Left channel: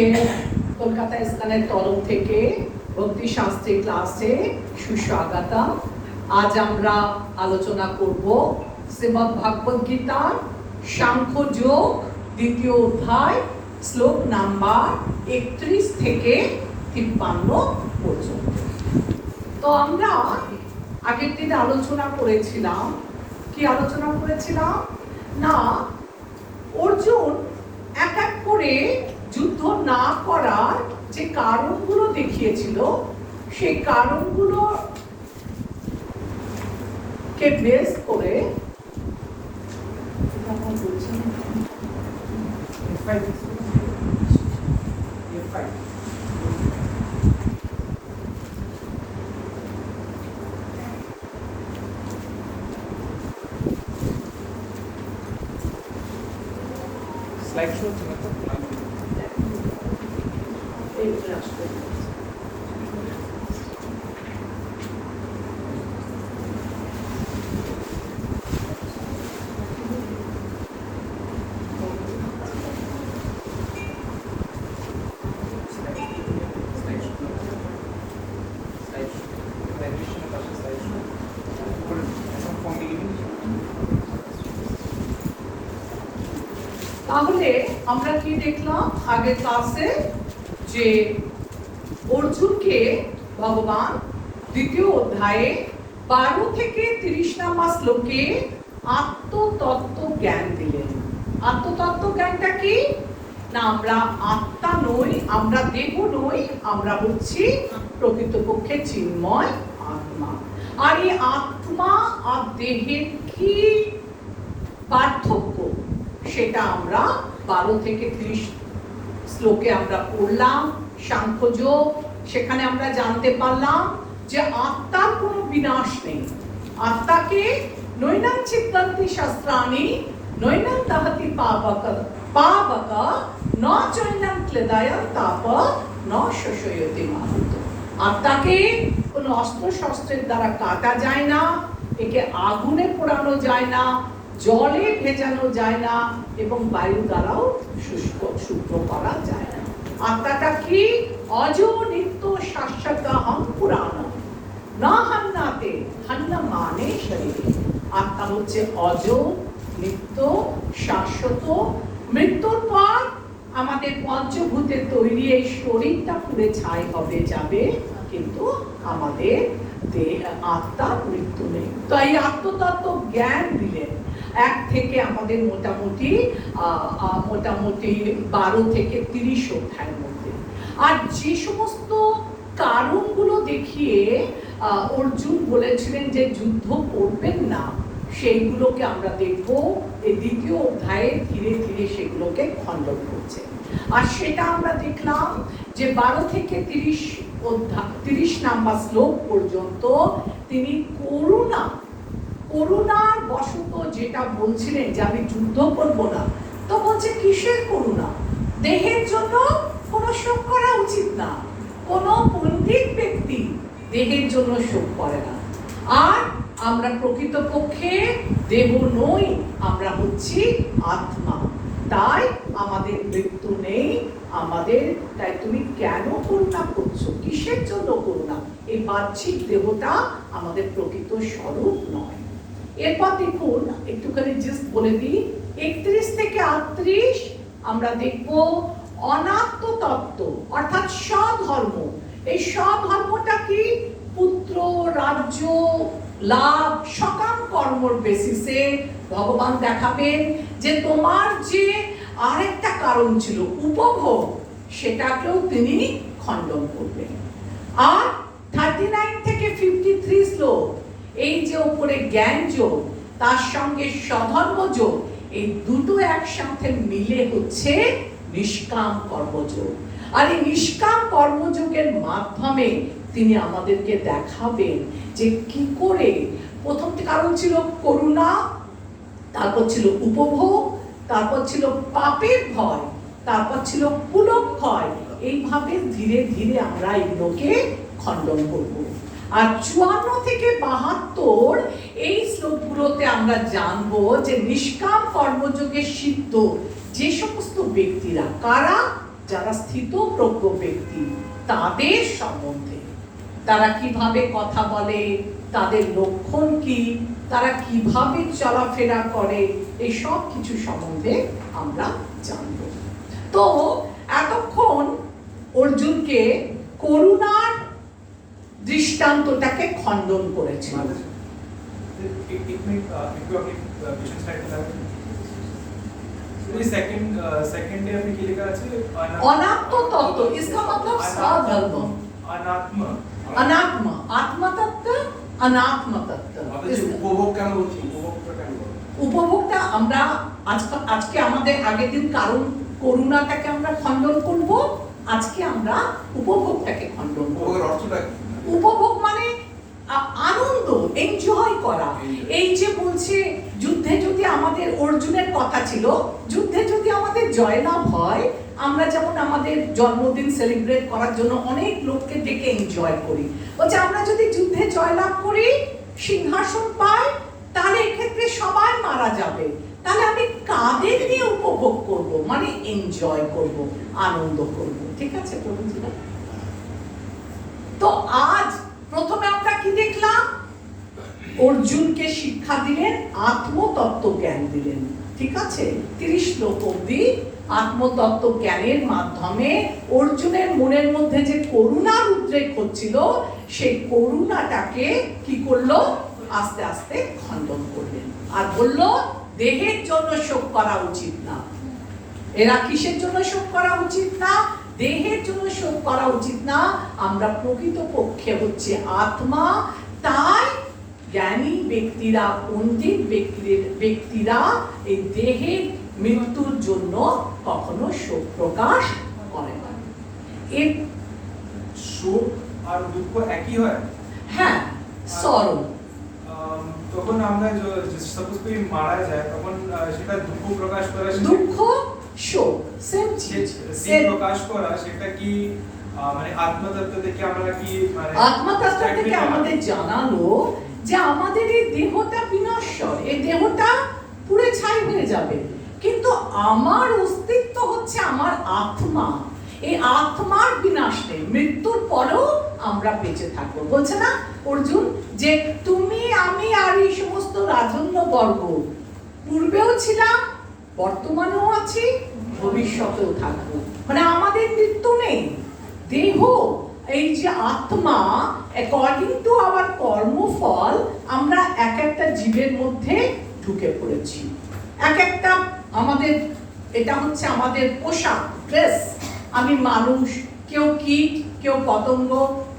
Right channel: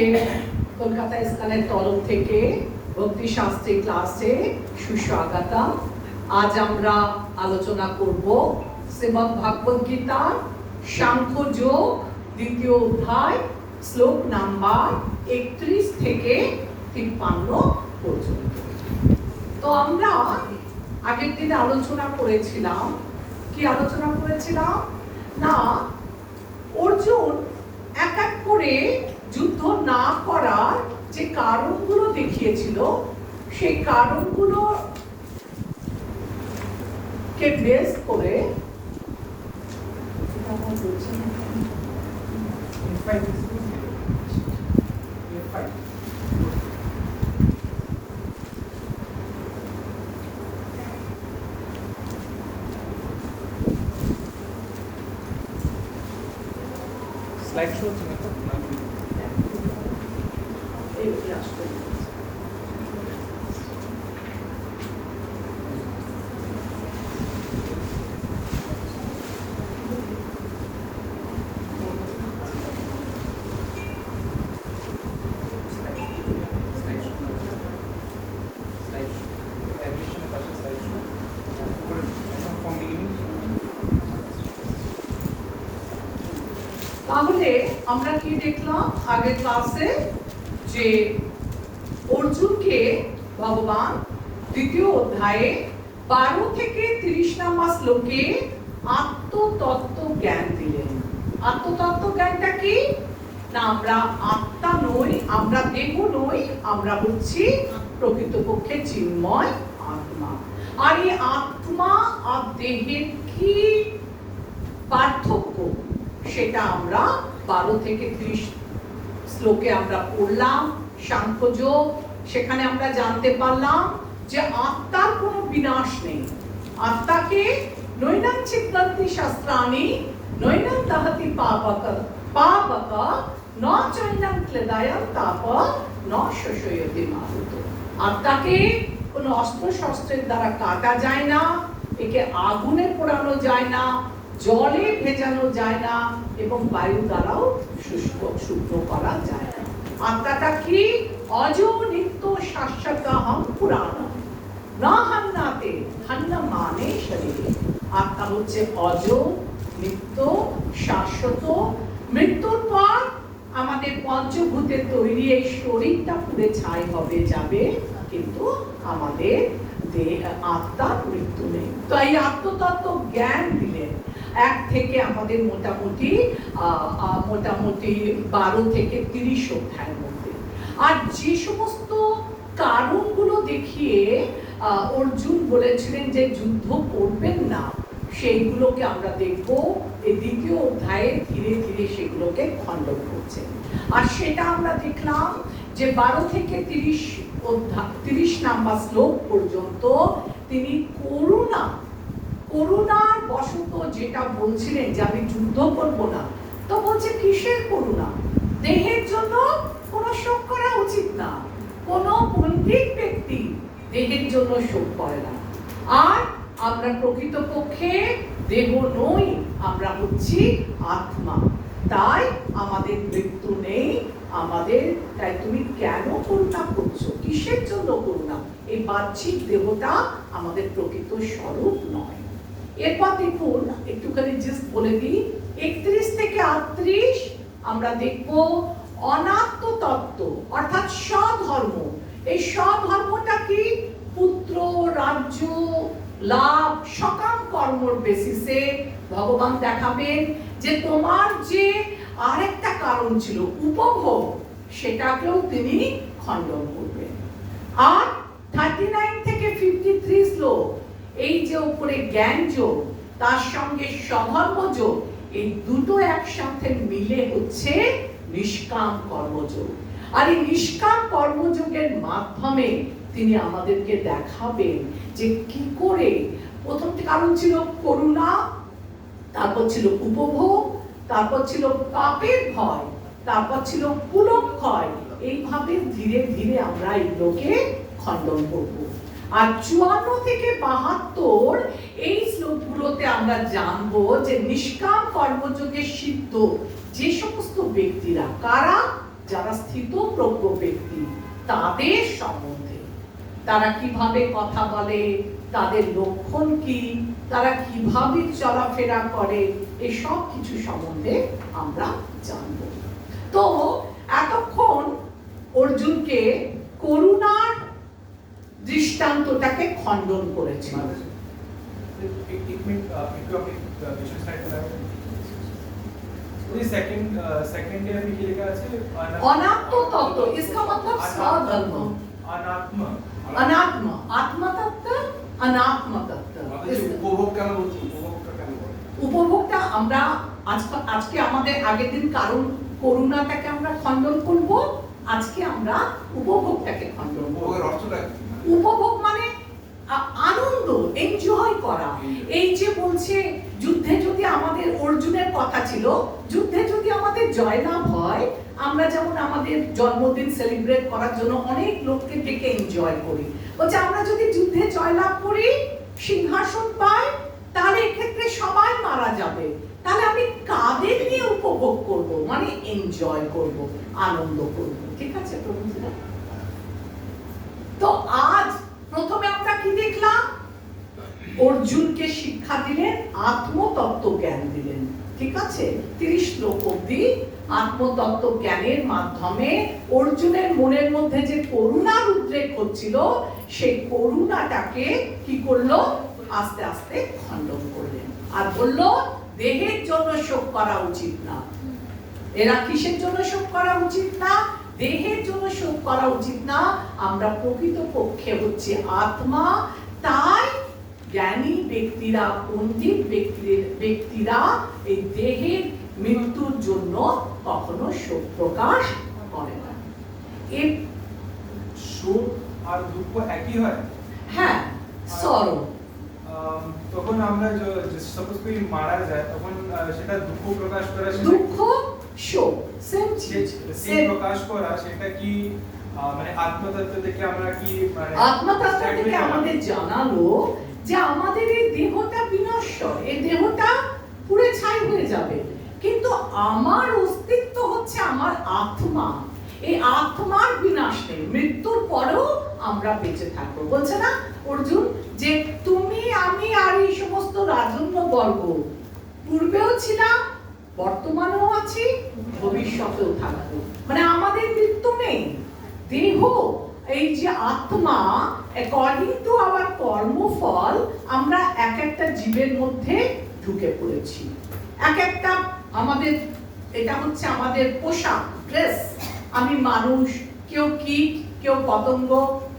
সবাইকে কলকাতা ইস্কনের তরফ থেকে ভক্তি শাস্ত্রী ক্লাসে সুস্বাগতম। আজ আমরা আলোচনা করব শ্রীমদ্ ভাগবত গীতার সাংখ্যযোগ দ্বিতীয় অধ্যায় শ্লোক নাম্বার 31 থেকে 53 পর্যন্ত। তো আমরা আগের দিন আলোচনা করেছিলাম, কি আলোচনা করেছিলাম না, অর্জুন এক এক করে যুদ্ধ না করার যে কারণগুলো দেখিয়েছিল, সেই কারণগুলো কে বেস করে স্লাইড শো হচ্ছে তাহলে আমরা কি দেখলাম আগের ক্লাসে, যে অর্জুনকে ভগবান দ্বিতীয় অধ্যায়ে 12 থেকে 30 নম্বর শ্লোকে আত্মতত্ত্ব জ্ঞান দিলেন। আত্মতত্ত্ব জ্ঞানটা কি না, আমরা আত্মা নই, আমরা দেহ নই, আমরা হচ্ছি প্রকৃতপক্ষে চিন্ময় আত্মা। আর এই আত্মা আর দেহের কি পার্থক্য সেটা আমরা 12 থেকে 30 শ্লোকে আমরা পড়লাম সাংখ্যযোগ। সেখানে আমরা জানতে পারলাম যে আত্মার কোনো বিনাশ নেই। আত্মাকে নৈনাং চিত্তান্তি শাস্ত্রাণি নৈনাং দহতি পাবক ন চৈনাং ক্লেদায়ং তাপ ন শোষয়তি মারুত। আত্মাকে কোনো অস্ত্র শস্ত্রের দ্বারা কাটা যায় না, একে আগুনে পোড়ানো যায় না, জলে ভেজানো যায় না, এবং বায়ু দ্বারাও শুষ্ক করা যায় না। আত্মাটা কি অজ নিত্য শাশ্বত পুরাণ না হান্নাতে হান্না মানে শরীরে। আত্মা হচ্ছে অজ, নিত্য, শাশ্বত। মৃত্যুর পর আমাদের পঞ্চভূতে তৈরি এই শরীরটা পুড়ে ছাই হবে, যাবে, কিন্তু আমাদের আত্মার মৃত্যু নেই। তো এই আত্মতত্ত্ব জ্ঞান দিলেন এক থেকে আমাদের মোটামুটি 12 থেকে 30 অধ্যায়ের মধ্যে। আর যে সমস্ত কারণগুলো দেখিয়ে অর্জুন বলেছিলেন যে যুদ্ধ করবেন না, সেইগুলোকে আমরা দেখবো এই দ্বিতীয় অধ্যায়ে ধীরে ধীরে সেগুলোকে খণ্ডন করছে। আর সেটা আমরা দেখলাম যে 12 থেকে 30 নাম্বার শ্লোক পর্যন্ত তিনি করুণার বশত যেটা বলছিলেন যে আমি যুদ্ধ করবো না, তো বলছে কিসের করুণা? দেহের জন্য কোনো শোক করা উচিত না। কোনো পণ্ডিত ব্যক্তি দেহের জন্য শোক করে না। আর আমরা প্রকৃতপক্ষে দেহ নই, আমরা হচ্ছি আত্মা। তাই আমাদের মৃত্যু নেই আমাদের। তাই তুমি কেন করুণা করছো? কিসের জন্য করুণা? এই বাহ্যিক দেহটা আমাদের প্রকৃত স্বরূপ নয়। এরপর দেখুন, একটুখানি জাস্ট বলে দিই, 31 থেকে 38 আমরা দেখব অনাত্ম তত্ত্ব, অর্থাৎ স্বধর্ম। এই স্বধর্মটা কি? পুত্র, রাজ্য, লাভ, সকাম কর্মর বেসিসে ভগবান দেখাবেন যে তোমার যে আরেকটা কারণ ছিল উপভোগ, সেটাকেও তিনি খণ্ডন করবেন। আর 39 থেকে 53 শ্লোক, এই যে উপরে জ্ঞান যোগ তার সঙ্গে স্বধর্ম যোগ, এই দুটো একসাথে মিলে হচ্ছে নিষ্কাম কর্মযোগ। আর এই নিষ্কাম কর্মযোগের মাধ্যমে তিনি আমাদেরকে দেখাবেন যে কি করে, প্রথম কারণ ছিল করুণা, তারপর ছিল উপভোগ, তারপর ছিল পাপের ভয়, তারপর ছিল পুলক্ষয়। এইভাবে ধীরে ধীরে আমরা এগুলোকে খণ্ডন করব। আর 54 থেকে 72 এই শ্লোকগুলোতে আমরা জানবো যে নিষ্কাম কর্মযোগে সিদ্ধ যে সমস্ত ব্যক্তিরা, কারা? যারা স্থিতপ্রজ্ঞ ব্যক্তি তাদের সম্বন্ধে, তারা কিভাবে কথা বলে, তাদের লক্ষণ কি, তারা কিভাবে চলাফেরা করে, এই সব কিছু সম্বন্ধে আমরা জানব। তো এতক্ষণ অর্জুনকে করুণার দৃষ্টান্তটাকে খণ্ডন করেছে। सेकंड डे में क्या लिखा है? अनात्म तत्व, इसका मतलब साधर्म। अनात्म अनात्म, आत्म तत्व, अनात्म तत्व। উপভোগ কেন বলছি? উপভোগটা কেন বলছি? উপভোগটা আমরা আজকে আমাদের আগের দিন কারণ করুণাটাকে আমরা খণ্ডন করব, আজকে আমরা উপভোগটাকে খণ্ডন করব। উপভোগের অর্থটা কি? উপভোগ মানে আনন্দ, এনজয় করা। এই যে বলছে যুদ্ধে যদি আমাদের, অর্জুনের কথা ছিল, যুদ্ধে যদি আমাদের জয়লাভ হয়, আমরা যেমন আমাদের জন্মদিন সেলিব্রেট করার জন্য অনেক লোককে ডেকে এনজয় করি, বলছে আমরা যদি যুদ্ধে জয়লাভ করি, সিংহাসন পাই, তাহলে এক্ষেত্রে সবাই মারা যাবে, তাহলে আমি কাদের নিয়ে উপভোগ করব, মানে এনজয় করব, আনন্দ করব। ঠিক আছে প্রভুজিরা? তো আজ প্রথমে আমরা কি দেখলাম? অর্জুনকে শিক্ষা দিলেন, আত্মতত্ত্ব জ্ঞান দিলেন। ঠিক আছে, 30 শ্লোক অবধি আত্মতত্ত্ব জ্ঞানের মাধ্যমে অর্জুনের মনের মধ্যে যে করুণার উদ্রেক হচ্ছিল, সেই করুণাটাকে কি করলো? আস্তে আস্তে খণ্ডন করলেন আর বলল দেহের জন্য শোক করা উচিত না। এরা কিসের জন্য শোক করা উচিত না? দেহের জন্য শোক করা উচিত না। আমরা প্রকৃত পক্ষে হচ্ছে আত্মা, তাই জ্ঞানী ব্যক্তিরা, পণ্ডিত ব্যক্তিরা এই দেহের মৃত্যুর জন্য কখনো শোক প্রকাশ করে না। এর শোক আর দুঃখ একই হয়? হ্যাঁ, সরল। তখন আমরা সাপোজ করি মারা যায়, তখন সেটা দুঃখ প্রকাশ করা, দুঃখ শোক সেম চিজ, সেম প্রকাশ করা, সেটা কি মানে আত্মতত্ত্ব থেকে আমরা কি মানে আত্মতত্ত্ব থেকে আমাদের জানালো যে আমাদের এই দেহটা বিনশ্বর, এই দেহটা পুড়ে ছাই হয়ে যাবে, কিন্তু আমার অস্তিত্ব হচ্ছে আমার আত্মা। এই আত্মার বিনাশ নেই, মৃত্যুর পরেও আমরা বেঁচে থাকবো। বলছে না অর্জুন যে তুমি, আমি আর এই সমস্ত রাজন্য বর্গ পূর্বেও ছিলাম, বর্তমানেও আছি, ভবিষ্যতেও থাকবো, মানে আমাদের মৃত্যু নেই। দেহ, এই যে আত্মা, অ্যাকর্ডিং টু আওয়ার কর্মফল আমরা এক একটা জীবের মধ্যে ঢুকে পড়েছি। এক একটা আমাদের, এটা হচ্ছে আমাদের পোশাক, ড্রেস। আমি মানুষ, কেউ কীট, কেউ পতঙ্গ,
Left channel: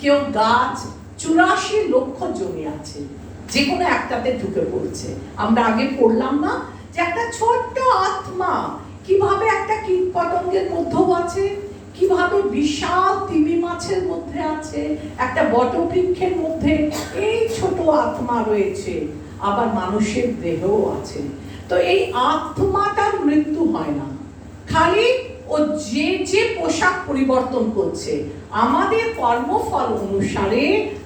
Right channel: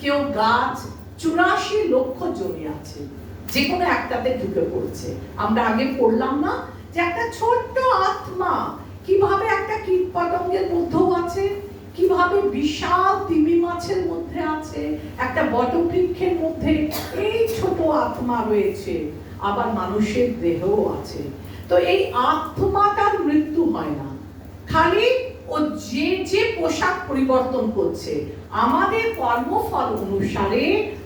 কেউ গাছ, 84 লক্ষ জমি আছে, যে কোনো একটাতে ঢুকে পড়ছে। আমরা আগে পড়লাম না যে একটা ছোট্ট আত্মা কিভাবে একটা কীট পতঙ্গের মধ্যেও আছে, কিভাবে বিশাল তিমি মাছের মধ্যে আছে, একটা বটবৃক্ষের মধ্যে এই ছোট আত্মা রয়েছে, আবার মানুষের দেহও আছে। তো এই আত্মাটার মৃত্যু হয় না, খালি ও যে যে পোশাক পরিবর্তন করছে। আমাদের কর্মফল অনুসারে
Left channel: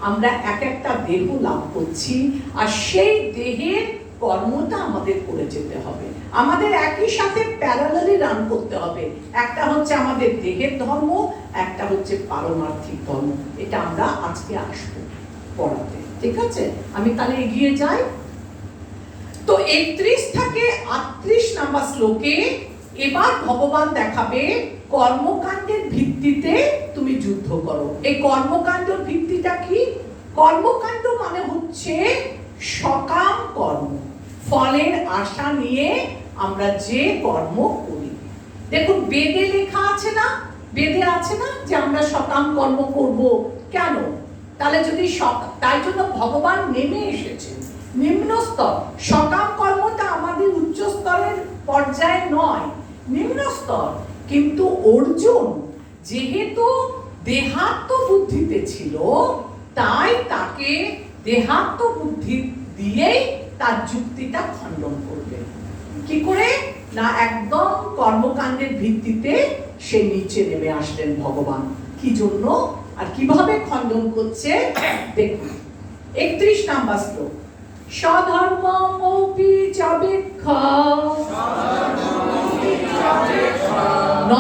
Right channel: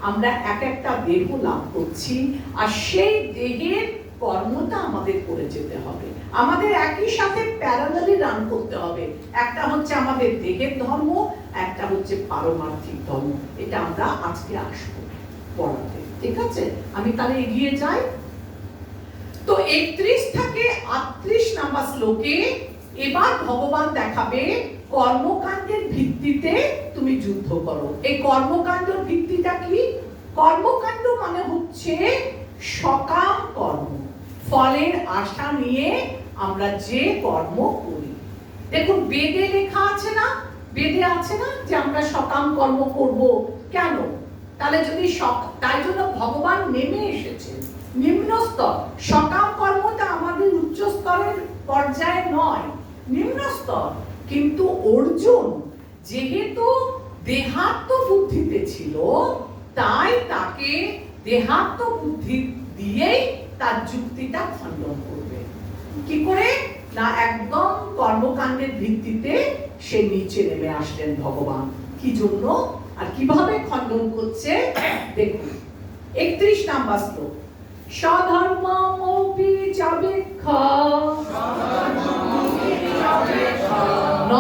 আমরা এক একটা দেহ লাভ করছি, আর সেই দেহের কর্মটা আমাদের করে যেতে হবে। আমাদের একই সাথে প্যারালালি রান করতে হবে। একটা হচ্ছে আমাদের দেহের ধর্ম, একটা হচ্ছে পারমার্থিক ধর্ম। এটা আমরা আজকে আসবো পড়াতে। ঠিক আছে, আমি তাহলে এগিয়ে যাই। তো 31 থেকে 38 নাম্বার শ্লোকে এবার ভগবান দেখাবে কর্মকাণ্ডের ভিত্তিতে তুমি যুদ্ধ করো। এই কর্মকাণ্ডের ভিত্তিটা কি? কর্মকাণ্ড মানে হচ্ছে সকাম কর্ম, ফলের আশা নিয়ে আমরা যে কর্ম করি। দেখুন বেদে লেখা আছে না, বেদে আছে না যে আমরা সকাম কর্ম করব। কেন? তাহলে যদি তাই জন্য ভগবান নেমে এসেছেন নিম্ন স্তর। সকাম কর্মটা আমাদের উচ্চ স্তরের পর্যায়ে নয়, নিম্ন স্তর। কিন্তু অর্জুন যেহেতু দেহাত্ম বুদ্ধিতে ছিল, তাই তাকে দেহাত্ম বুদ্ধি দিয়েই তার যুক্তিটা খণ্ডন করবে। কি করে না, একদম কর্মকাণ্ডের ভিত্তিতে সে নিচে নেমে আসলেন ভগবান। কি জন্য আর কিভাবে খণ্ডন করছে দেখুন। 31 নাম্বার শ্লোক। স্বধর্মমপি চাবেক্ষা ন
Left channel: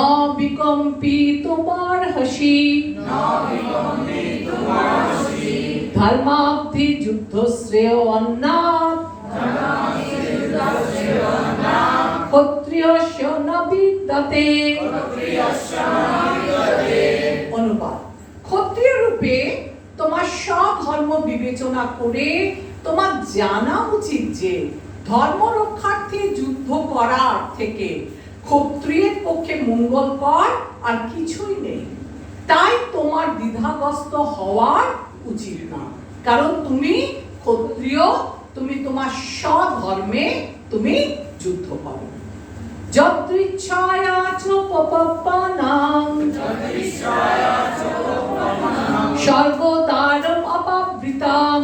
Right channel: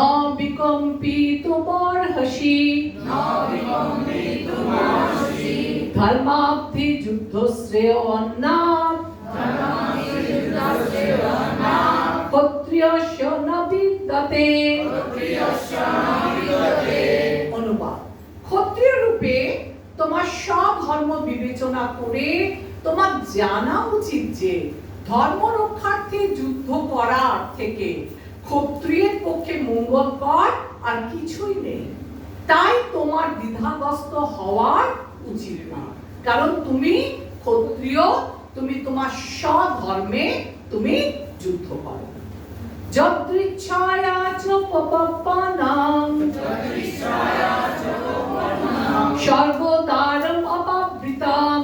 বিকম্পি তোমার হাসি, ধর্মাব্ধি যুদ্ধ শ্রেয় অন্নাথ, ক্ষত্রিয়স্য ন বিদ্যতে। অনুবাদ: ক্ষত্রিয় রূপে তোমার সব ধর্ম বিবেচনা করে তোমার জানা উচিত যে ধর্ম রক্ষার্থে যুদ্ধ করার থেকে ক্ষত্রিয়ের পক্ষে মঙ্গলকর আর কিছুই নেই। তাই তোমার দ্বিধাগ্রস্ত হওয়ার উচিত না, কারণ তুমি ক্ষত্রিয়, তুমি তোমার স্বধর্মে তুমি যুদ্ধ করো। যদৃচ্ছায়া চ পপপ্পানাং স্বর্গদ্বারম অপাবৃতাম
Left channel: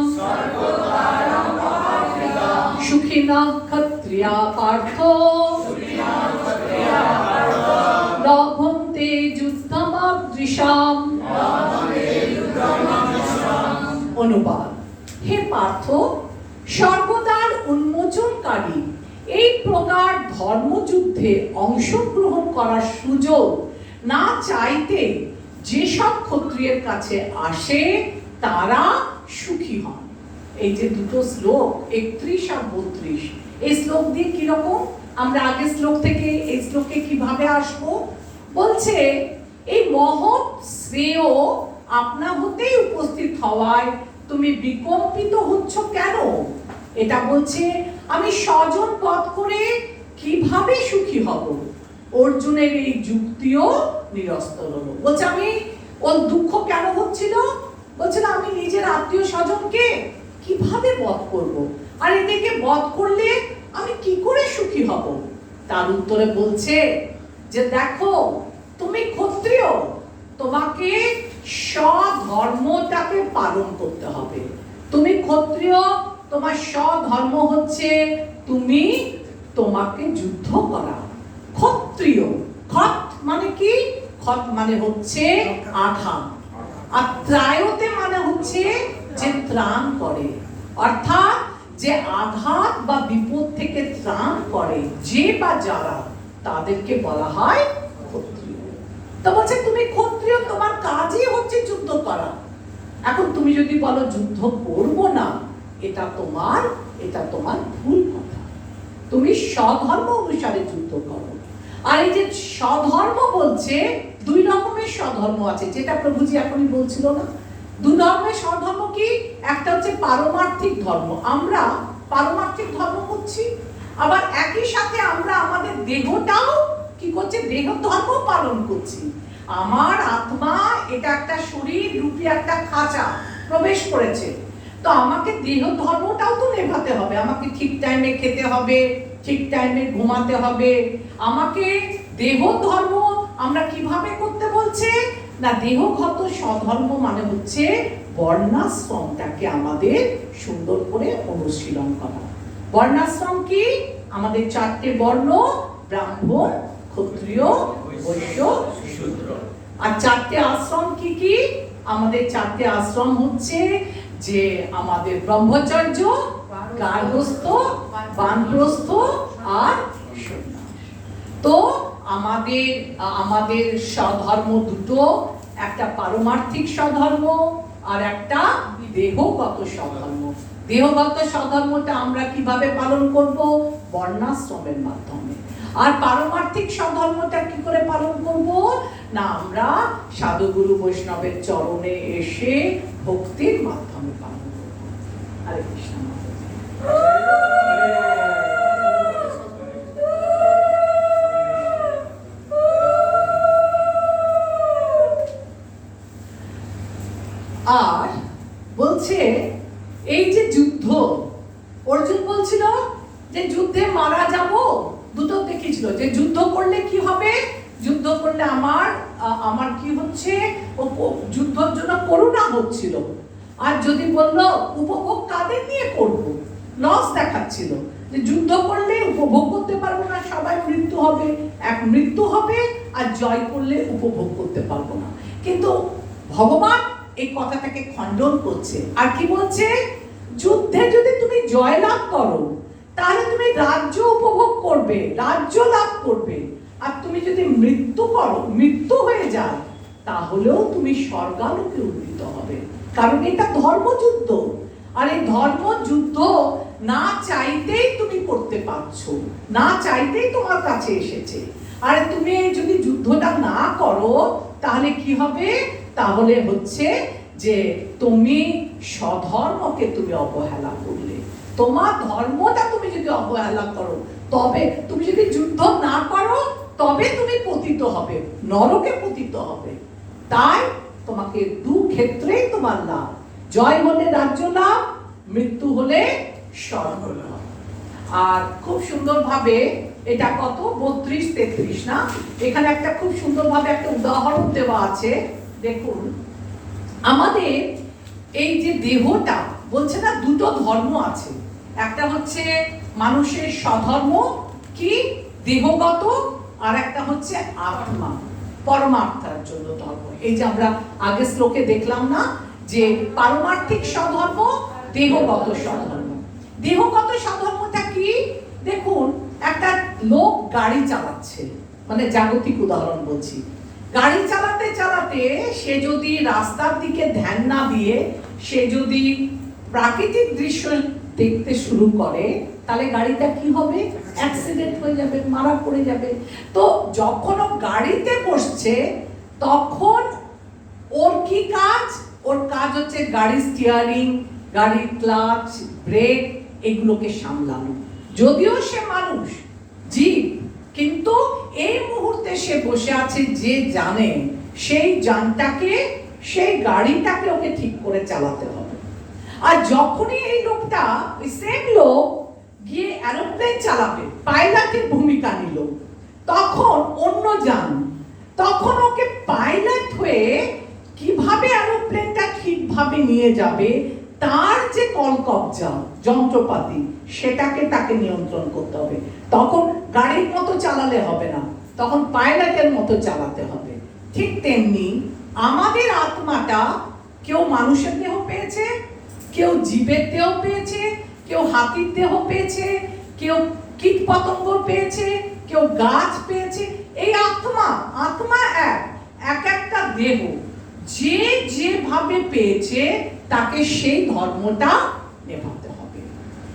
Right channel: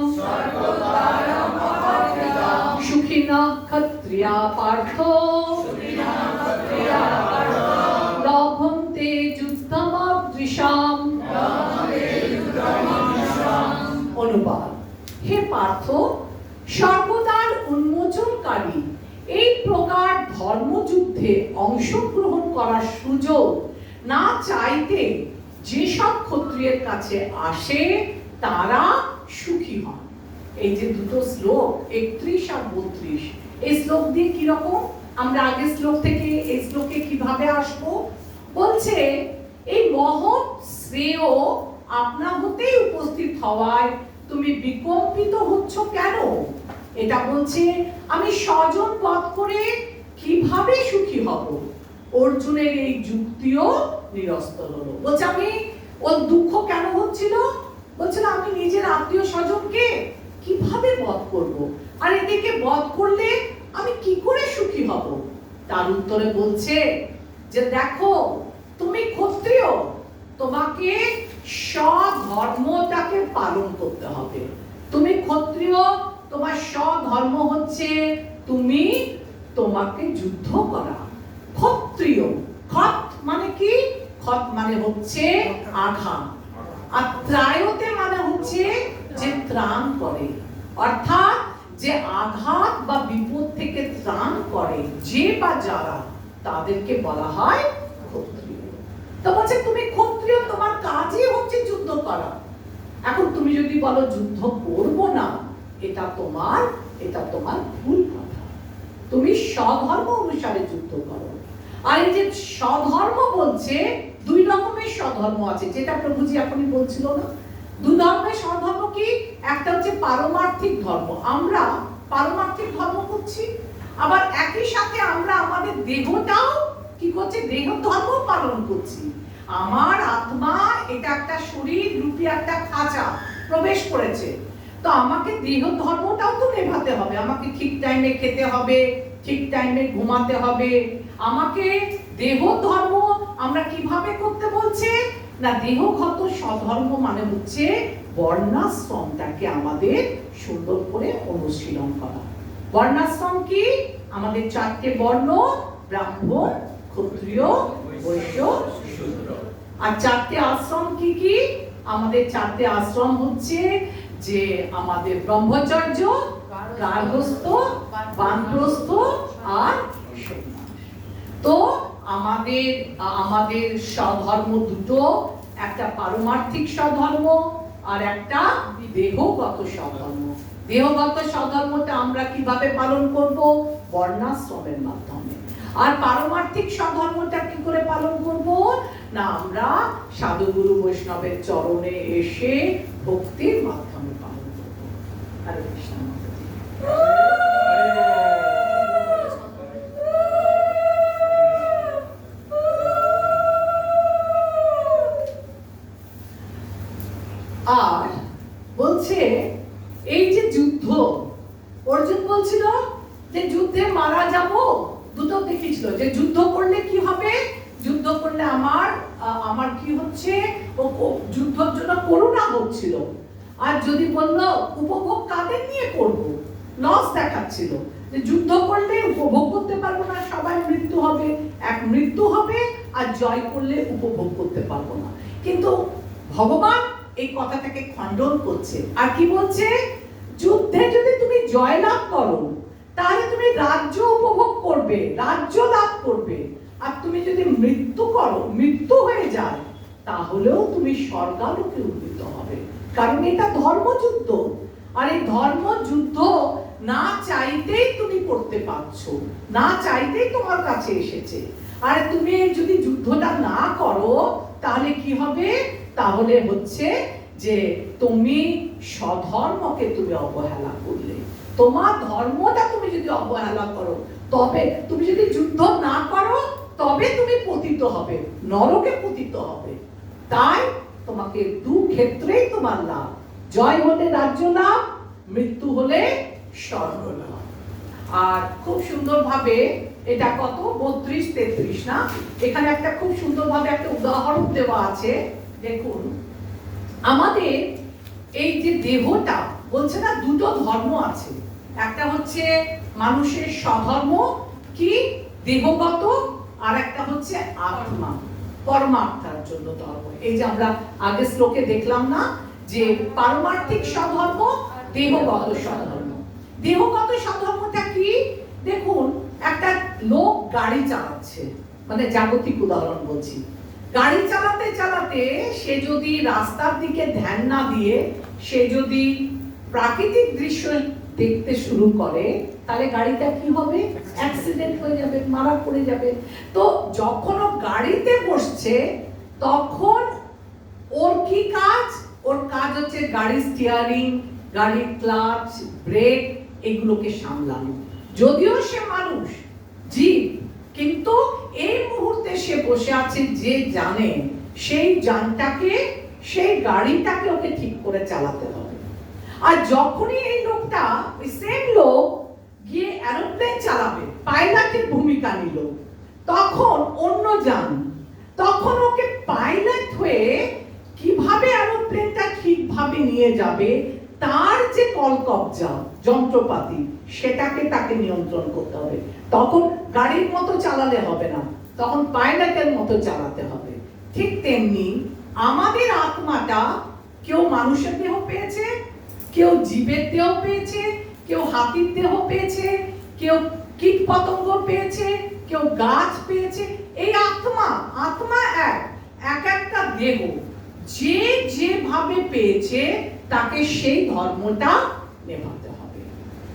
সুখিনঃ ক্ষত্রিয়া পার্থ লভন্তে যুদ্ধমাদৃশাম। অনুবাদ: হে পার্থ, স্বর্গদ্বার উন্মোচনকারী এই প্রকার ধর্মযুদ্ধে অংশগ্রহণ করার সুযোগ না চাইতে যেসব ক্ষত্রিয়ের কাছে আসে তারা সুখী হন। এই যে দুটো শ্লোক 31 আর 32, এই শ্লোক দিয়ে কিরকম, আমরা আগের শ্লোক থেকে এই শ্লোকে কিভাবে আসবো? বলছে এই মহৎ শ্রেয় আপনা হতেই উপস্থিত হওয়ায় তুমি বিকম্পিত হচ্ছ কেন? এটা বলছে আমি স্বজন বধ করে কিভাবে সুখী হব। অর্জুনের এই যুক্তিও নিরস্ত হলো। বলছে আমি, ওর দুঃখ কেন হচ্ছিল? বলছিল আমি নিজের আত্মীয় স্বজনকে কিভাবে বধ করব, আর এদেরকে বধ করলে আমি কি করে সুখী হব? তার উত্তরে বলছে যে দেখো, তুমি ক্ষত্রিয়, তোমাকে স্বধর্মটাকে পালন করতে হবে। তুমি ক্ষত্রিয়, তোমার স্বধর্ম হচ্ছে তুমি তোমাকে যুদ্ধ করা। ক্ষত্রিয়, খত মানে কি? খত মানে হচ্ছে আঘাত, আর ত্রায়তে মানে হচ্ছে যে ত্রাণ করে, অর্থাৎ যে আঘাত বা বিপদ থেকে ত্রাণ করে যে বা যারা, তাদেরকে বলা হয় ক্ষত্রিয়। তো বলছে তুমি ক্ষত্রিয়, তোমার কাজই হচ্ছে যুদ্ধ করা। এখন তুমি যদি বলো যুদ্ধ করব না, এটা তোমার ভুল কথা। তুমি স্বধর্ম অনুসারে যুদ্ধ করো। আর এই যে স্বধর্ম বলছে, দুই রকমের স্বধর্ম আছে, যেটা প্রভুজি এখনই বলছিল না। দুই ধর্মের স্বধর্ম কি? একটা হচ্ছে পারমার্থিক ধর্ম, আমরা পারমার্থিক ধর্ম করছি, আবার একই সাথে আমরা আমাদের দেহটাও কি করছি? দেহ ধর্ম পালন করছি। আমার আত্মা এটা একটা শরীর রূপী একটা খাঁচা প্রবেশ করেছে, তো আমাকে দেহ ধর্মটাও তো নেভাতে হবে। আমাকে ঠিক টাইমে খেতে হবে, ঠিক টাইমে ঘুমাতে হবে। আমাকে দেহ ধর্ম আমরা কিভাবে করতে বলছে না, দেহগত স্বধর্ম মানে হচ্ছে বর্ণাশ্রমটাকে আমাদের সুন্দর করে অনুশীলন করা। বর্ণাশ্রম কি? আমাদের 4টে বর্ণ, ব্রাহ্মণ, ক্ষত্রিয়, বৈশ্য, শূদ্র। আর 4টে আশ্রম কি কি? আমাদের 4টে আশ্রম হচ্ছে যে আমাদের ব্রহ্মচর্য, গার্হস্থ্য, বানপ্রস্থ আর সন্ন্যাস। তো আমাদের স্বধর্ম দুটো, একটা পারমার্থিক স্বধর্ম আর একটা দেহগত স্বধর্ম। দেহগত স্বধর্মটা আমরা কিভাবে পালন করব? বর্ণাশ্রমের মাধ্যমে। আর পারমার্থিক স্বধর্মটা কি করে পালন করব? না, আমরা সাধুগুরু বৈষ্ণবের চরণে এসে ভক্তির মাধ্যমে পালন করব। হরে কৃষ্ণ। আর বলছে এই যে যুদ্ধ, অর্জুন বলছিল যে যুদ্ধে মারা যাব, দুটো দেখেছিল যে যুদ্ধ করলে কি হবে, যুদ্ধ করলে আমার কি হচ্ছে, যুদ্ধের জন্য করুণা হচ্ছিল। আর যদি বললো উপভোগ কাদের নিয়ে করব, লস দেখাচ্ছিল যে যুদ্ধ করলে উপভোগ করতে পারবো না, সবাই মৃত্যু হবে, এক মৃত্যু হবে, আর জয় করলে উপভোগ করতে পারবো না। কিন্তু ভগবান এই কথাটাকে খণ্ডন করছে, আর কি বলছে? যুদ্ধে যদি তুমি জয় লাভ করো তাহলে তুমি রাজ্য উপভোগ করবে, রাজ্য লাভ করবে, আর তুমি যদি মৃত্যু হয়ে যায়, তাহলেও তুমি স্বর্গালোকে উন্নীত হবে। কারণ এটা ধর্মযুদ্ধ, আর এই ধর্মযুদ্ধ না চাইতেই তুমি করতে পারছো, না চাইতেই তোমার কাছে এসেছে। আর তুমি যদি যুদ্ধটা না করো তাহলে কি হবে? তাহলে হচ্ছে যে তুমি স্বধর্মকে তুমি অবহেলা করলে। তোমার ধর্মটা তুমি যদি অবহেলা করো, তবে তুমি যদি যুদ্ধ না করো, তবে তুমি পতিত হবে, নরকে পতিত হবে। তাই তোমাকে দু ক্ষেত্রেই তোমার লাভ, জয় হলে রাজ্য লাভ, মৃত্যু হলে স্বর্গ লাভ। আর খুব সুন্দরভাবে এটা কত 32-33 না, এখানে একটা খুব সুন্দরভাবে একটা উদাহরণ দেওয়া আছে। দেখুন, আমাদের এই যে দেহটা বলছে না, দুটো ধর্ম আছে। একটা হচ্ছে মানুষের স্বধর্ম কি দেহগত, আর একটা হচ্ছে আত্মা পরমাত্মার জন্য ধর্ম। এই যে আমরা আগে শ্লোকে দেখলাম না, যে পারমার্থিক স্বধর্ম, দেহগত স্বধর্ম। দেহগত স্বধর্মটা কি? দেখুন, একটা লোক গাড়ি চালাচ্ছে, মানে জাগতিক উদাহরণ বলছি, গাড়ি চালাতে চালাতে সে যদি রাস্তার দিকে ধ্যান না দিয়ে সে যদি প্রাকৃতিক দৃশ্য দেখতে শুরু করে, তাহলে গাড়িটা কি হবে? অ্যাক্সিডেন্ট হয়ে যাবে, মারা পড়ে যাবে। তো যখন ও গাড়িতে বসছে তখন ওর কি কাজ? ওর কাজ হচ্ছে গাড়ির স্টিয়ারিং, গাড়ির ক্লাচ, ব্রেক এগুলোকে সামলানো। যদিও সে মানুষ জীব, কিন্তু এই মুহূর্তে সে বসে আছে যে জানে, সেই যানটাকে, সেই গাড়িটাকে ওকে ঠিক করে চালাতে হবে। আর যখনই এই লোকটা, ওই সেম লোক গিয়ে এরোপ্লেন চালাবে, পাইলটের ভূমিকা নিল, তখন অন্য যান, তখন ওকে পাইলট হয়ে কিভাবে এরোপ্লেনটা ঠিকভাবে নিয়ে যাবে, তার যে কলকবজা যন্ত্রপাতি, সেটাকে তাকে নিয়ন্ত্রণ করতে হবে। তখন গাড়ির মতো চালালে হবে না, তখন পাইলটের মতো চালাতে হবে। ঠিক তেমনি আমাদের আত্মাটা, কেউ মানুষের দেহ পেয়েছে, কেউ জীবের দেহ পেয়েছে, কেউ হাতির দেহ পেয়েছে, কেউ কীট পতঙ্গ পেয়েছে, কেউ গাছ পেয়েছে। এই আত্মা এক একটা দেহ যে যেভাবে পেয়েছে তাকে সেই ধর্মটা নেভাতে হবে।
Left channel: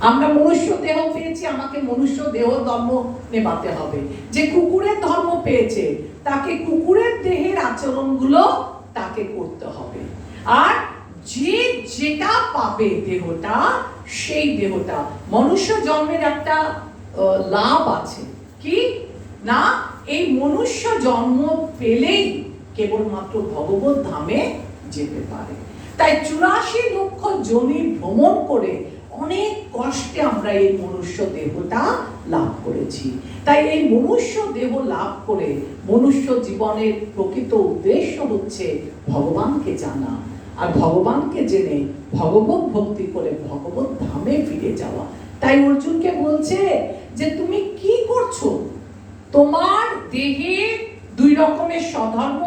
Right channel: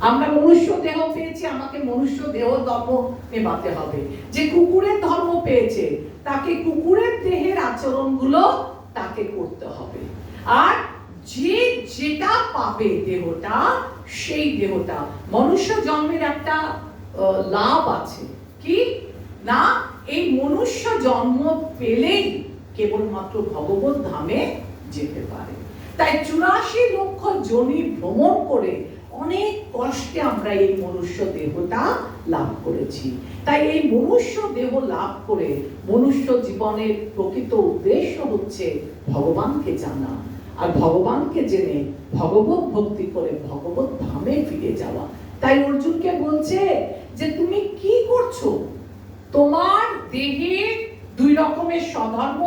আমরা মনুষ্য দেহ পেয়েছি, আমাকে মনুষ্য দেহ ধর্ম নেভাতে হবে। যে কুকুরের ধর্ম পেয়েছে তাকে কুকুরের দেহের আচরণগুলো তাকে করতে হবে। আর যে যেটা পাবে দেহটা, সেই দেহটা, মনুষ্য জন্মের একটা লাভ আছে কি না, এই মনুষ্য জন্ম পেলেই কেবলমাত্র ভগবত ধামে যেতে পারে। তাই 84 লক্ষ যোনি ভ্রমণ করে অনেক কষ্টে আমরা এই মনুষ্য দেহটা লাভ করেছি। তাই এই মনুষ্য দেহ লাভ করে মনুষ্য জীবনের প্রকৃত উদ্দেশ্য হচ্ছে ভগবানকে জানা, আর ভগবানকে জেনে ভগবত ভক্তি করে ভগবত ধামে ফিরে যাওয়া। তাই অর্জুনকে বলছে যে তুমি কি করছো? তোমার দেহে দুই রকমের স্বধর্ম,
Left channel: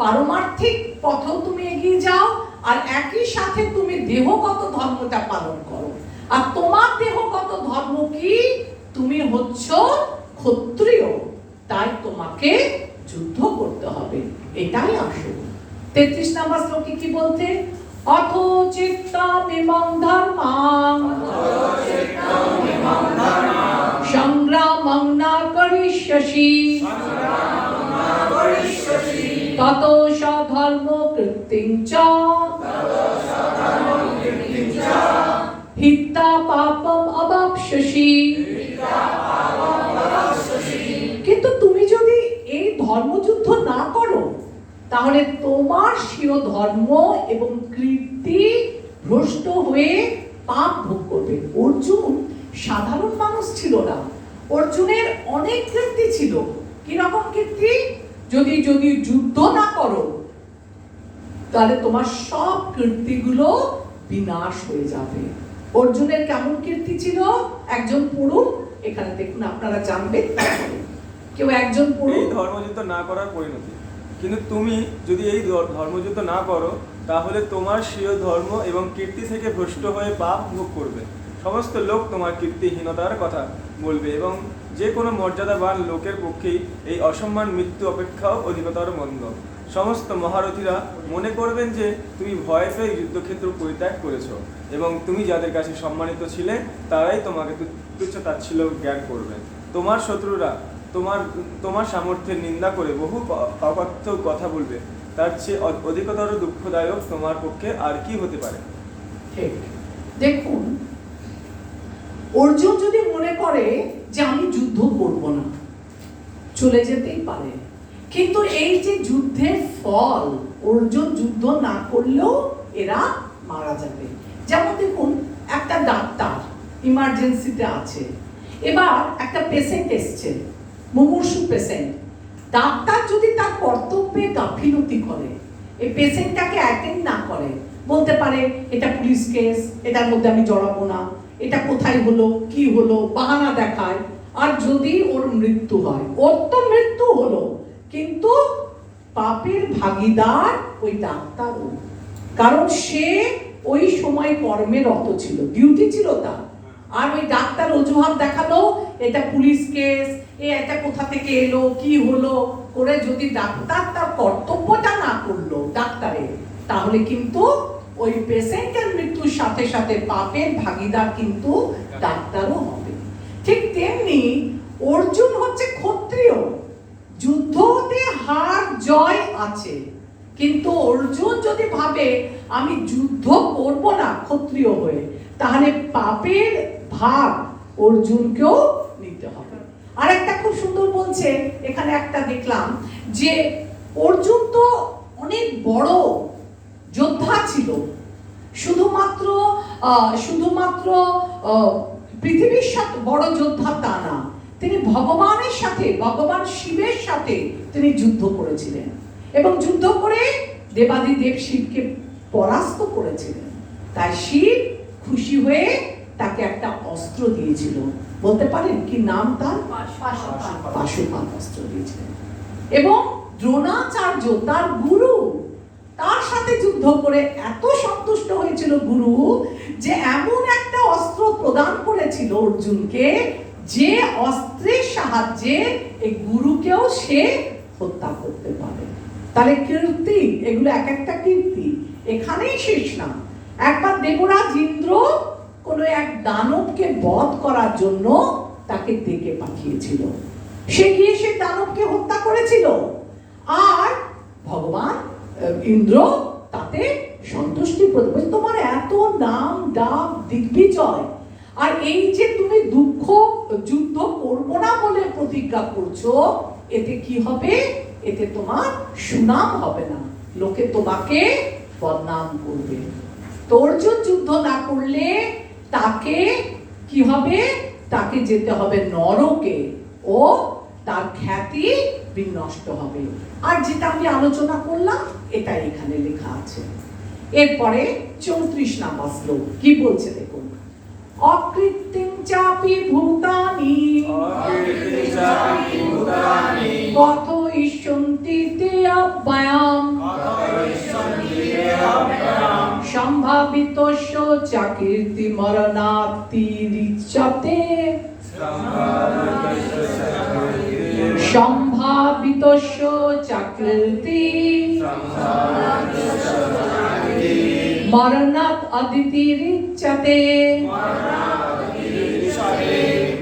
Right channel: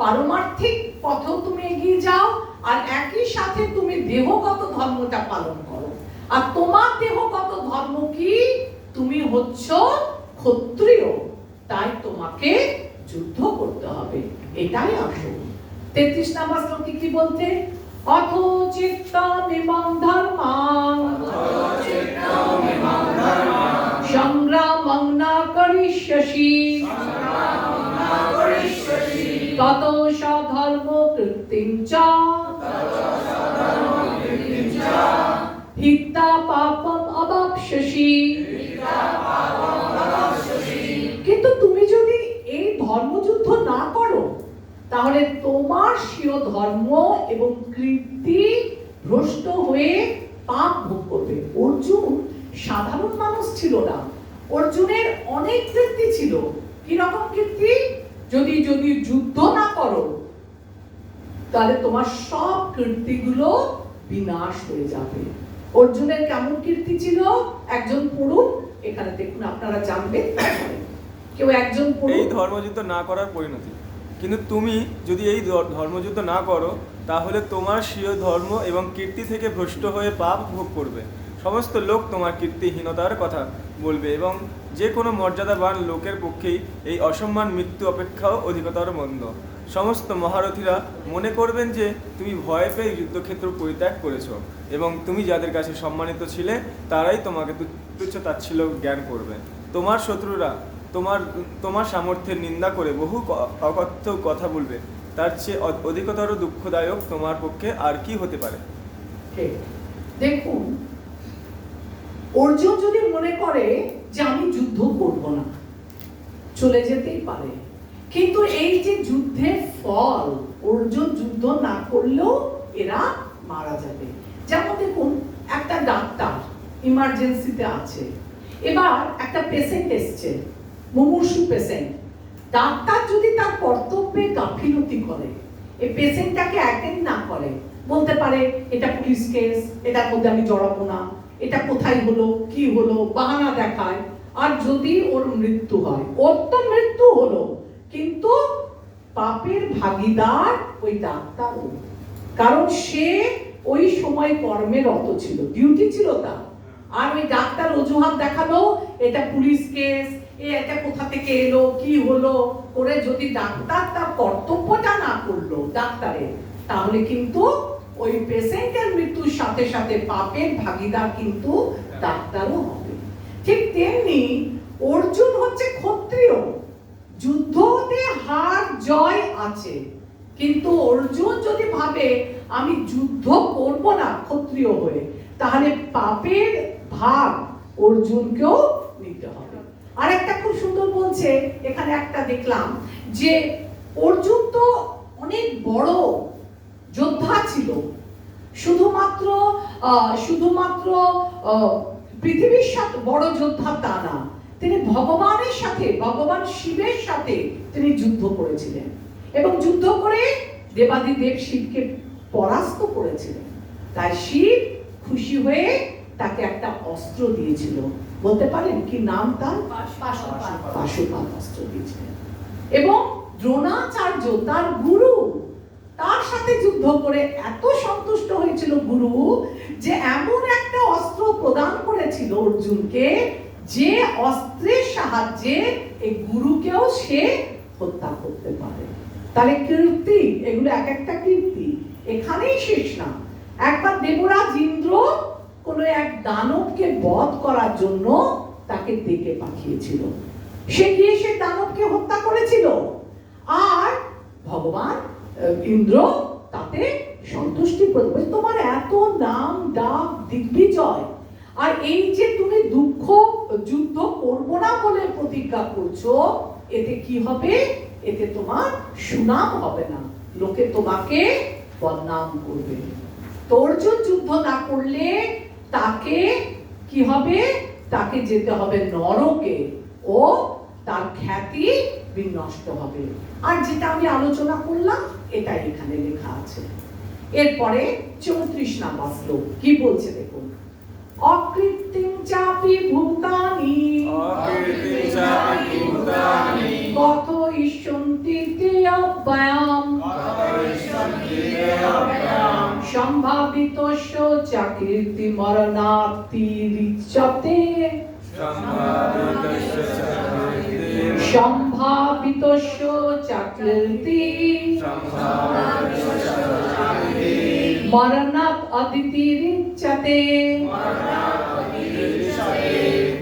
পারমার্থিক পথেও তুমি এগিয়ে যাও, আর একই সাথে তুমি দেহগত ধর্মটা পালন করো। আর তোমার দেহগত ধর্ম কি? তুমি হচ্ছ ক্ষত্রিয়, তাই তোমাকে যুদ্ধ করতে হবে, এটাই আসল। 33 নম্বর শ্লোকে কি বলতে? অথ চিত্তমিমং ধর্মাং সংগ্রামং না করিষ্যসি ততো স্বধর্ম কৃত্তিং চ হিত্বা পাপম অবাপ্স্যসি। কিন্তু তুমি যদি এই ধর্মযুদ্ধ না করো, তাহলে তোমার স্বীয় ধর্ম এবং কীর্তি ভ্রষ্ট হয়ে পাপ ভোগ করবে। অর্জুন সাধারণ মানুষ ছিল না, অর্জুনের অনেক কীর্তি ছিল। কিরকম কীর্তি? যদি যুদ্ধ না করো, তাহলে তোমার সব কীর্তিগুলো বিনাশ হয়ে যাবে। অর্জুনের কেমন কীর্তি ছিল? একজন পুরুষ, এখানে দেখুন আপনারা জানবেন, কেউ একজন পুরুষ ধর্মযুদ্ধ না করার পরিণতি। কিন্তু তুমি যদি এই ধর্মযুদ্ধ না করো, তাহলে তোমার স্বীয় ধর্ম এবং কীর্তি থেকে ভ্রষ্ট হয়ে পাপ ভোগ করবে। সমস্ত লোক তোমার কীর্তিহীনতার কথা বলবে, এবং যে কোনো মর্যাদাবান লোকের পক্ষেই এই অসম্মান মৃত্যু অপেক্ষাও অধিকতর মন্দ। সমস্ত মহারথীরা মনে করবেন যে তুমি ভয় পেয়ে যুদ্ধক্ষেত্র পরিত্যাগ করেছ, এবং তুমি যাদের কাছে সম্মানিত ছিলে তারাই তোমাকে তুচ্ছ তাচ্ছিল্য জ্ঞান করবে। তোমার শত্রুরা তোমার সামর্থ্যের নিন্দা করে বহু অকথ্য কথা বলবে। তার চেয়ে অধিকতর দুঃখদায়ক তোমার পক্ষে আর কি হতে পারে? ঠিক। দেখুন, অর্জুন যদি মনে করে যে আমি যুদ্ধ করব না, চলে যেতেই পারে, কিন্তু এই যে যুদ্ধের ফল, অর্জুন যুদ্ধ না করলেও এরা মারা যাবে। যেমন দেখুন, একটা ডাক্তার ইমার্জেন্সিতে আছে, এবার একটা পেশেন্ট এসছে, মুমূর্ষু পেশেন্ট। ডাক্তার যদি তার কর্তব্যে গাফিলতি করে, এই পেশেন্টটাকে অ্যাটেন্ড না করে, বলতে পারে এটা পুলিশ কেস, এটার মধ্যে আমি জড়াবো না, এটা কোথায় হলো, কি হলো, বাহানা দেখায়, আর যদি ওর মৃত্যু হয়, ওর তো মৃত্যু হলো, কিন্তু পাপের ভাগীদার ওই ডাক্তারও, কারণ সে ওই সময় কর্মে রত ছিল, ডিউটি ছিল তার। আর ওই ডাক্তার অজুহাত দেখালো এটা পুলিশ কেস, এটা কোথা থেকে এলো, কি হলো করে যদি ডাক্তার তার কর্তব্যটা না করলো ডাক্তারের, তাহলে কিন্তু ওই পেশেন্টের মৃত্যুর সাথে সাথে পাপের ভাগীদার কিন্তু ডাক্তারও হবে। ঠিক তেমনি অর্জুন হচ্ছে ক্ষত্রিয়, যুদ্ধতে হার জয় আছে, কিন্তু অর্জুন যদি ভাবে আমি যুদ্ধ করব না ক্ষত্রিয় হয়ে, তাহলে পাপের ভাগ অর্জুনকেও নিতে হবে। আর একটা খুব সুন্দর বলছে এখানে, একটা দেখলাম যে অর্জুন তো অনেক বড় যোদ্ধা ছিল, শুধুমাত্র পৃথিবীর সাথে বড় যোদ্ধা তা না, তিনি ভগবানের সাথে, ভগবান শিবের সাথে তিনি যুদ্ধ করেছিলেন, এবং যুদ্ধ করে দেবাদিদেব শিবকে পরাস্ত করেছিলেন। তাই শিব খুশি হয়ে তাকে একটা অস্ত্র দিয়েছিল, বলতে পারেন কি নাম তার? পাশুপাত অস্ত্র দিয়েছিলেন। এবং দ্রোণাচার্য তার গুরু, তার সাথে যুদ্ধ করে এত সন্তুষ্ট হয়েছিল গুরু যে এমন একটা অস্ত্র প্রদান করেছিল অর্জুনকে, যে অস্ত্রের সাহায্যে এই গুরুকেও সে হত্যা করতে পারে। তাহলে কীর্তি, এগুলো এক একটা কীর্তি, এখানেই শেষ না। একবার দেবরাজ ইন্দ্র কোন এক দানবকে বধ করার জন্য তাকে ডেকে পাঠিয়েছিল, সে গিয়ে সে দানবকে হত্যা করেছিল, আর ভগবান ইন্দ্র তাতে সন্তুষ্টি প্রদান, তোমার এত নাম ডাক দিগ্বিজয়, আর এই যে তুমি যুদ্ধ করবো না বলে প্রতিজ্ঞা করছো, এতে কি হবে? এতে তোমার সুনাম হবে না, লোকে তোমাকে বদনাম করবে। তো অর্জুন যুদ্ধ না করলে তাকে কি হবে? তাকে যেতে হবে নরকে, ও তার খ্যাতি বিনষ্ট হবে। আর যেটা আমি আলোচনা করলাম এটাই এখানে লেখা আছে। এরপরে 34 নাম্বার শ্লোক কি বলছে দেখুন, অকৃত্তিং চাপি ভূতানি কত ইষ্যন্তি তে অব্যয়াম সম্ভাবিতস্য চ কীর্তি মরণাত্তি রিচ্যতে সম্ভাবিতস্য চ কীর্তি মরণাৎ অতিরিচ্যতে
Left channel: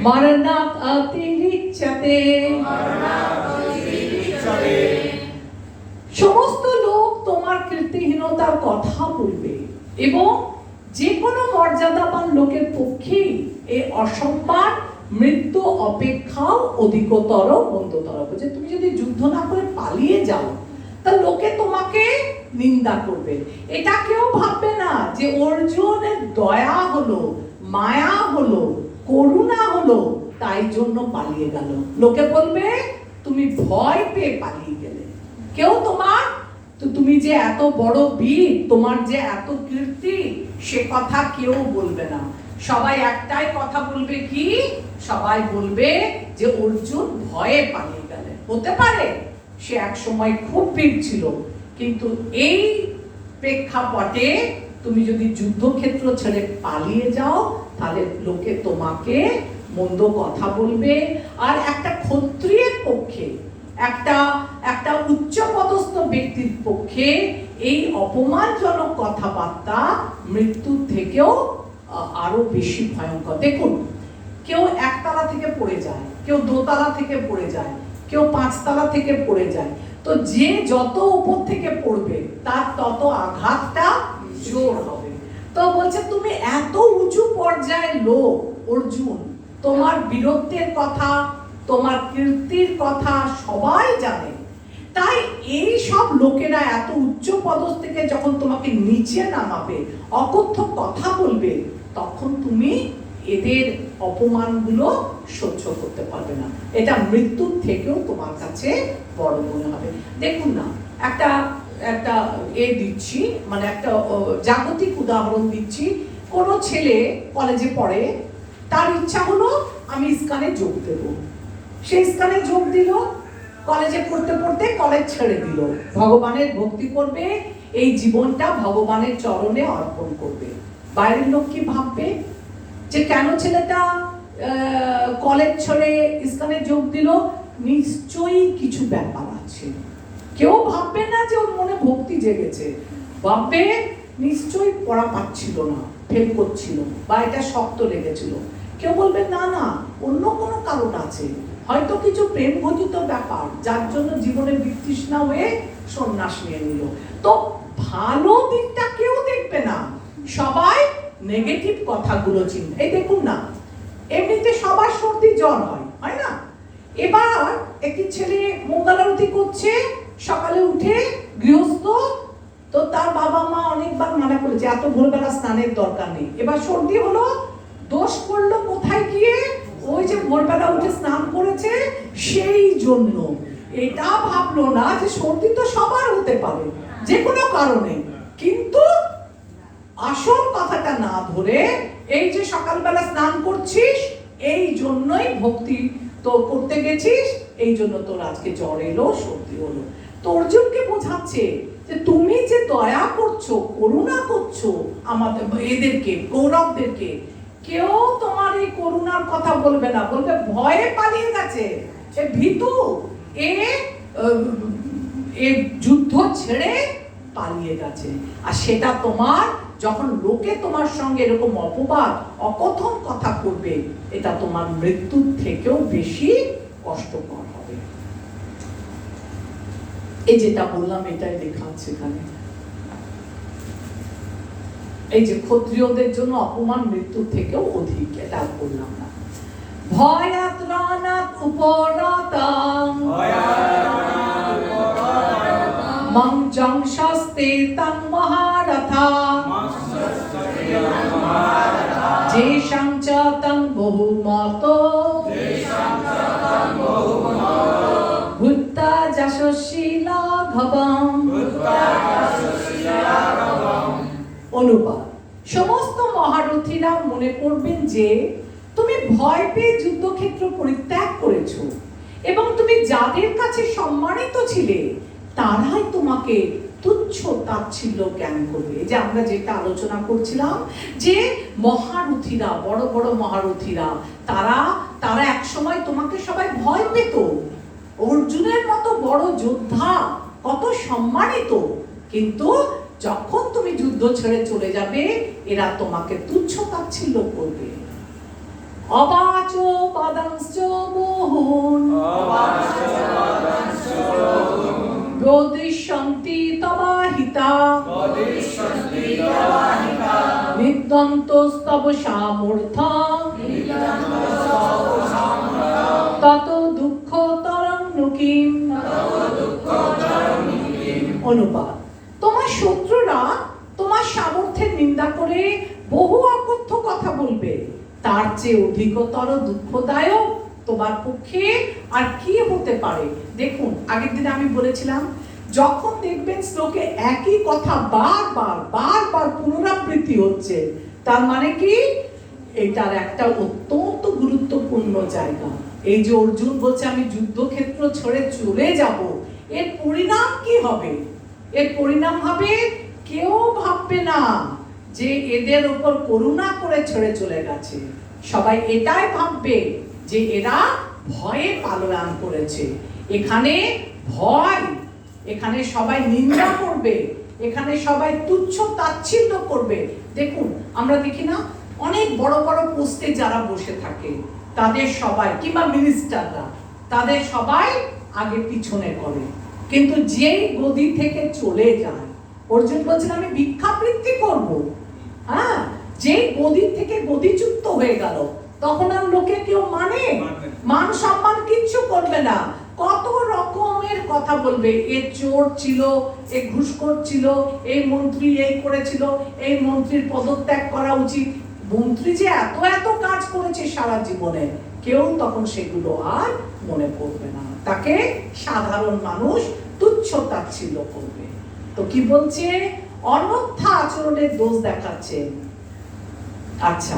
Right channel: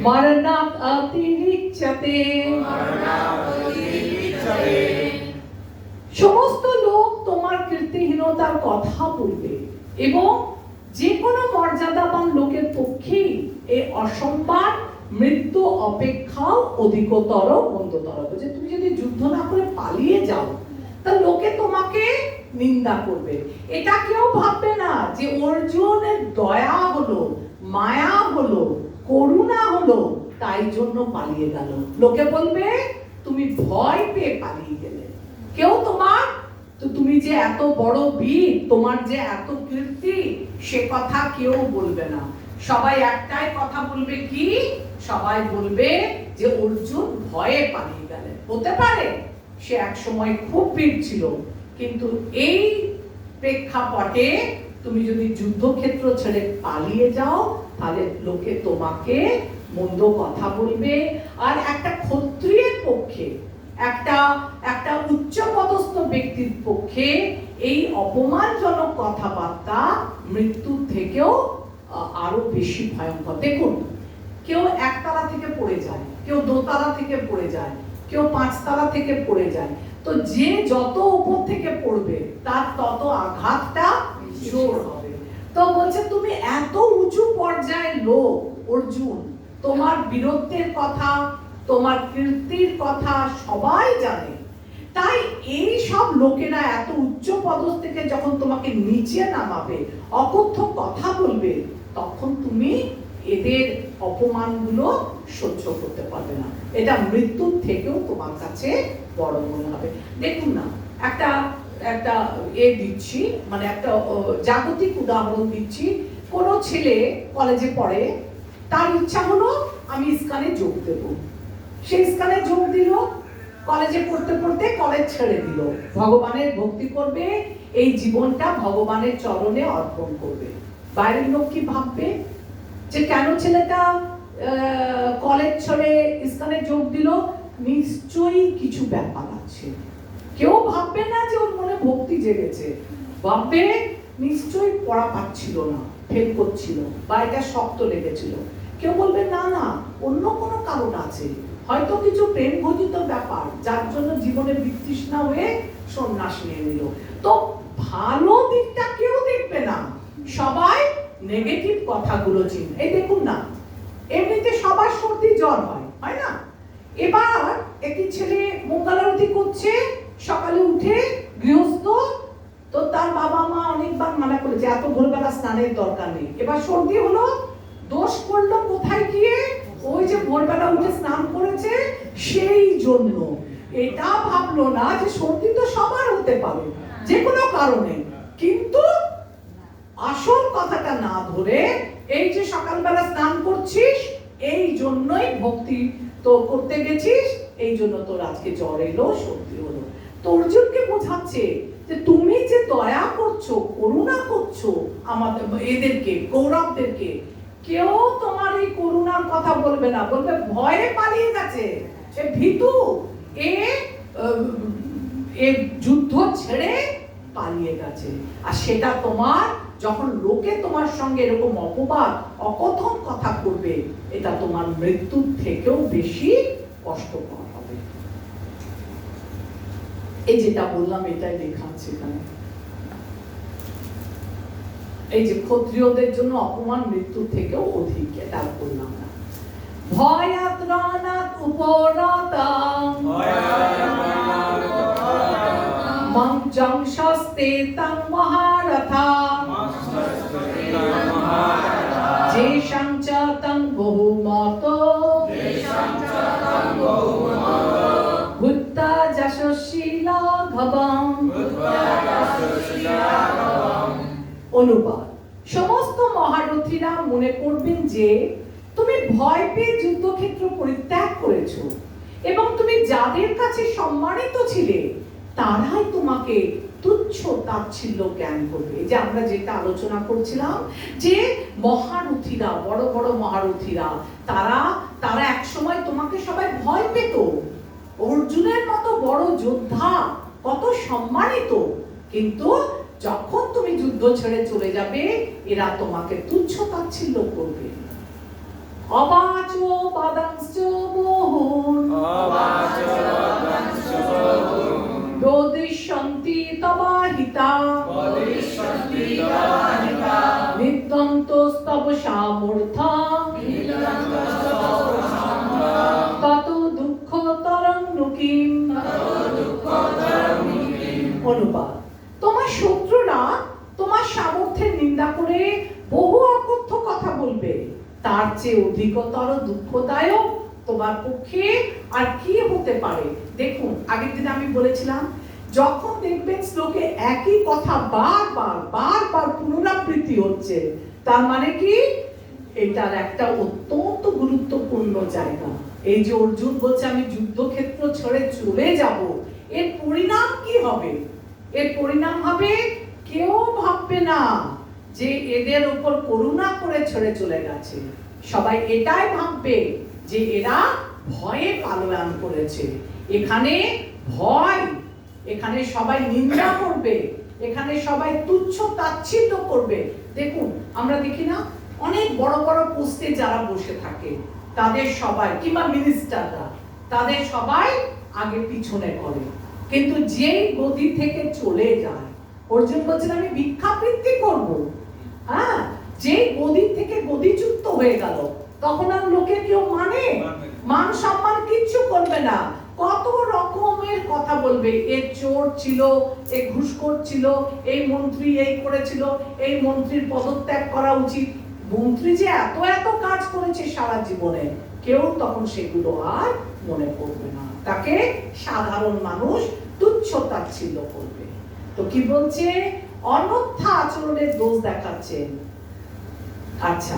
মরণাৎ অতিরিচ্যতে। সমস্ত লোক তোমার কীর্তিহীনতার কথা বলবে, এবং যে কোনো মর্যাদাবান লোকের পক্ষেই এই অসম্মান মৃত্যু অপেক্ষাও অধিকতর মন্দতর। যে তুমি যদি যুদ্ধ না করে পালিয়ে যাও, তা লোকে তোমাকে নিন্দা করবে। এটা কেউ ভাববে না যে অর্জুনের দয়া হলো, মায়া হলো, করুণা হলো, তাই জন্য পালিয়ে গেল। লোকে বলবে তুমি ভয় পেয়ে পালিয়ে গেলে। কেউ তুমি যে এত বড় বীর, তোমার যে এত কীর্তি, সে কথা কেউ বলবে না। সবাই একটাই কথা বলবে, কি? সবাই বলবে যে অর্জুন ভয়ে পালিয়ে গেলেন। হতে পারে সে এক সময় খুব বীর ছিল, কিন্তু এই প্রেক্ষাপটে তুমি যদি যুদ্ধক্ষেত্র ছেড়ে পালিয়ে যাও, তাহলে লোকে তোমাকে মন্দ কথা বলবে। আর একটা ক্ষত্রিয়ের পক্ষে, একটা উচ্চপদস্থ ব্যক্তির পক্ষে এই অপমানজনক কথাবার্তা মৃত্যুর থেকেও আরো বেশি ভয়ঙ্কর। দেখুন, কেউ একতলা থেকে পড়ে যায়, কেউ দোতলা থেকে পড়ে যায়, কেউ পাঁচতলা থেকে পড়ে যায়। তো যে যত উপর থেকে পড়বে তার তত আঘাতটা জোর হবে। তো বলছে তুমি এত উঁচু পর্যায়ের লোক অর্জুন, তোমার বীরত্বের কথা, তোমার কীর্তির কথা সবাই জানে। তাই এই সব লোকেরা এত উচ্চ পদস্থ থেকে যখন তোমাকে নিচে নামাবে, অকথ্য কথা বলবে, তখন তুমি এদের অপমানগুলো সহ্য করতে পারবে না। এটা মৃত্যুর থেকেও তোমার কাছে বড় মনে হবে। দেখুন না, একটা দিচ্ছি, মানে একটা জাগতিক উদাহরণ দিচ্ছি। কোনো ছেলে কলেজে পড়ে, তার ইচ্ছা হলো আমি ইস্কানে যোগ দেব। সে ইস্কানে যোগ দিল, কলেজে পড়তে পড়তে কলেজ ছেড়ে দিল, ভগবানের ভক্তি করবে, এই জীবনটা ভগবানের চরণে অর্পণ করবে। বাইরের লোক কি ভাববে যে কেন ছেলেটা কলেজ ছেড়ে ইস্কানে যোগ দিল? নিশ্চয়ই কিছু ব্যাপার আছে। কেউ ভাববে না যে ওর মনে ভক্তি জেগেছে, ভাববে নিশ্চয়ই পড়া পাচ্ছিল না, ফেল করছিল, বা এটা শক্ত লেগেছিল। কেউ বলবে না না, অন্য কোনো কারণ আছে, হয়তো কিছু প্রেম ঘটিত ব্যাপার, যার জন্য জীবনে বিতৃষ্ণা হয়ে সন্ন্যাস নিয়ে নিল। তো ভালো দিকটা কেউ দেখবে না, সবাই নেগেটিভ কথাগুলো চিন্তা। এই দেখুন না, এমনিতে সবার সর্দি জ্বর হয় না? এবার একটি ছেলে মঙ্গল আরতি করছে, সকালে উঠে গৃহস্থ, তো তার বাবা মা অনেকবার মানা করেছে এত ভোরবেলা স্নানের দরকার নেই। এবার সর্দি হলো, দোষ করলো কোথায় গিয়ে? ওই যে ভোরবেলা উঠে স্নান করেছে সেই জন্য। এটা ভাবলো না যে সর্দি তো সবার হতে পারে যে কোনো কারণে, কিন্তু আসল কথাটা না ধরে এই যে সকালবেলা স্নান করছিস এই জন্যই ভক্তি তো করতে গেছিস, এই জন্য তোর আজকে জ্বর এলো, সর্দি হলো। তো অর্জুনকে বোঝাচ্ছে যে তুমি যে দয়া করছো, করুণা করছো আমাদের এদেরকে, কৌরবদেরকে, কেউ তোমার এই করুণার কথা বলবে না, বলবে ভয়ে পালিয়ে গেছে, সে ভীতু, এ যুদ্ধ ছেড়ে পালিয়ে গেছে। আর সেটা তোমার, যখন লোকে তোমার সঙ্গে এরকম অপবাদ অকথন কথা করবে, এটা তোমার মৃত্যুর থেকেও বেশি কষ্টকর হবে। এই যেটা বললাম এটাই লেখা আছে এখানে। এই যে ক্ষত্রিয়দের জন্য অপমান মৃত্যুর থেকেও অধিক, এটা বললাম না। ভয়াত রানাত উপরতাম মঞ্চং শাস্তে তং মহারথা যেষাং চ তং বহুমত ভূত্তা যশস্বী লাঘবম। অনুবাদ: সমস্ত মহারথীরা মনে করবেন যে তুমি ভয় পেয়ে যুদ্ধক্ষেত্র পরিত্যাগ করেছো এবং তুমি যাদের কাছে সম্মানিত ছিলে তারাই তোমাকে তুচ্ছ তাচ্ছিল্য জ্ঞান করবে। যে আমরা যেটা আলোচনা করছিলাম যে মহারথীরা, বড় বড় মহারথীরা, তারা একসময় তোমাকে সবাই ভয় পেত। অর্জুনের মতো বড় যোদ্ধা কত সম্মানিত, কিন্তু যখন তুমি যুদ্ধ ছেড়ে চলে যাবে এরা তোমাকে তুচ্ছ তাচ্ছিল্য করবে। অবাচ পদংশ্চ বহুন বদিষ্যন্তি তবাহিতা নিদ্যন্তস্তব সামর্থ্যম তত দুঃখতরং নুকিম। অনুবাদ: তোমার শত্রুরা তোমার সামর্থ্যের নিন্দা করে বহু অকথ্য কথা বলবে, তার চেয়ে অধিকতর দুঃখদায়ক তোমার পক্ষে আর কি হতে পারে। দেখুন, আগের দিন আমি বলেছিলাম, যখন দেখবেন শ্লোকে একই কথা বারবার পুনরাবৃত্তি হচ্ছে, তার মানে কি এটার একটা অত্যন্ত গুরুত্বপূর্ণ জায়গা। এই যে অর্জুন বলছে আমি যুদ্ধক্ষেত্র ছেড়ে চলে যাব, এর পরিণাম কি হবে? এর পরিণাম হবে কেউ ভাববে না যে এদের উপর করুণা করে ছেড়ে চলে গেছে, সবাই এটাই ভাববে যে এরা ভয়ে পালায়ন করেছে। এখানে ভয়, এখানে সবাই নিন্দা করবে, এখানে সবাই তুচ্ছ তাচ্ছিল্য করবে। দেখুন, আমরা দেখি না অনেক বড় বড় পোস্টে যারা বসে থাকে তাদের সবাই, কিংবা মিনিস্টাররা, তাদের সবাই আগে পিছনে করে, কিন্তু যেই গদি থেকে চলে যায়, অর্জুন বলছেন আমি ভিক্ষাবৃত্তি করব, হ্যাঁ, যে গদি থেকে গদিচ্যুত হয়ে গেল, তখন আর লোকে কেউ মান সম্মান কিচ্ছু করবে না। কত রকমের কথা বলবে, এ চোর ছিল, এ ঘুষখোর ছিল, এই মন্ত্রী এই করেছিল, এই মন্ত্রীর পদত্যাগ করা উচিত। মন্ত্রী যে এত এত কাজ করেছে সারা জীবনে, কেউ তখন সেগুলো আর মনে পড়বে না, তাকে সাধারণ মানুষ তুচ্ছ তাচ্ছিল্য করবে। তো কি বলছে? অন্যথা আচরণের দোষ দেখাচ্ছে। আচ্ছা,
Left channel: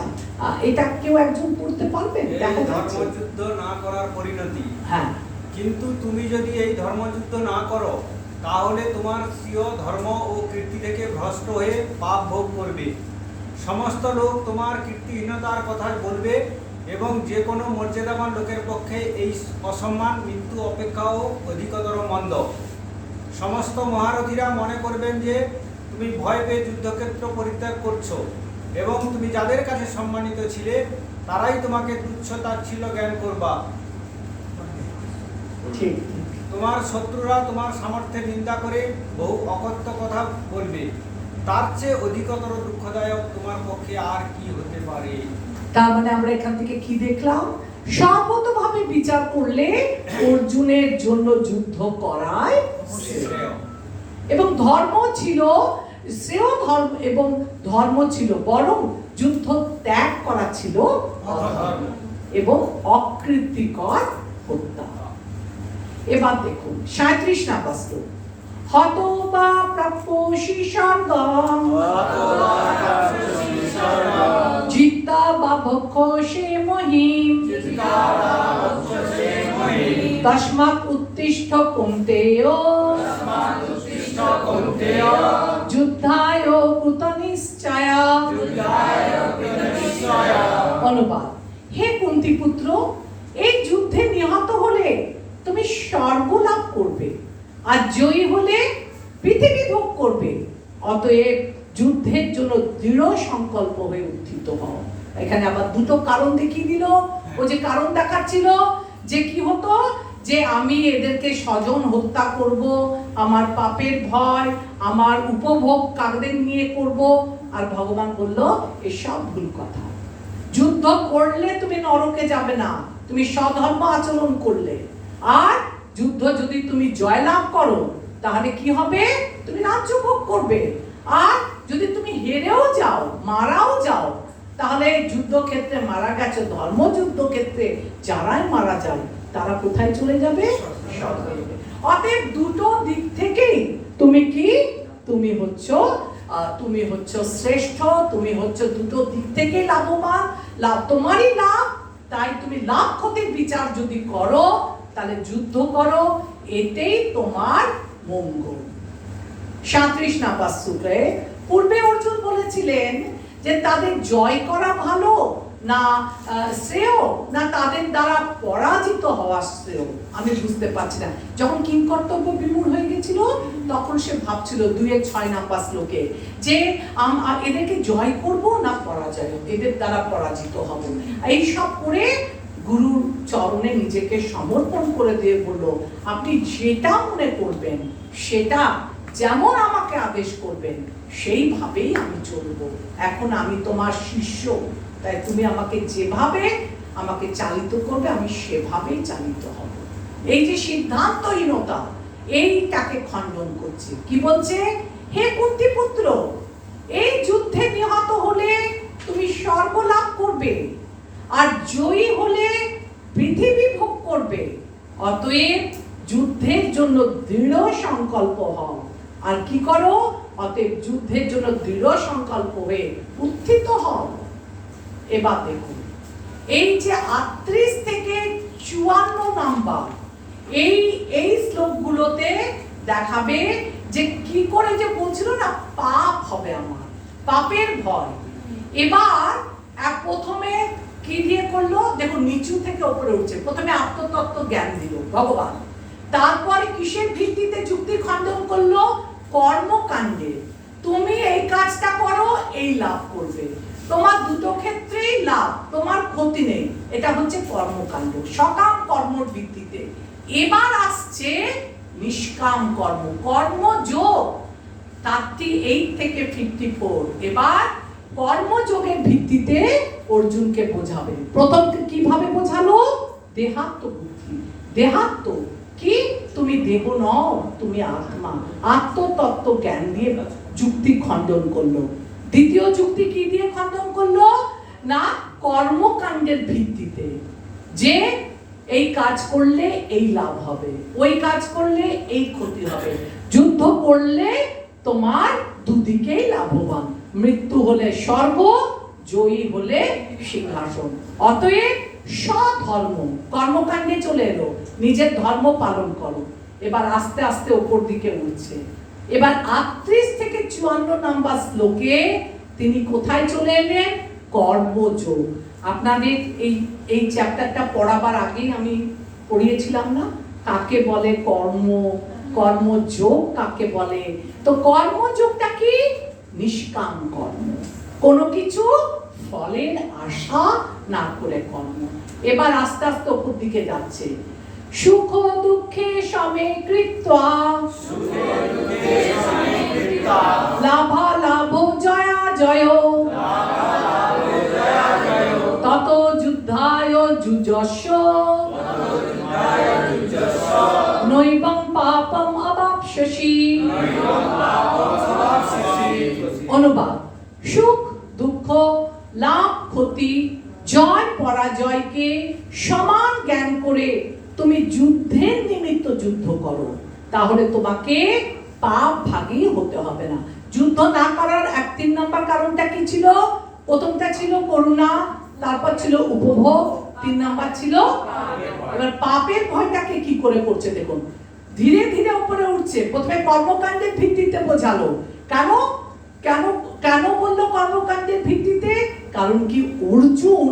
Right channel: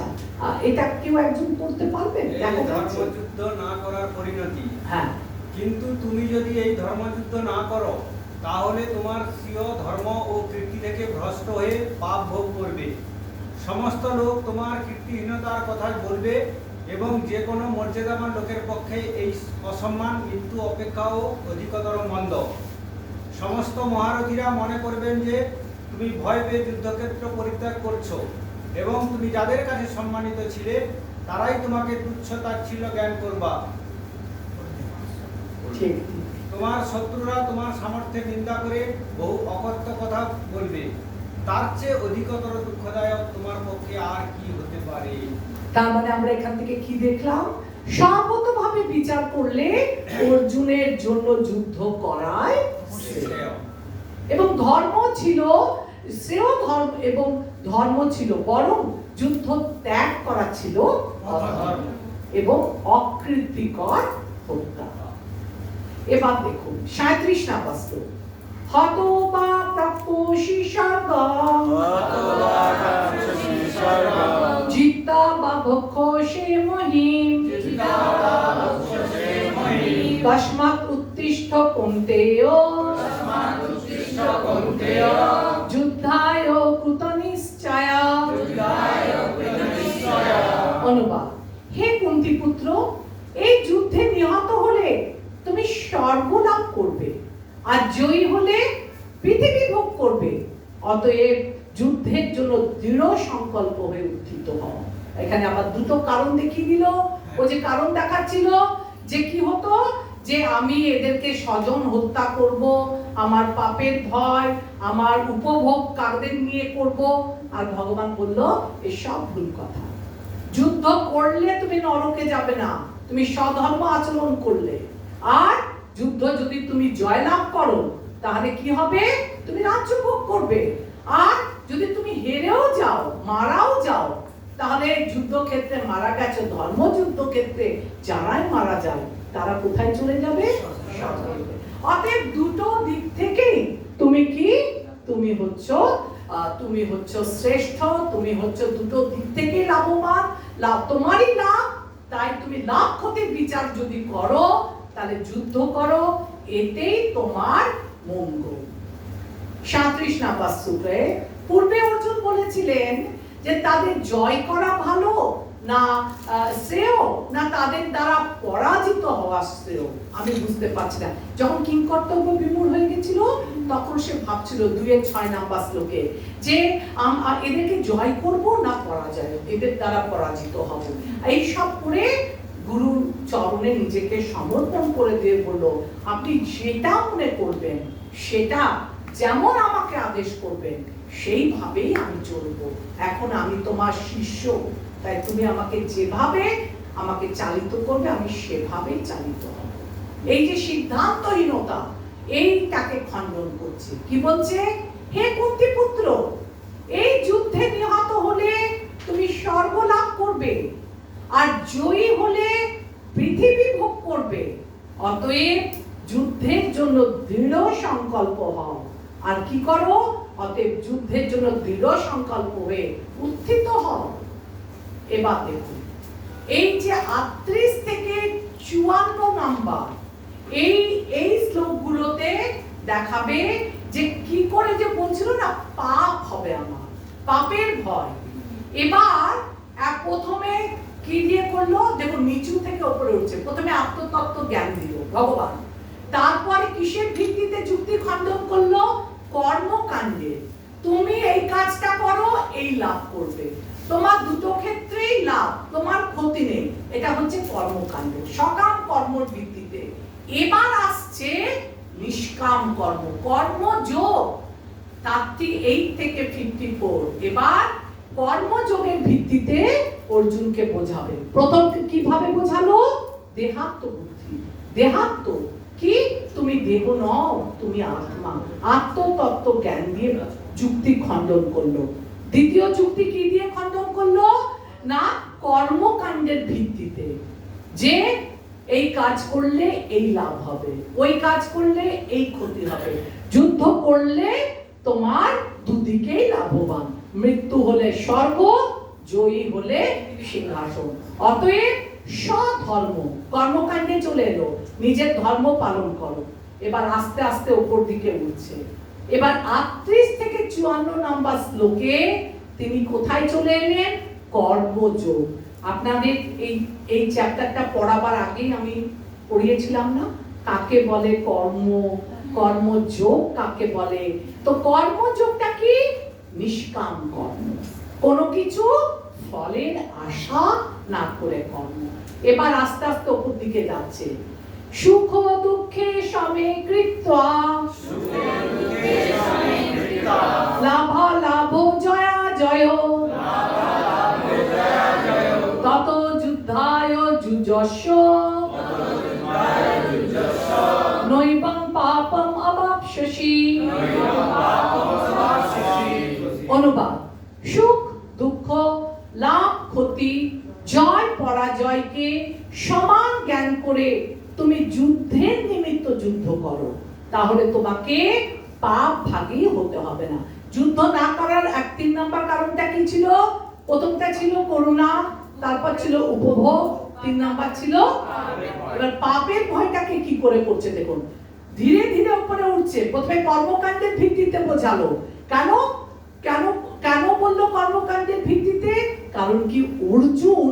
এটা কেউ একজন পড়তে পারবেন? ধর্মযুদ্ধ না করার পরিণতি। হ্যাঁ, কিন্তু তুমি যদি এই ধর্মযুদ্ধ না করো, তাহলে তোমার স্বীয় ধর্ম ও কীর্তি থেকে ভ্রষ্ট হয়ে পাপ ভোগ করবে। সমস্ত লোক তোমার কীর্তিহীনতার কথা বলবে, এবং যে কোনো মর্যাদাবান লোকের পক্ষে এই অসম্মান মৃত্যু অপেক্ষাও অধিকতর মন্দ। সমস্ত মহারথীরা মনে করবেন যে তুমি ভয় পেয়ে যুদ্ধক্ষেত্র পরিত্যাগ করছো, এবং তুমি যাদের কাছে সম্মানিত ছিলে তারাই তোমাকে তুচ্ছ তাচ্ছিল্য জ্ঞান করবা। ঠিক। তোমার শত্রুরা তোমার সামর্থ্যে নিন্দা করে বহু অকথ্য কথা বলবে। তার চেয়ে অধিকতর দুঃখদায়ক তোমার পক্ষে আর কি হতে পারে? তার মানে আমরা এখান থেকে কি দেখলাম? সর্বতভাবে বিচার করলে অর্জুনের জন্য যুদ্ধ করাই শ্রেয়। এবং ধর্ম ছিল শ্রেয়, ধর্ম এবং ধর্ম ছিল, বরং যুদ্ধ ত্যাগ করা ছিল অধর্ম এবং অকৃতিকর হত্যা। এবার দেখুন 37 নাম্বার শ্লোক। হতবা প্রাপ্যসি স্বর্গম জিতা বা ভক্ষসে মহিম তস্মাৎ উত্তিষ্ঠ কৌন্তেয় যুদ্ধায় কৃতনিশ্চয়া। অনুবাদ: হে কুন্তী পুত্র, এই যুদ্ধে নিহত হলে তুমি স্বর্গ লাভ করবে, আর জয়ী হলে পৃথিবী ভোগ করবে। অতএব যুদ্ধের জন্য দৃঢ় সংকল্প হয়ে উত্থিত হও। এখানে আবার দুটো কারণ দেখিয়ে দিল। ও যে কারণ দেখাচ্ছিল যে কি হতো, যে আমি এদেরকে স্বজন হত্যা করব, আমার পাপের ভয়, আমার উপভোগ কাদের নিয়ে করব। আর ভগবান বলল এসব ভুল কথা। যুদ্ধ করলে তুমি নরকে যাবে না, তুমি সধর্ম আচরণ করলে। আর যুদ্ধ যদি তুমি জয়লাভ করো, তাহলে কি হবে? তুমি রাজ্য ভোগ করবে। আর যদি তুমি হেরেও যাও, মারাও যাও, তাহলে যুদ্ধক্ষেত্রে মারা গেছে, ধর্মযুদ্ধ ক্ষেত্রে যারাই মারা যায় তারা কোথায় চলে যাবে? স্বর্গে। অতএব দুটো দিক থেকেই তুমি কি, তুমি হচ্ছ শ্রেষ্ঠ, তুমি হচ্ছ দুটো দিক থেকে লাভবান, লাভ তোমারই লাভ। তাই তুমি লাভ ক্ষতির বিচার যদি করো, তাহলে যুদ্ধ করো, এতেই তোমার মঙ্গল। 37 নাম্বার শ্লোকে পূর্বে অর্জুন বলেছিলেন যে তাদের জয় করা ভালো না শ্রেয়, না তাদের দ্বারা পরাজিত হওয়া শ্রেয়। আমি বুঝতে পারছি না। যখন কিংকর্তব্য বিমূঢ় হয়ে গেছিল, তখন সে ভাবছিল 2-6 নাম্বার শ্লোকে যে এদেরকে জয় করব না পরাজয়, এদের দ্বারা পরাজিত হব। এইসব করে গুরুর চরণে নিজেকে সমর্পণ করে দিয়ে বলল, আপনি যেটা মনে করবেন, সেটা যেমন আমাকে আদেশ করবেন, সেইভাবেই আমি চলব। এখন আমি তোমার শিষ্য, তাই তুমি আমাকে যেভাবে আমাকে চালিত করবে, আমি সেভাবেই চালিত হব। এই যে সিদ্ধান্তহীনতা, এইটাকে খণ্ডন করছে। কি বলছে? হে কুন্তী পুত্র, এই যুদ্ধে নিহত হলে তুমি স্বর্গ লাভ করবে, আর জয়ী হলে পৃথিবী ভোগ করবে। অতএব যুদ্ধের জন্য দৃঢ় সংকল্প হও। আর কি করো? অতএব যুদ্ধের জন্য দৃঢ় সংকল্প হয়ে উত্থিত হও। এবার দেখুন, এই যে 38 থেকে 54 নাম্বার, এই শ্লোকগুলোতে দেখাবে যে কি করে, যে বলছিল না পাপ হবে, আমার পাপের ভয়। এবার প্রথমে কি দিয়ে করলো? দেখো নিচু থেকে উপরে উঠছে। প্রথমে আত্মতত্ত্ব জ্ঞান দিল ভগবান, তারপরে কিসের ভিত্তিতে যুক্তি খণ্ডন করলো? কর্মকাণ্ডে। তুমি এই কাজটা করো, এই লাভ করবে, তোমার দুটো ক্ষেত্রেই লাভ, তোমার ক্ষতি নেই। এটা হচ্ছে কর্মকাণ্ড, সকাম কর্মর ভিত্তিতে। এবার আসছে নিষ্কাম কর্ম, কর্মযোগ 38 থেকে 54। এবার কর্মযোগের ভিত্তিতে অর্জুনকে বোঝাবে। প্রথম কিভাবে বোঝালো? দেহাত্ম বুদ্ধি। দেহাত্ম কি? তুমি দেহ নও, তুমি আত্মা। আত্মতত্ত্ব জ্ঞান দিয়ে যুক্তি খণ্ডন করলো। দ্বিতীয় যুক্তি কি দিয়ে খণ্ডন করলো? না, কর্মকাণ্ডের ভিত্তিতে, যে এই কাজ করলে এই লাভ হবে, ওই কাজ করলে এই ক্ষতি হবে, যুদ্ধ করলে তোমার দুদিকেই লাভবান, মৃত্যু হলে স্বর্গ, জয়ী হলে সিংহাসন। অতএব স্বধর্ম, কর্মকাণ্ডে চলে এলো, নিজের ধর্ম পালন করো। এবার আস্তে আস্তে উপর দিকে উঠছে। এবার 38 থেকে 54 নম্বর শ্লোকে তিনি কোথায় চলে এলেন? কর্মযোগ। আপনাদের এই চ্যাপ্টারটা পড়াবার আগেই আমি পড়িয়েছিলাম না, কাকে বলে কর্ম, কর্মযোগ কাকে বলে? তো কর্মযোগটা কি? নিষ্কাম কর্ম, কোনো কিছু ফলের আশা না করে কর্ম। এবার আস্তে আস্তে উপর দিকে যাচ্ছে। সুখ দুঃখে সমে কৃত্বা, লাভ লাভ জয়া জয়, তত যুদ্ধায় যুজস্ব, নৈবং পাপম অবাপ্স্যসি। অনুবাদ: সুখ দুঃখ, লাভ ক্ষতি, জয় পরাজয়কে সমান জ্ঞান করে তুমি যুদ্ধের নিমিত্ত যুদ্ধ করো, তাহলে তোমাকে পাপ ভাগী হতে হবে না। যুদ্ধ না করার 3 নম্বর কারণটা কি ছিল? প্রথমটা ছিল করুণা, তারপর ছিল উপভোগ, 3 নম্বর ছিল এবার পাপের ভয়টাকে কি করে করছে দেখুন, ধীরে ধীরে উপরে উঠছে। প্রথমে কর্মকাণ্ডের ভিত্তিতে বোঝালো। কেন কেন কেন বললো কর্মকাণ্ডের ভিত্তিতে? কারণ কি অর্জুন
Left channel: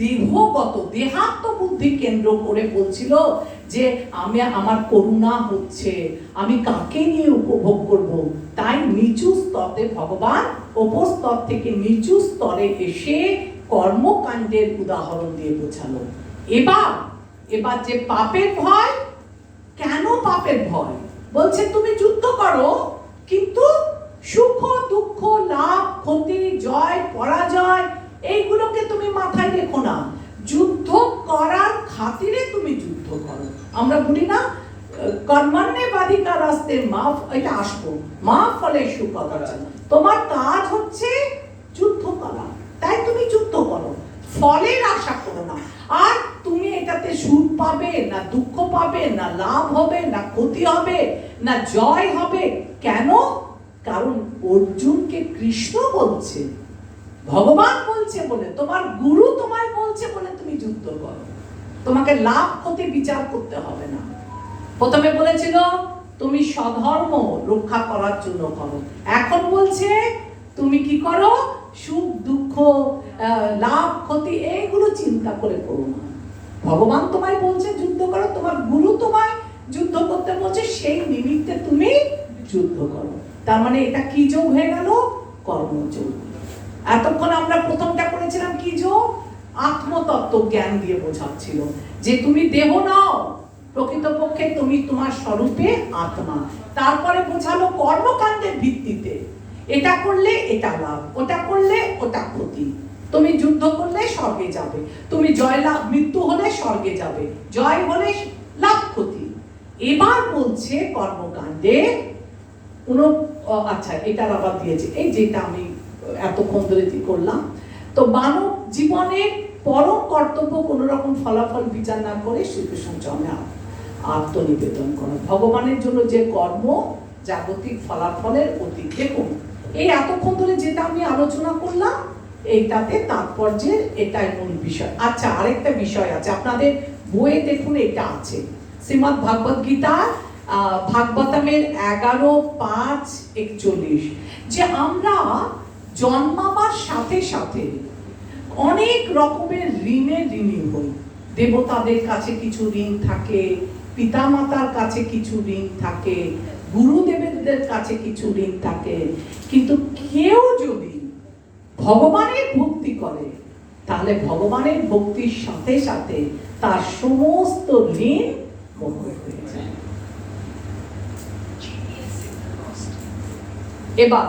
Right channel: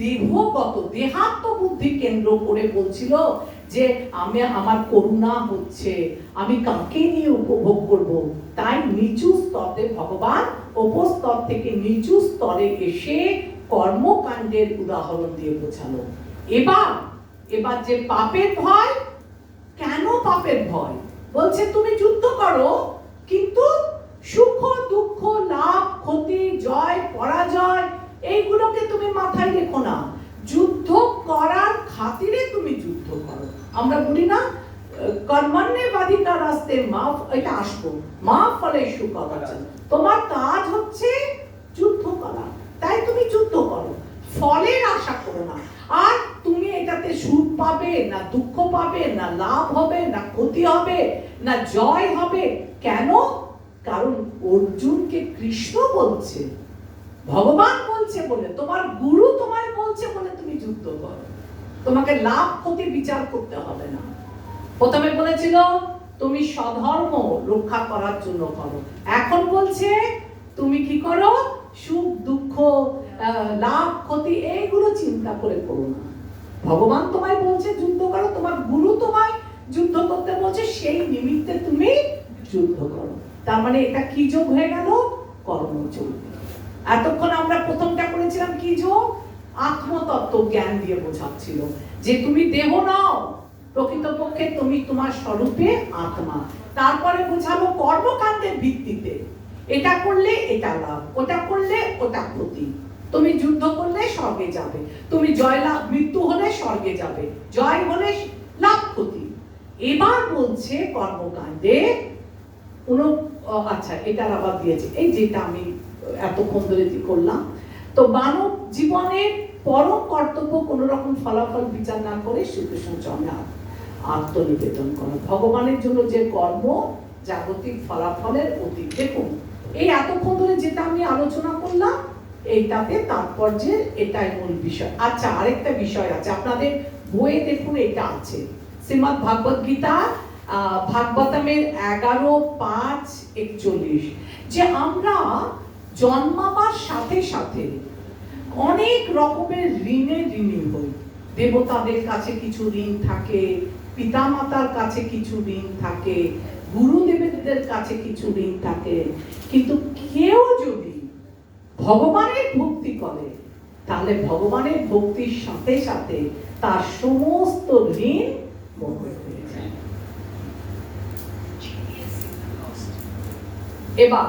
দেহগত, দেহাত্ম বুদ্ধি কেন্দ্র করে বলছিল যে আমার করুণা হচ্ছে, আমি কাকে নিয়ে উপভোগ করব। তাই নিচু স্তরে ভগবান উপর স্তর থেকে নিচু স্তরে এসে কর্মকাণ্ডের উদাহরণ দিয়ে বোঝালো। এবার যে পাপের ভয়, কেন পাপের ভয়? বলছে তুমি যুদ্ধ করো, কিন্তু সুখ দুঃখ, লাভ ক্ষতি, জয় পরাজয় এইগুলোকে তুমি মাথায় রেখো না। যুদ্ধ করার খাতিরে তুমি যুদ্ধ করো। আমরা বলি না কর্মণ্যেবাধিকার রাস্তে মাফ, এটা আসবো, মাফ ফলে সুখ আছে। তোমার কাজ হচ্ছে যুদ্ধ করা, তাই তুমি যুদ্ধ করো, ফলের আশা করো না। আর তুমি এটাতে সুখ পাবে না, দুঃখ পাবে না, লাভ হবে না, ক্ষতি হবে না, জয় হবে। কেন? কারণ অর্জুনকে কৃষ্ণ বলছে, ভগবান বলছে বলে, তোমার গুরু তোমায় বলছে বলে তুমি যুদ্ধ করো। তোমাকে লাভ ক্ষতি বিচার করতে হবে না। প্রথমে বলেছিল তুমি স্বধর্ম রক্ষা করার জন্য করো, এখন বলছে তুমি কি করো? সুখ দুঃখ, লাভ ক্ষতি এইগুলো চিন্তা করে করো না। ভগবান তোমায় বলছে যুদ্ধ করো, তোমার গুরু তোমায় যুদ্ধ করতে বলছে, সেই নিমিত্তে তুমি যুদ্ধ করো। তার মানে এটা কি যোগ হয়ে গেল? কর্মযোগ। এতক্ষণ আমরা প্রথমটা করেছিলাম কি যোগ? আত্মতত্ত্ব জ্ঞান দিয়ে বোঝাচ্ছিল যে তুমি দেহ নাও, প্রকৃতপক্ষে তুমি তোমার স্বরূপে আত্মা। তারপরে বোঝালো কর্মকাণ্ডের ভিত্তিতে, এটা করলে এটা লাভ, ওটা করলে ওটা ক্ষতি। তুমি যুদ্ধ করলে স্বর্গে যাবে, তুমি জয় লাভ, মৃত্যু হলে স্বর্গে যাবে, জয় হলে লাভ ক্ষতি। এবার বলছে কর্মকাণ্ডে আচ্ছা এটার আবার দিয়েছে, এই যেটা আমি এতক্ষণ ধরে করলাম। তো মানব জীবনের পরম কর্তব্য কোন রকম ফলাফল বিচার না করে শ্রীকৃষ্ণ চরণে আত্মনিবেদন করো। ভগবানের জন্য যে কর্ম জাগতিক ফলাফলের অতীত। দেখুন এই এতক্ষণ ধরে যেটা আমি আলোচনা করলাম, এইটাতে তাৎপর্যের এটাই মূল বিষয়। আচ্ছা আরেকটা বিষয় আছে, আপনাদের বইয়ে দেখুন এটা আছে, শ্রীমদ্ ভাগবত গীতা ভাগবতমের 11:5-41, যে আমরা জন্মাবার সাথে সাথে অনেক রকমের ঋণে ঋণী হই। দেবতাদের কাছে কিছু ঋণ থাকে, পিতামাতার কাছে কিছু ঋণ থাকে, গুরুদেবদের কাছে কিছু ঋণ থাকে, কিন্তু কেউ যদি ভগবানের ভক্তি করে তাহলে ভগবানের ভক্তির সাথে সাথে তার সমস্ত ঋণ মোচন হয়ে যায়। এবার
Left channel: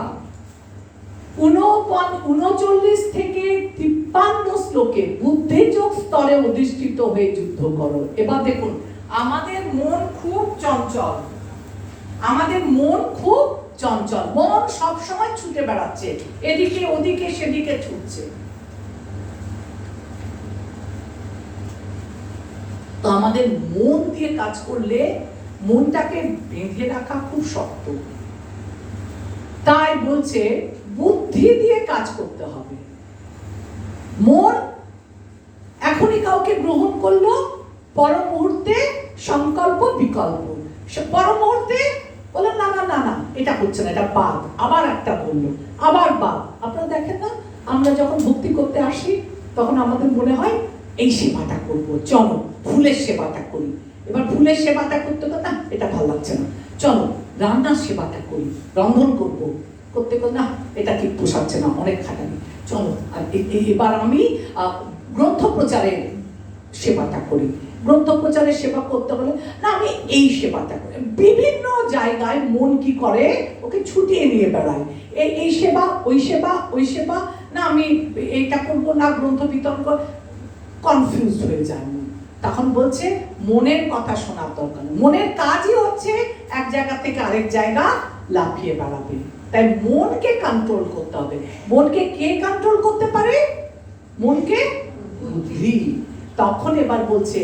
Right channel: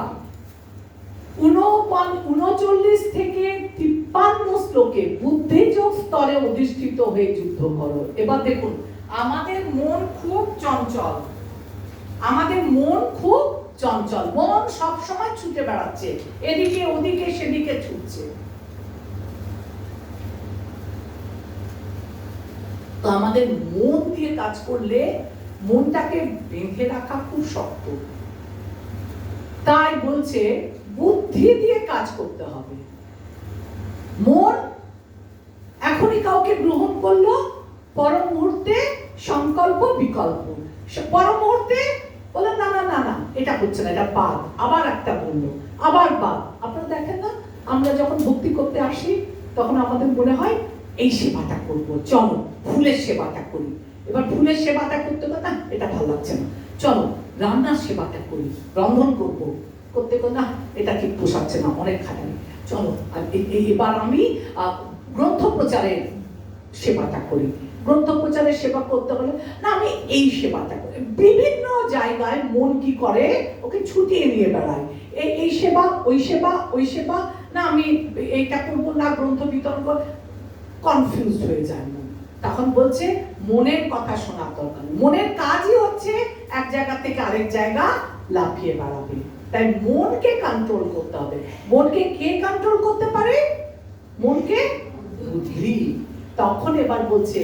39 থেকে 53 শ্লোকে বুদ্ধিযোগ স্তরে অধিষ্ঠিত হয়ে যুদ্ধ করো। এবার দেখুন, আমাদের মন খুব চঞ্চল, আমাদের মন খুব চঞ্চল, মন সব সময় ছুটে বেড়াচ্ছে, এদিকে ওদিকে সেদিকে ছুটছে। তো আমাদের মন দিয়ে কাজ করলে মনটাকে বেঁধে রাখা খুব শক্ত, তাই বলছে বুদ্ধি দিয়ে কাজ করতে হবে। মন এখনই কাউকে গ্রহণ করলো, পর মুহূর্তে সংকল্প বিকল্প, পর মুহূর্তে বলে না না না না এটা হচ্ছে না, এটা বাদ, আবার একটা বললো, আবার বাদ। আপনারা দেখেন না, আমরা যখন ভক্তি করতে আসি তখন আমাদের মনে হয় এই সেবাটা করব, চলো ফুলের সেবাটা করি। এবার ফুলের সেবাটা করতে করতে না এটা ভালো লাগছে না, চলো রান্নার সেবাটা করি, রন্ধন করব, করতে করতে না এটা ঠিক পোষাচ্ছে না, অনেক খাটানি, চলো এবার আমি গ্রন্থ প্রচারের সেবাটা করি। গ্রন্থ প্রচারের সেবা করতে হলে না আমি এই সেবাটা করি। বিভিন্ন জায়গায় মন কি করে, ওকে ছুটিয়ে নিয়ে বেড়ায়, এই সেবা ওই সেবা, ওই সেবা না আমি এইটা করবো না, গ্রন্থ বিতরণ করব, কনফিউজ হয়ে যায় মন। তখন বলছে মনের কথা শোনার দরকার নেই, মনের কাজই হচ্ছে এক জায়গা থেকে আরেক জায়গা লাফিয়ে বেড়াবে। তাই মনকে কন্ট্রোল করতে হবে। মনকে কে কন্ট্রোল করতে পারে? মনকে বুদ্ধি। তখন এবার বলছে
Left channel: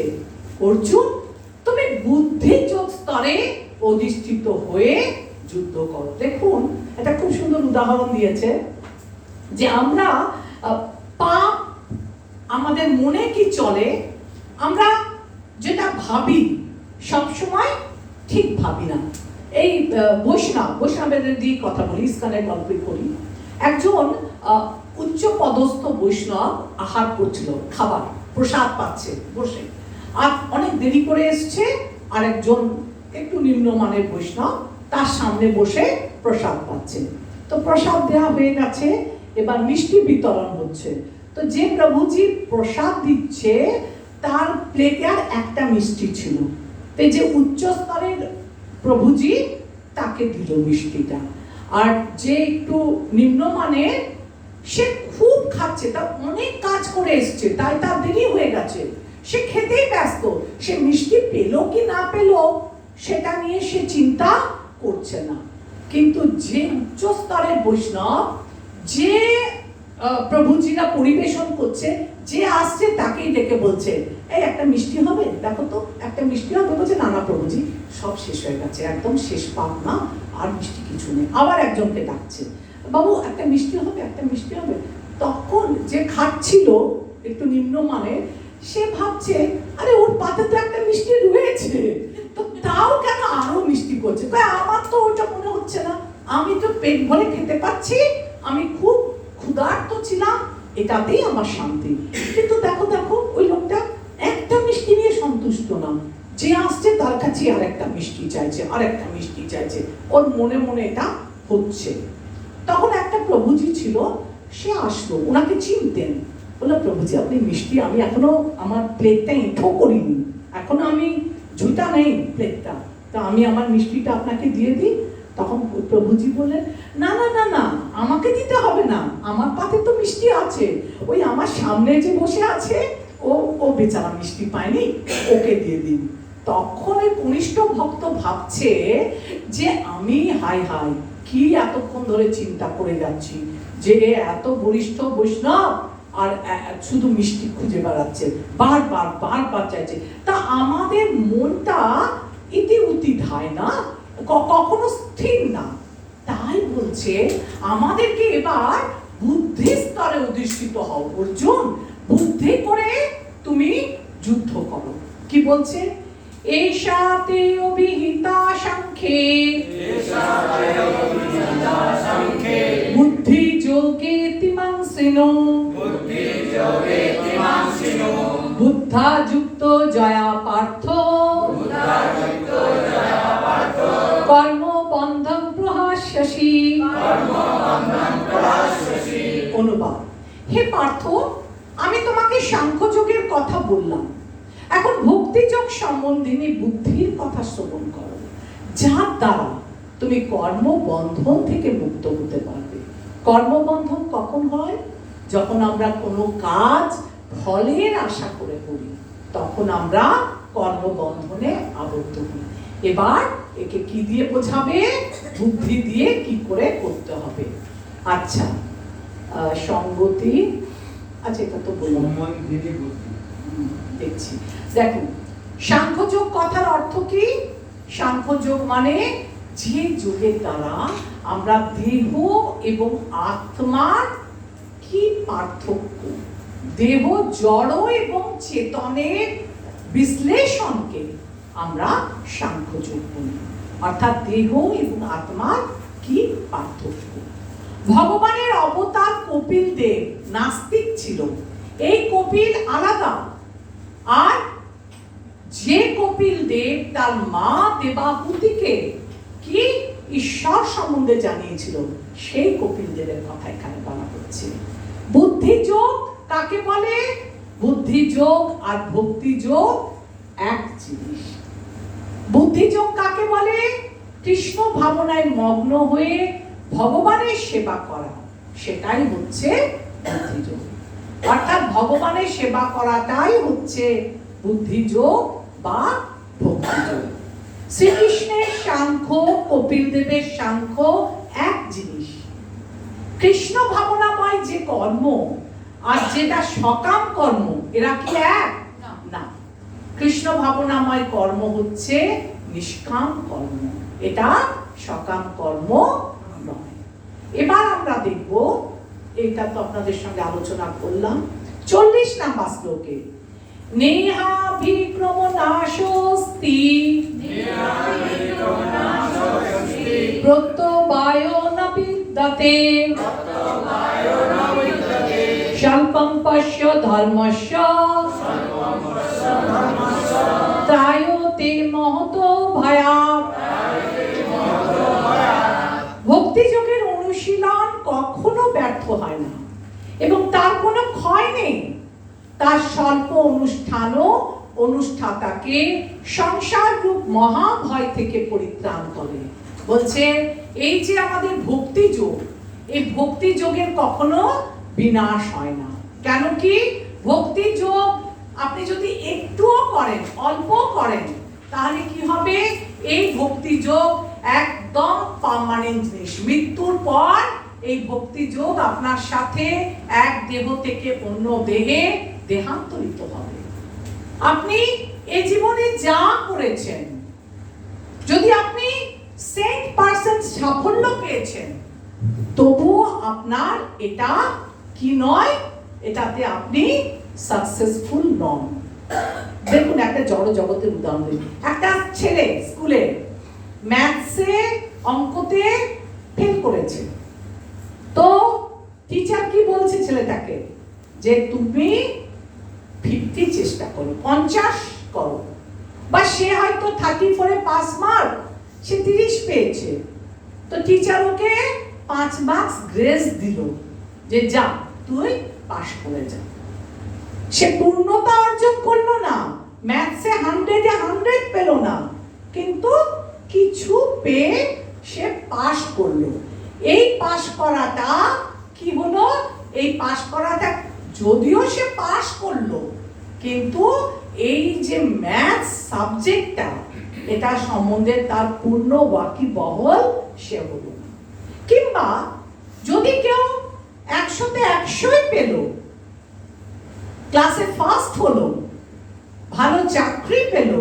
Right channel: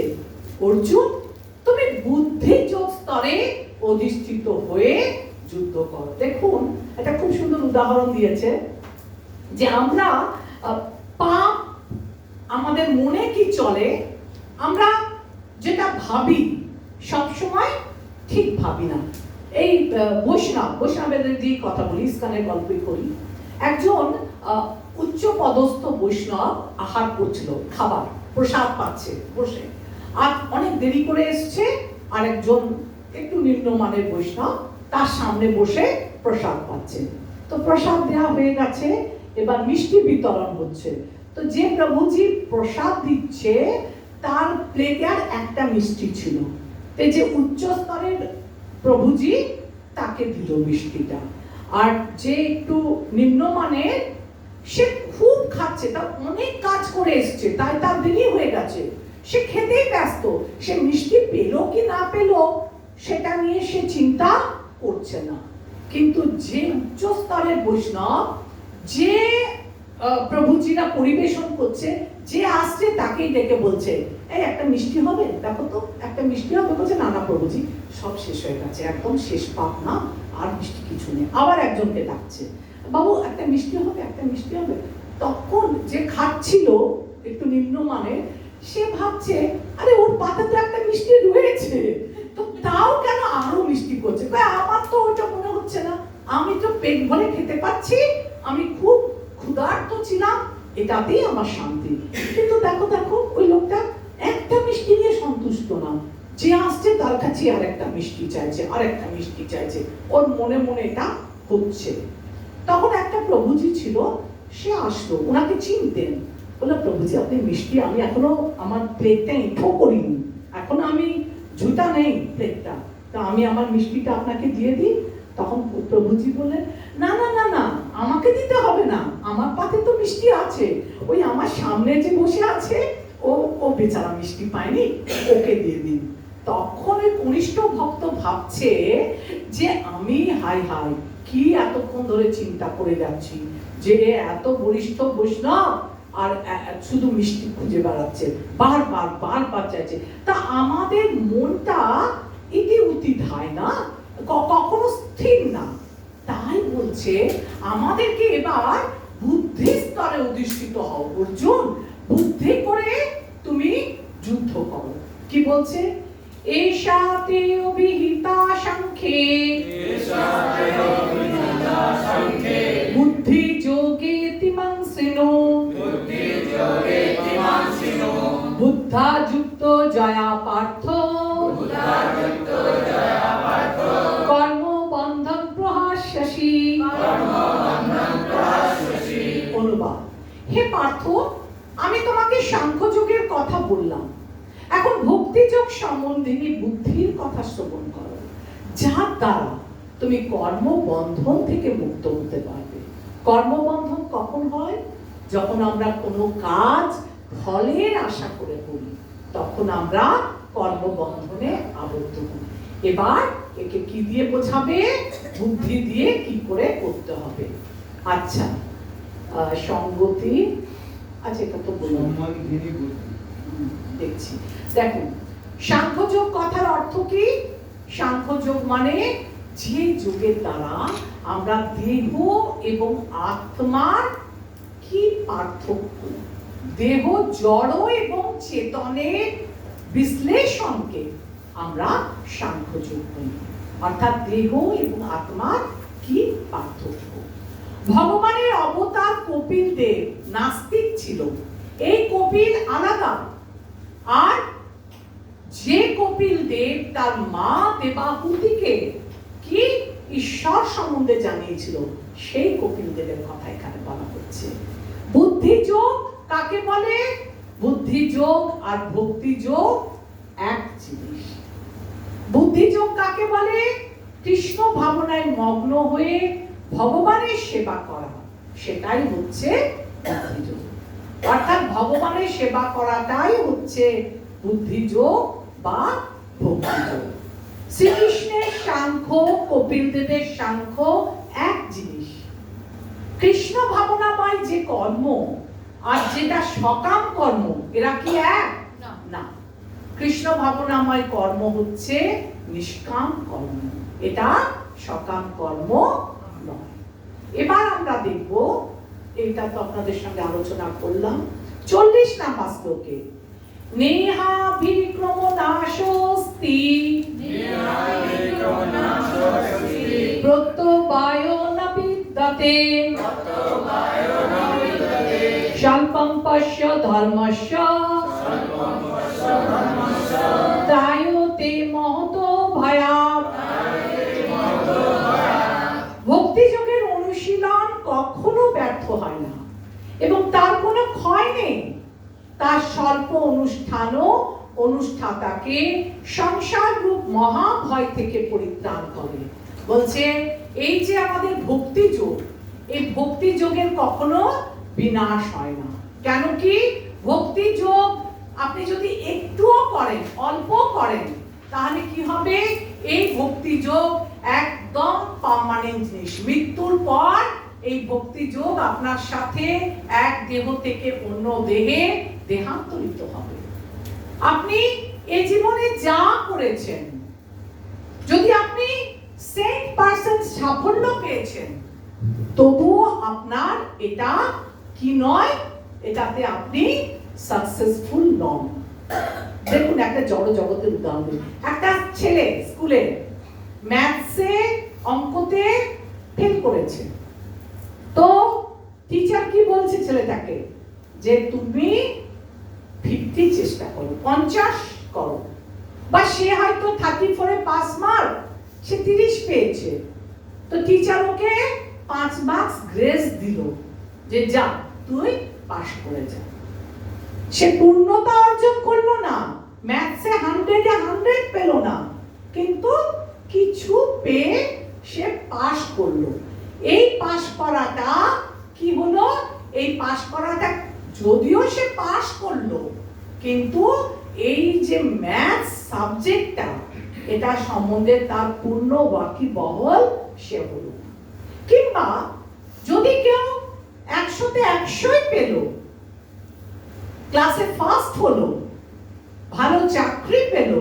অর্জুন তুমি বুদ্ধিযোগ স্তরে অধিষ্ঠিত হয়ে যুদ্ধ করো। দেখুন এটা খুব সুন্দর উদাহরণ দিয়েছে যে আমরা পাপ আমাদের মনে কি চলে, আমরা যেটা ভাবি সবসময় ঠিক ভাবি না। এই বৈষ্ণবের দিয়ে কথা বলি, ইস্কনের গল্পই করি। একজন উচ্চ পদস্থ বৈষ্ণব আহার করছিল, খাবার প্রসাদ পাচ্ছে বসে, আর অনেক দেরি করে এসছে, আর একজন একটু নিম্নমানের বৈষ্ণব তার সামনে বসে প্রসাদ পাচ্ছে। তো প্রসাদ দেওয়া হয়ে গেছে, এবার মিষ্টি বিতরণ হচ্ছে। তো যে প্রভুজি প্রসাদ দিচ্ছে তার প্লেটে আর একটা মিষ্টি ছিল, তো যে উচ্চ স্তরের প্রভুজি তাকে দিল মিষ্টিটা, আর যে একটু নিম্নমানের সে খুব খাচ্ছে, তা অনেক কাজ করে এসছে, তাই তার দেরি হয়ে গেছে, সে খেতেই ব্যস্ত, সে মিষ্টি পেলো কি না পেলো সেটা নিয়ে সে চিন্তা করছে না। কিন্তু যে উচ্চ স্তরের বৈষ্ণব, যে প্রভুজিরা পরিবেশন করছে, যে আসছে তাকেই ডেকে বলছে এই একটা মিষ্টি হবে, দেখো তো একটা মিষ্টি হবে। বলছে না না প্রভুজি সব শেষ হয়ে গেছে, একদম শেষ পাক না, আর মিষ্টি কিছু নেই। আবার একজনকে ডাকছে, বাবু একটা মিষ্টি হবে, একটা মিষ্টি হবে। তখন যে খাচ্ছিল একটু নিম্নমানের, সে ভাবছে আরে ওর পাতে তো একটা মিষ্টি রয়েছে, তো তাও কেন আরো মিষ্টি করছে, আমার তো ওইটা মনে হচ্ছে না, আমি তো পেট ভরে খেতে পাচ্ছি, আমি খুব ক্ষুধার্ত ছিলাম, এটাতেই আমার শান্তি। কিন্তু দেখো দেখো ওই লোকটা একটা মিষ্টি নিয়ে সন্তুষ্ট না, যে আসছে তার কাছে আর একটা মিষ্টি চাইছে, আর একটা মিষ্টি চাইছে, ওর মনে মনে এটা হচ্ছে। তখন একটা প্রভুজি ছিল, সে আসলো, ওনাকে চিনতেন, বললো প্রভুজি আপনি মিষ্টি, আমি এখনো আমার প্লেটটা এঁঠো করিনি, এখনো আমি ঝুটা নেই প্লেটটা, তা আমি আমার মিষ্টিটা আপনাকে দিয়ে দিই। তখন প্রভুজি বললেন না না না না আমাকে দিতে হবে না, আমার পাতে তো মিষ্টি আছে, ওই আমার সামনে যে বসে আছে ও বেচারা মিষ্টি পায়নি, ওকে দিয়ে দিন। তখন ওই কনিষ্ঠ ভক্ত ভাবছে যে আমি হাই হাই কি এতক্ষণ ধরে চিন্তা করে যাচ্ছি যে এত বরিষ্ঠ বৈষ্ণব আর শুধু মিষ্টি খুঁজে বেড়াচ্ছে, বারবার বারবার চাইছে। তা আমাদের মনটা ইতি উতি ধায় না, কখনো স্থির না, তাই বলছে আমাদেরকে এবার বুদ্ধি স্তরে অধিষ্ঠিত হও। অর্জুন বুদ্ধি করে তুমি যুদ্ধ করো। কি বলছে? এষাতে অভিহিতা সাংখ্যে বুদ্ধি যোগে তিমাংসিনো সম্বন্ধিনী বুদ্ধির কথা শ্রবণ করো, যার দ্বারা তুমি কর্মবন্ধন থেকে মুক্ত হতে পারবে। কর্মবন্ধন কখন হয়? যখন আমরা কোনো কাজ ফলের আশা করে করি, তখন আমরা কর্মবন্ধনে আবদ্ধ হই। এবার একে কি দিয়ে বোঝাবে? বুদ্ধি দিয়ে কি করে করতে হবে। আচ্ছা, সঙ্গতি, আচ্ছা এটা তো বললাম, সম্বন্ধিনী বুদ্ধি। দেখছি। দেখুন, সাংখ্যযোগ কথার অর্থ কি? সাংখ্যযোগ মানে যে যোগের দ্বারা আমরা দেহ এবং আত্মার কি পার্থক্য, দেহ জড় এবং চেতনের বিশ্লেষণকে আমরা সাংখ্যযোগ বলি। অর্থাৎ দেহ এবং আত্মার কি পার্থক্য। ভগবানের অবতার কপিল দেব নাস্তিক ছিল। এই কপিল আলাদা। আর যে কপিল দেব তার মা দেবাহুতিকে কি ঈশ্বর সম্বন্ধে জানিয়েছিল, সেই কপিল দেবের কথা এখানে বলা হচ্ছে। বুদ্ধিযোগ কাকে বলে? বুদ্ধিযোগ আর ভক্তিযোগ এক জিনিস। বুদ্ধিযোগ কাকে বলে? কৃষ্ণ ভাবনায় মগ্ন হয়ে ভগবানের সেবা করা, সেটাই হচ্ছে বুদ্ধিযোগ। অর্থাৎ ভগবানের সেবা করাটাই হচ্ছে বুদ্ধিযোগ বা ভক্তিযোগ। শ্রীকৃষ্ণের সাংখ্য, কপিল দেবের সাংখ্য এক জিনিস। কৃষ্ণ ভাবনাময় যে কর্ম আর যেটা সকাম কর্ম, এরা কি এক? না। কৃষ্ণ ভাবনাময় কর্ম হচ্ছে নিষ্কাম কর্ম, এটা সকাম কর্ম নয়। এবার আমরা দেখব, এটা তো আপনাদের সঙ্গে আলোচনা করলাম, 40 নাম্বার শ্লোকে নেহাভিক্রমনাশোস্তি প্রত্যবায়ো ন বিদ্যতে স্বল্পম পশ্য ধর্মস্য ত্রায়তে মহতো ভয়াৎ। ভক্তিযোগের অনুশীলন কখনো ব্যর্থ হয় না এবং তার কোনো ক্ষয় নেই। তার স্বল্প অনুষ্ঠানও অনুষ্ঠাতাকে সংসার রূপ মহাভয় থেকে পরিত্রাণ করে। বলছে এই যে আমাদের ভক্তিযোগ, এই ভক্তিযোগের কখনো বিনাশ হয় না। কেন কি? ভক্তিযোগ আপনি যদি একটুও করেন, অল্প করেন, তাহলে কি হবে? এই ভক্তিযোগ একদম পার্মানেন্ট জিনিস। মৃত্যুর পর এই ভক্তিযোগ আপনার সাথে এক দেহ থেকে অন্য দেহে দেহান্তরিত হবে। আপনি এই জীবনে যা করেছেন, যদি আপনি 100% সাফল্য পেয়েছেন, তবুও আপনার এটা কি নয়, এটাতে আপনি সাকসেসফুল নন। দেখুন, একটা জড় জগতের উদাহরণ দিই। একটা ছেলে স্কুলে ম্যাথসে, অঙ্কতে ফেল করেছে, তো টিচার কি বলছে ছেলেটাকে? যে তুমি 50 চেষ্টা করো, 50 করো। বা সে হয়তো 34-এ পাস মার্ক, সে 30 পেয়েছে, তো টিচার ওকে 5 মার্কস গ্রেস দিল যে যা তুই পাস করে যা। সে পূর্ণতা অর্জন করলো না, ম্যাথসে 100-এ 100 পেল না, কিন্তু কিছু পেয়ে সে পাস করলো। এই পাস করাটা কি হলো? এই পাস করাটা যদিও সে পাস করলো, কিন্তু এই যে ম্যাথস সাবজেক্টটা, এটা সম্বন্ধে তার পূর্ণ ওয়াকিবহল সে হলো। কিংবা যদি কেউ 100-তে 100 পেল, ক্লাসে ফার্স্ট হলো, ভালো চাকরি পেল,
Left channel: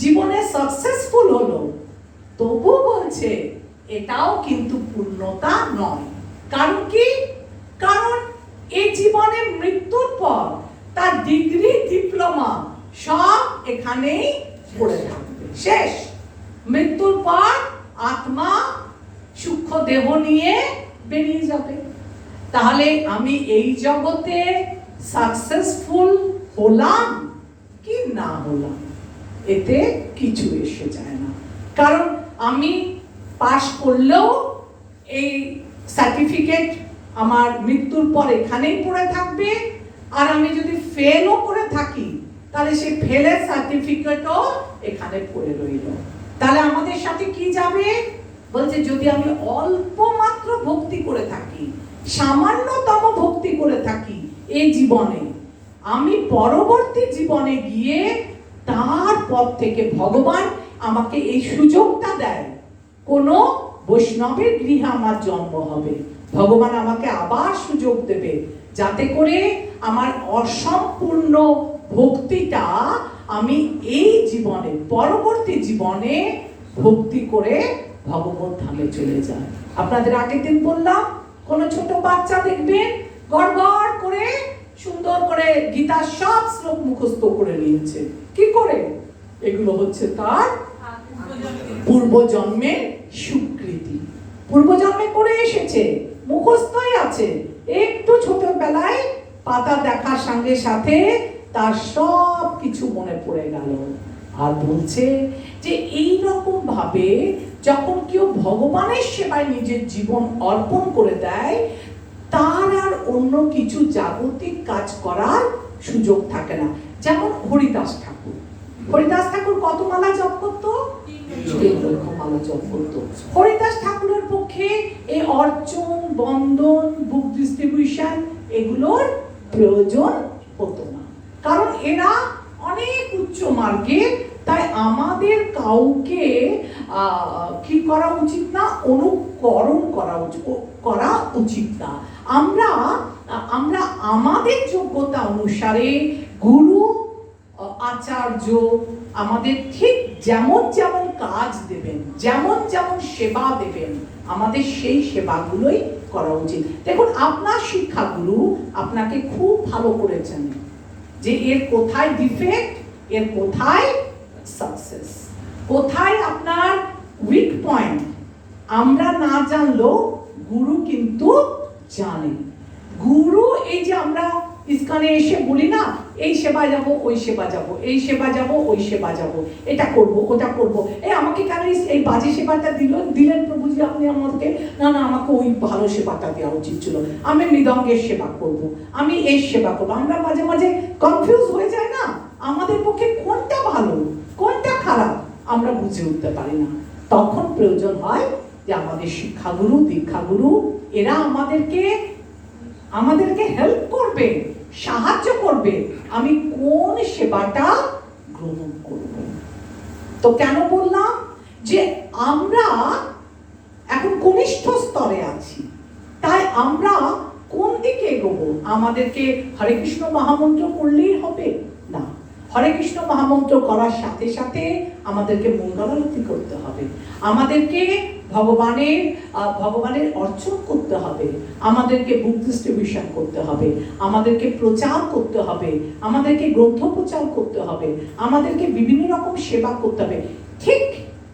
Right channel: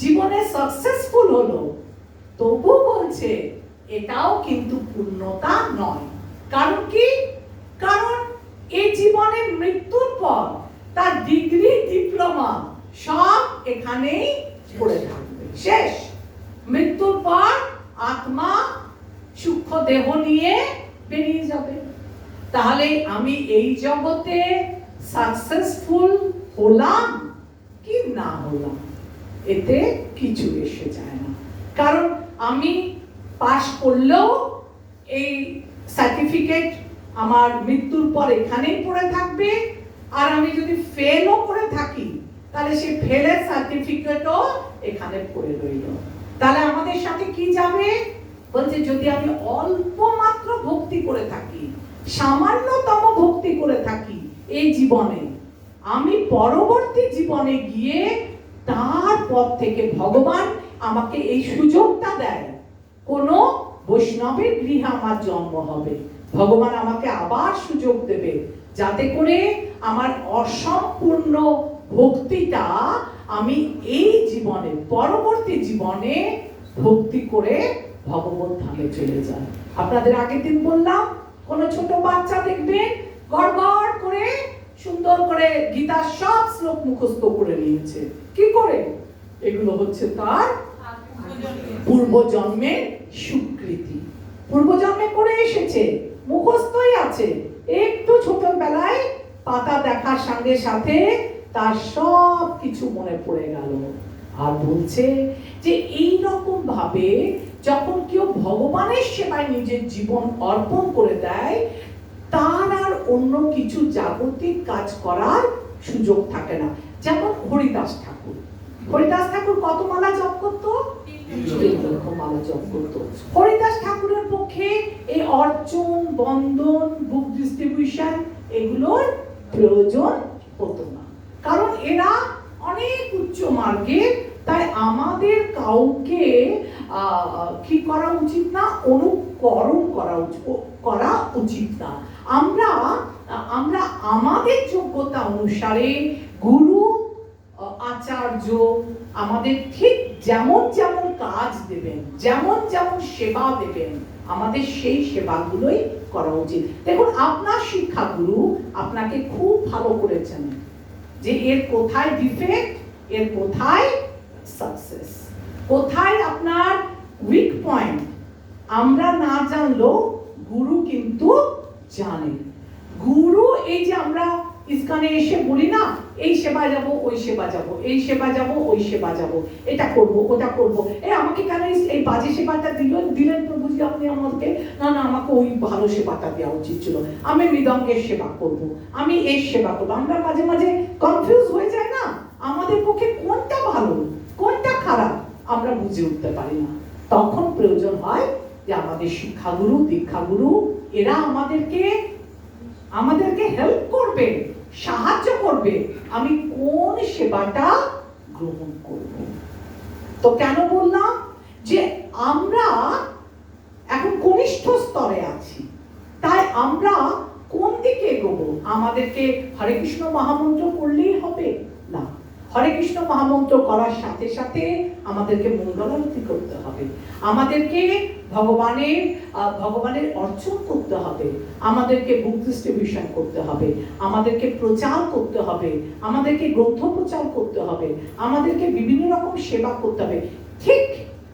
জীবনে সাকসেসফুল হলো, তবু বলছে এটাও কিন্তু পূর্ণতা নয়। কারণ কি? কারণ এই জীবনে মৃত্যুর পর তার ডিগ্রি, ডিপ্লোমা সব এখানেই পড়ে থাকবে, শেষ। মৃত্যুর পর আত্মা সূক্ষ্ম দেহ নিয়ে বেরিয়ে যাবে। তাহলে আমি এই জগতে সাকসেসফুল হলাম কি না হলাম, এতে কিছু এসে যায় না। কারণ আমি পাস করলেও এই সার্টিফিকেট আমার মৃত্যুর পর এখানেই পড়ে থাকবে, আর আমি যদি ফেলও করে থাকি তাহলে সেই ফেলের সার্টিফিকেটও এখানে পড়ে রইল। তাহলে আমাদের সাথে কি যাবে? বলছে যদি আমি অল্প মাত্র ভক্তি করে থাকি, সামান্যতম ভক্তি করে থাকি এই জীবনে, আমি পরবর্তী জীবনে গিয়ে তার পথ থেকে ভগবান আমাকে এই সুযোগটা দেয়, কোন বৈষ্ণবের গৃহে আমার জন্ম হবে, ভগবান আমাকে আবার সুযোগ দেবে যাতে করে আমার অসম্পূর্ণ ভক্তিটা আমি এই জীবনে পরবর্তী জীবনে ভক্তি করে ভগবত ধামে চলে যায়। আপনাদের আগের দিন বললাম, কোন ছোট বাচ্চা দেখবেন গড়গড় করে সুন্দর করে গীতার সব শ্লোক মুখস্থ করে নিয়েছে। কি করে? এগুলো হচ্ছে তার পূর্বজন্মের স্বীকৃতি, পূর্বজন্মে করে এসেছে, মুখস্থই আছে। একটু ছোটবেলায় পাতা দেখার সঙ্গে সাথে তার সব কিছু মনে পড়ে গেল। আর বলছে যে এই রকম ভাবে যখন কেউ ভগবানের সেবায় নিজের জীবন অর্পণ করে দেয়, তার আর অন্য কিছু জাগতিক কাজ করার সুযোগ থাকে না। যেমন হরিদাস ঠাকুর, হরিদাস ঠাকুর কত মালা জপ করতো? 3 লক্ষ মালা জপ করতো। হরিদাস ঠাকুরের পক্ষে এই অর্চন, বন্দন, বুক ডিস্ট্রিবিউশন এগুলোর প্রয়োজন হতো না, কারণ এরা অনেক উচ্চ মার্গে। তাই আমাদের কাউকে কি করা উচিত না? অনুকরণ করা উচিত না। আমরা আমাদের যোগ্যতা অনুসারে গুরু আচার্য আমাদের ঠিক যেমন যেমন কাজ দেবেন, যেমন যেমন সেবা দেবেন, আমাদের সেই সেবাগুলোই করা উচিত। দেখুন, আপনার শিক্ষাগুরু আপনাকে খুব ভালো করেছেন যে এর কোথায় ডিফেক্ট, এর কোথায় সাকসেস, কোথায় আপনার উইক পয়েন্ট আমরা না জানলেও গুরু কিন্তু জানে। গুরু এই যে আমরা ইস্কনে এসে বলি না, এই সেবা যাব, ওই সেবা যাব, এই সেবা যাব, ওই সেবা যাব, এটা করব, ওটা করব, আমাকে কেন এই বাজে সেবাটা দিলেন প্রভুজি আপনি আমাকে? না না, আমাকে ওই ভালো সেবাটা দেওয়া উচিত ছিল, আমি মৃদঙ্গের সেবা করব, আমি এর সেবা করব। আমরা মাঝে মাঝে কনফিউজ হয়ে যায় না, আমাদের পক্ষে কোনটা ভালো কোনটা খারাপ আমরা বুঝে উঠতে পারি না। তখন প্রয়োজন হয় যে আমাদের শিক্ষাগুরু, দীক্ষাগুরু এরা আমাদেরকে হেল্প করবে, সাহায্য করবে আমি কোন সেবাটা গ্রহণ করব। তো কেন বললাম যে আমরা এখন কনিষ্ঠ স্তরে আছি, তাই আমরা কোন দিকে এগোবো? আমাদেরকে হরে কৃষ্ণ মহামন্ত্র করলেই হবে না, হরে কৃষ্ণ মহামন্ত্র করার সাথে সাথে আমাদেরকে মঙ্গলারতি করতে হবে, আমাদেরকে ভগবানের অর্চন করতে হবে, আমাদেরকে বুক ডিস্ট্রিবিউশন করতে হবে, আমাদেরকে প্রচার করতে হবে, আমাদেরকে গ্রন্থ প্রচার করতে হবে, আমাদেরকে বিভিন্ন রকম সেবা করতে হবে। ঠিক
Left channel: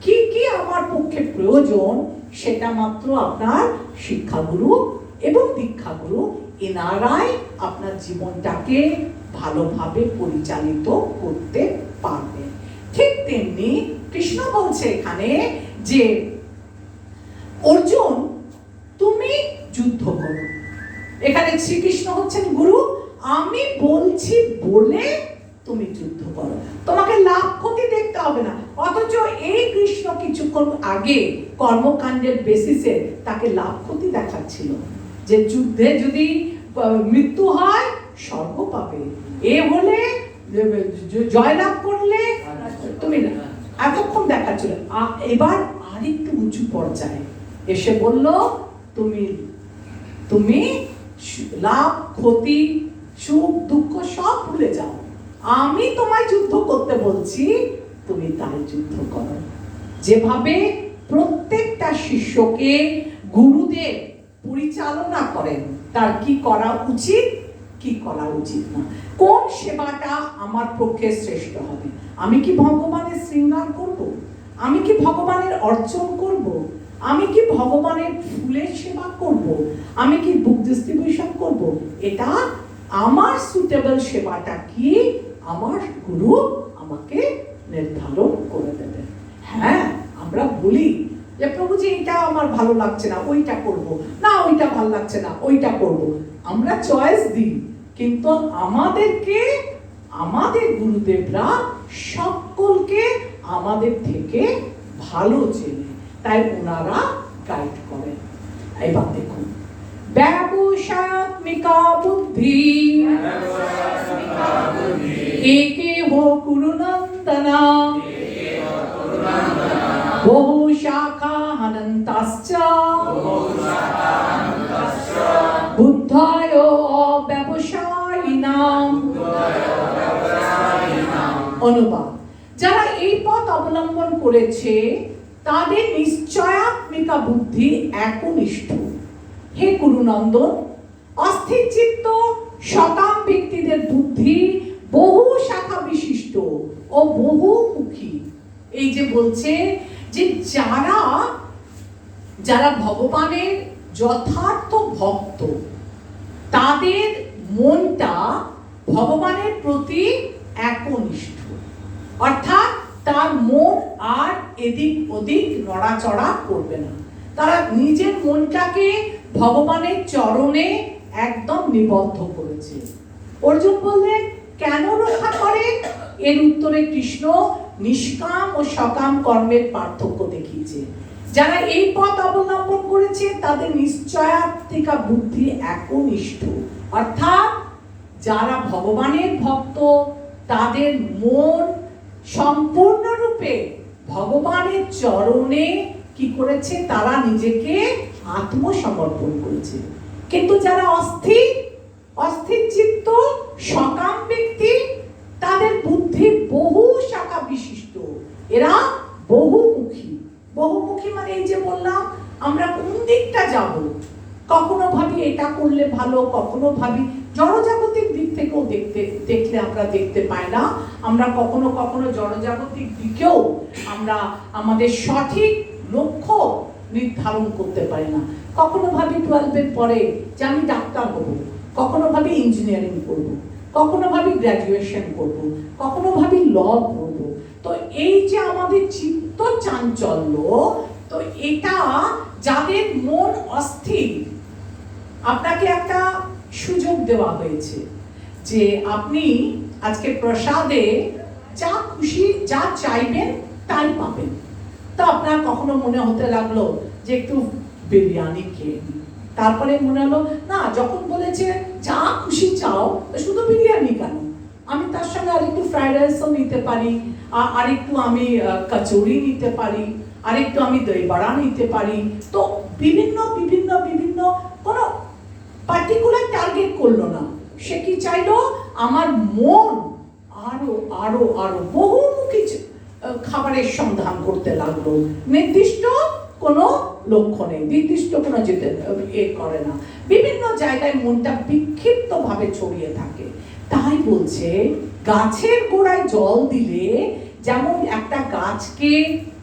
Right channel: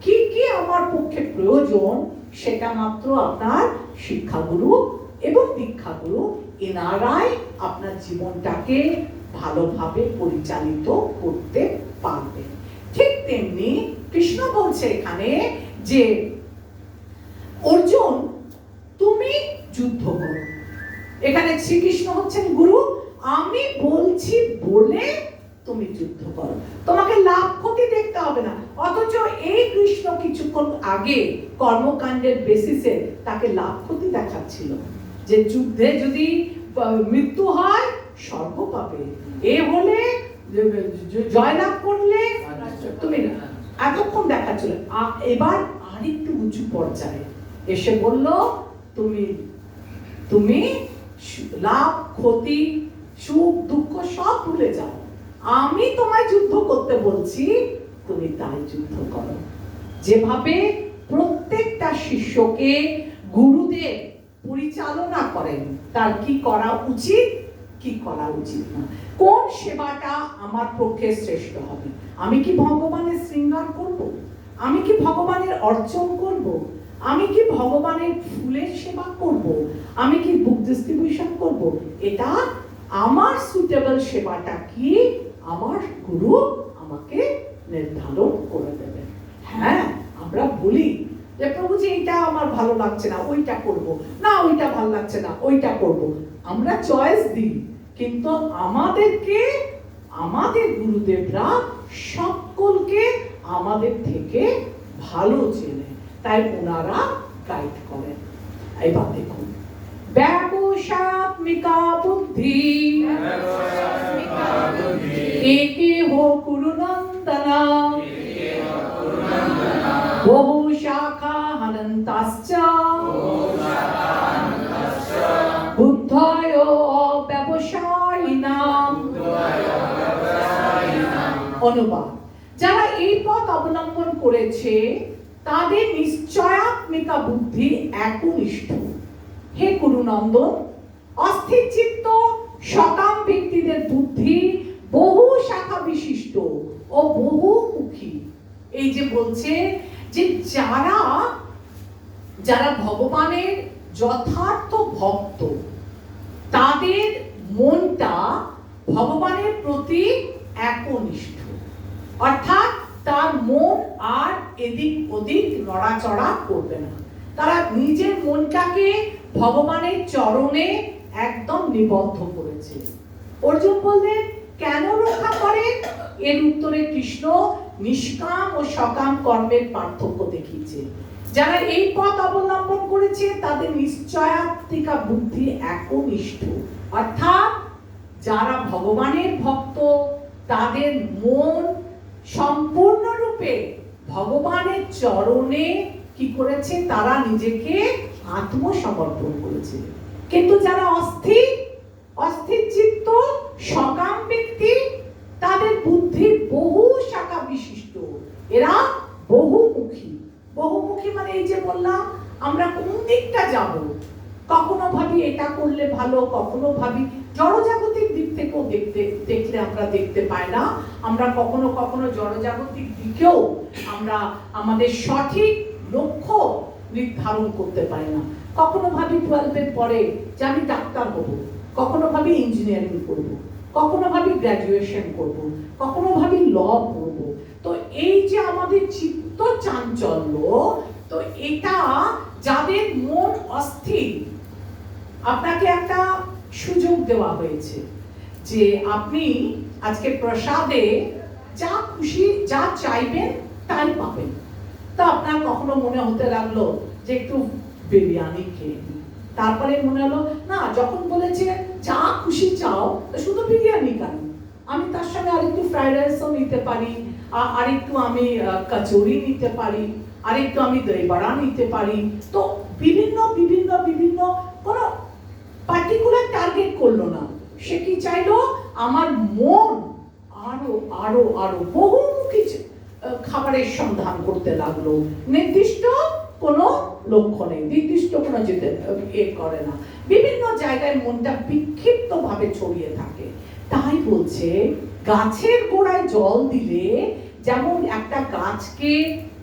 কি কি আমার পক্ষে প্রয়োজন সেটা মাত্র আপনার শিক্ষাগুরু এবং দীক্ষাগুরু এনারাই আপনার জীবনটাকে ভালোভাবে পরিচালিত করতে পারবে। ঠিক তেমনি কৃষ্ণ বলছে এখানে যে অর্জুন তুমি যুদ্ধ করো। এখানে শ্রীকৃষ্ণ হচ্ছেন গুরু, আমি বলছি বলে তুমি যুদ্ধ করো, তোমাকে লাভ ক্ষতি দেখতে হবে না। অথচ এই কৃষ্ণ কিছুক্ষণ আগে কর্মকাণ্ডের বেসিসে তাকে লাভ ক্ষতি দেখাচ্ছিল যে যুদ্ধে যদি মৃত্যু হয় স্বর্গ পাবে, এ হলে জয়লাভ করলে তুমি না, এতক্ষণ দেখাচ্ছিল। এবার আরেকটু উঁচু পর্যায়ে এসে বলল তুমি লাভ ক্ষতি সুখ দুঃখ সব ভুলে যাও, আমি তোমায় যুদ্ধ করতে বলছি, তুমি তাই যুদ্ধ করো। যেভাবে প্রত্যেকটা শিষ্যকে গুরুদেব পরিচালনা করেন তার কি করা উচিত কি করা উচিত না, কোন সেবাটা আমার পক্ষে শ্রেষ্ঠ হবে, আমি কি ভগবানের শৃঙ্গার করব, আমি কি ভগবানের অর্চন করব, আমি কি ভগবানের ফুলের সেবা করব, আমি কি বুক ডিস্ট্রিবিউশন করব, এটা আমার সুটেবল সেবাটা কি আমার গুরু আমাকে নির্ধারণ করে দেবে। হ্যাঁ, আমরা বলি যে প্রভুজি এটা আমার ভালো লাগছে না, ওইটা করব না, ওইটা ভালো লাগছে না, ওইটা করব, আমরা চয়েস দিই, কিন্তু আমাদেরকে আমাদের গুরুদেবরা সকলকে আমাদের থেকে ভালো চেনে, তাই ওনারা গাইড করেন। এবার দেখুন, ব্যবসাত্মিকা বুদ্ধি একে হো কুরুনন্দনা বহু শাখা অনন্তাশ্চ বুদ্ধায় ব্যবসায়িনাম। অনুবাদ: যারা এই পথ অবলম্বন করেছে তাদের নিশ্চয়াত্মিকা বুদ্ধি একনিষ্ঠ। হে কুরুনন্দন, অস্থির চিত্ত সকাম ব্যক্তিদের বুদ্ধি বহু শাখা বিশিষ্ট ও বহুমুখী। এই যে বলছে যে যারা ভগবানের যথার্থ ভক্ত, তাদের মনটা ভগবানের প্রতি একনিষ্ঠ, অর্থাৎ তার মন আর এদিক ওদিক নড়াচড়া করবে না। তারা নিজের মনটাকে ভগবানের চরণে একদম নিবদ্ধ করেছে। অর্জুন বললেন, কেন রক্ষা করেন? এর উত্তরে কৃষ্ণ নিষ্কাম ও সকাম কর্মের পার্থক্য দেখিয়েছে। যারা এই পথ অবলম্বন করেছে তাদের নিশ্চয়াত্মিকা বুদ্ধি একনিষ্ঠ, অর্থাৎ যারা ভগবানের ভক্ত, তাদের মন সম্পূর্ণরূপে ভগবানের চরণে কি করেছে? তারা নিজেকে আত্মসমর্পণ করেছে। কিন্তু যারা অস্থির চিত্ত সকাম ব্যক্তি, তাদের বুদ্ধি বহু শাখা বিশিষ্ট, এরা বহুমুখী। বহুমুখী মানে এই যে বললাম, আমরা কোন দিকটা যাব, কখনো ভাবি এটা করলে ভালো, কখনো ভাবি জড়জাগতিক দিক থেকেও দেখলে আমরা দেখতে পাই না। আমরা কখনো কখনো জড়জাগতিক দিকেও আমরা আমাদের সঠিক লক্ষ্য নির্ধারণ করতে পারি না। কখনো ভাবি 12-এর পরে যে আমি ডাক্তার হব, কখনো ভাবি ইঞ্জিনিয়ারিং করব, কখনো ভাবি গ্র্যাজুয়েশন করব, কখনো ভাবি ল করব। তো এই যে আমাদের চিত্ত চাঞ্চল্য, তো এটা যাদের মন অস্থির, আপনাকে একটা সুযোগ দেওয়া হয়েছে যে আপনি আজকে প্রসাদে যা খুশি, যা চাইবেন তাই পাবেন। তো আপনার কখনো মনে হতে লাগলো যে একটু বিরিয়ানি খেয়ে নিই, তারপরে মনে হলো না, যখন বলেছে যা খুশি চাও, শুধু বিরিয়ানি কেন, আমি তার সঙ্গে আরেকটু ফ্রাইড রাইসও নিতে পারি, আরেকটু আমি কচুরি নিতে পারি, আরেকটু আমি দই বড়া নিতে পারি। তো বিভিন্ন বিভিন্ন বিভিন্ন কোনো পার্টিকুলার টার্গেট করলো না, সে কি চাইলো? আমার মন আরো আরো আরো বহুমুখী খাবারের সন্ধান করতে লাগলো। নির্দিষ্ট কোনো লক্ষ্য নেই, নির্দিষ্ট কোনো যেতে করে না, বিভিন্ন জায়গায় মনটা বিক্ষিপ্ত ভাবে ছড়িয়ে থাকে। তাই বলছে, গাছের গোড়ায় জল দিলে যেমন একটা গাছকে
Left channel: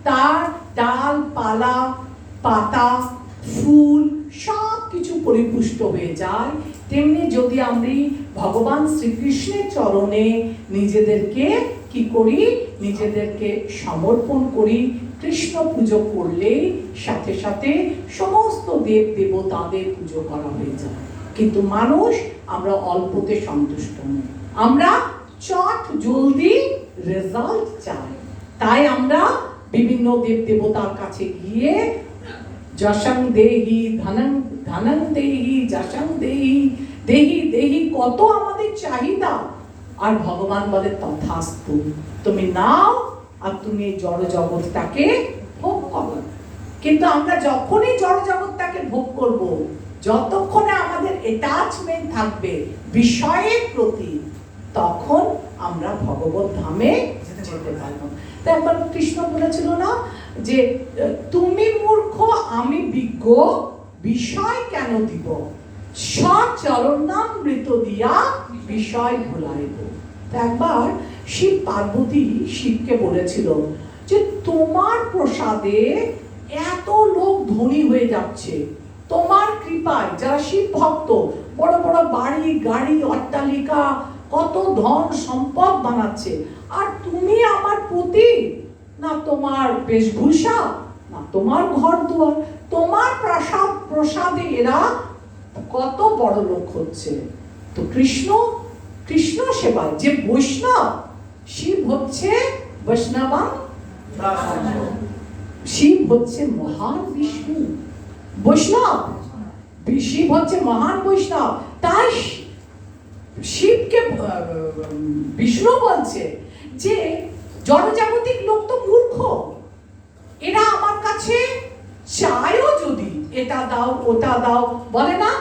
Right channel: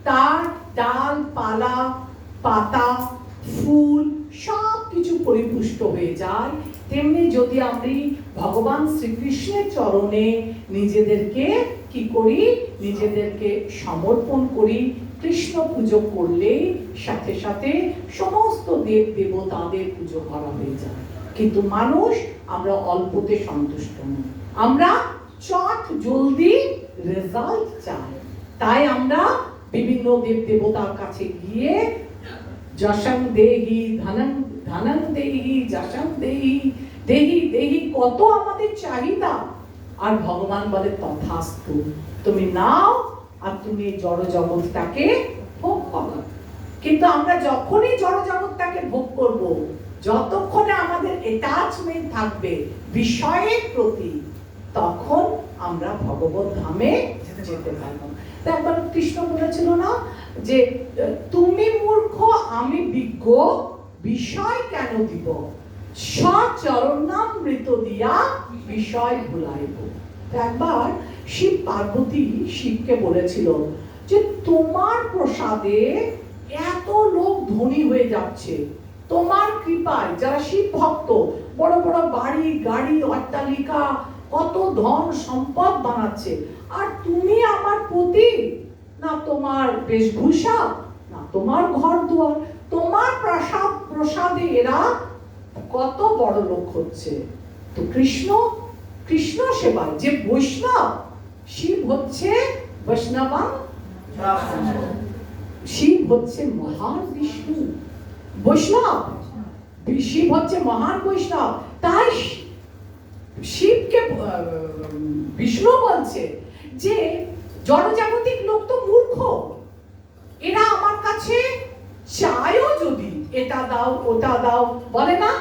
তার ডাল, পালা, পাতা, ফুল সব কিছু পরিপুষ্ট হয়ে যায়, তেমনি যদি আমরা ভগবান শ্রীকৃষ্ণের চরণে নিজেদেরকে কি করি? নিজেদেরকে সমর্পণ করি। কৃষ্ণ পুজো করলে সাথে সাথে সমস্ত দেব দেবতাদের পুজো করা হয়ে যায়। কিন্তু মানুষ আমরা অল্পতে সন্তুষ্ট নই, আমরা চট জলদি রেজাল্ট চাই। তাই আমরা বিভিন্ন দেব দেবতার কাছে গিয়ে যশং দেহি, ধনং দেহি, যশং দেহি, দেহি দেহি, কত আমাদের চাহিদা। আর ভগবান বলে তথাস্তু, তুমি নাও আর তুমি জড় জগৎটাকে ভোগ করো। কিন্তু আমরা যখনই জড় জগৎটাকে ভোগ করব, যতক্ষণে আমাদের অ্যাটাচমেন্ট থাকবে বিষয়ের প্রতি, তখন আমরা ভগবত ধামে যেতে পারবো। তাই একবার কৃষ্ণ বলেছিল না যে তুমি মূর্খ আমি বিজ্ঞ, বিষয় কেন দিব, সচরণামৃত দিয়া বিষয় ভুলাইব। একবার শিব পার্বতী শিবকে বলেছিল যে তোমার প্রসাদে এত লোক ধনী হয়ে যাচ্ছে, তোমার কৃপায় যারা শিব ভক্ত বড় বড় বাড়ি গাড়ি অট্টালিকা কত ধন সম্পদ বানাচ্ছে, আর তুমি আমার প্রতি না তোমার বেশভূষা, না তোমার ঘর দুয়ার, তোমার প্রসাদে এরা কত বড় লোক হচ্ছে। তো কৃষ্ণ কৃষ্ণ সেবায় যে বৈষ্ণব, শিব হচ্ছে বৈষ্ণবা, শিব হচ্ছে মহান বিষ্ণু, বৈষ্ণব শিব হচ্ছে মহান বৈষ্ণব। তাই শিবকে বিষ্ণু বলছে যে জনজাগতিক লোক তো মূর্খ, এরা আমার কাছে চায়ও যদি এটা দাও ওটা দাও, বলে না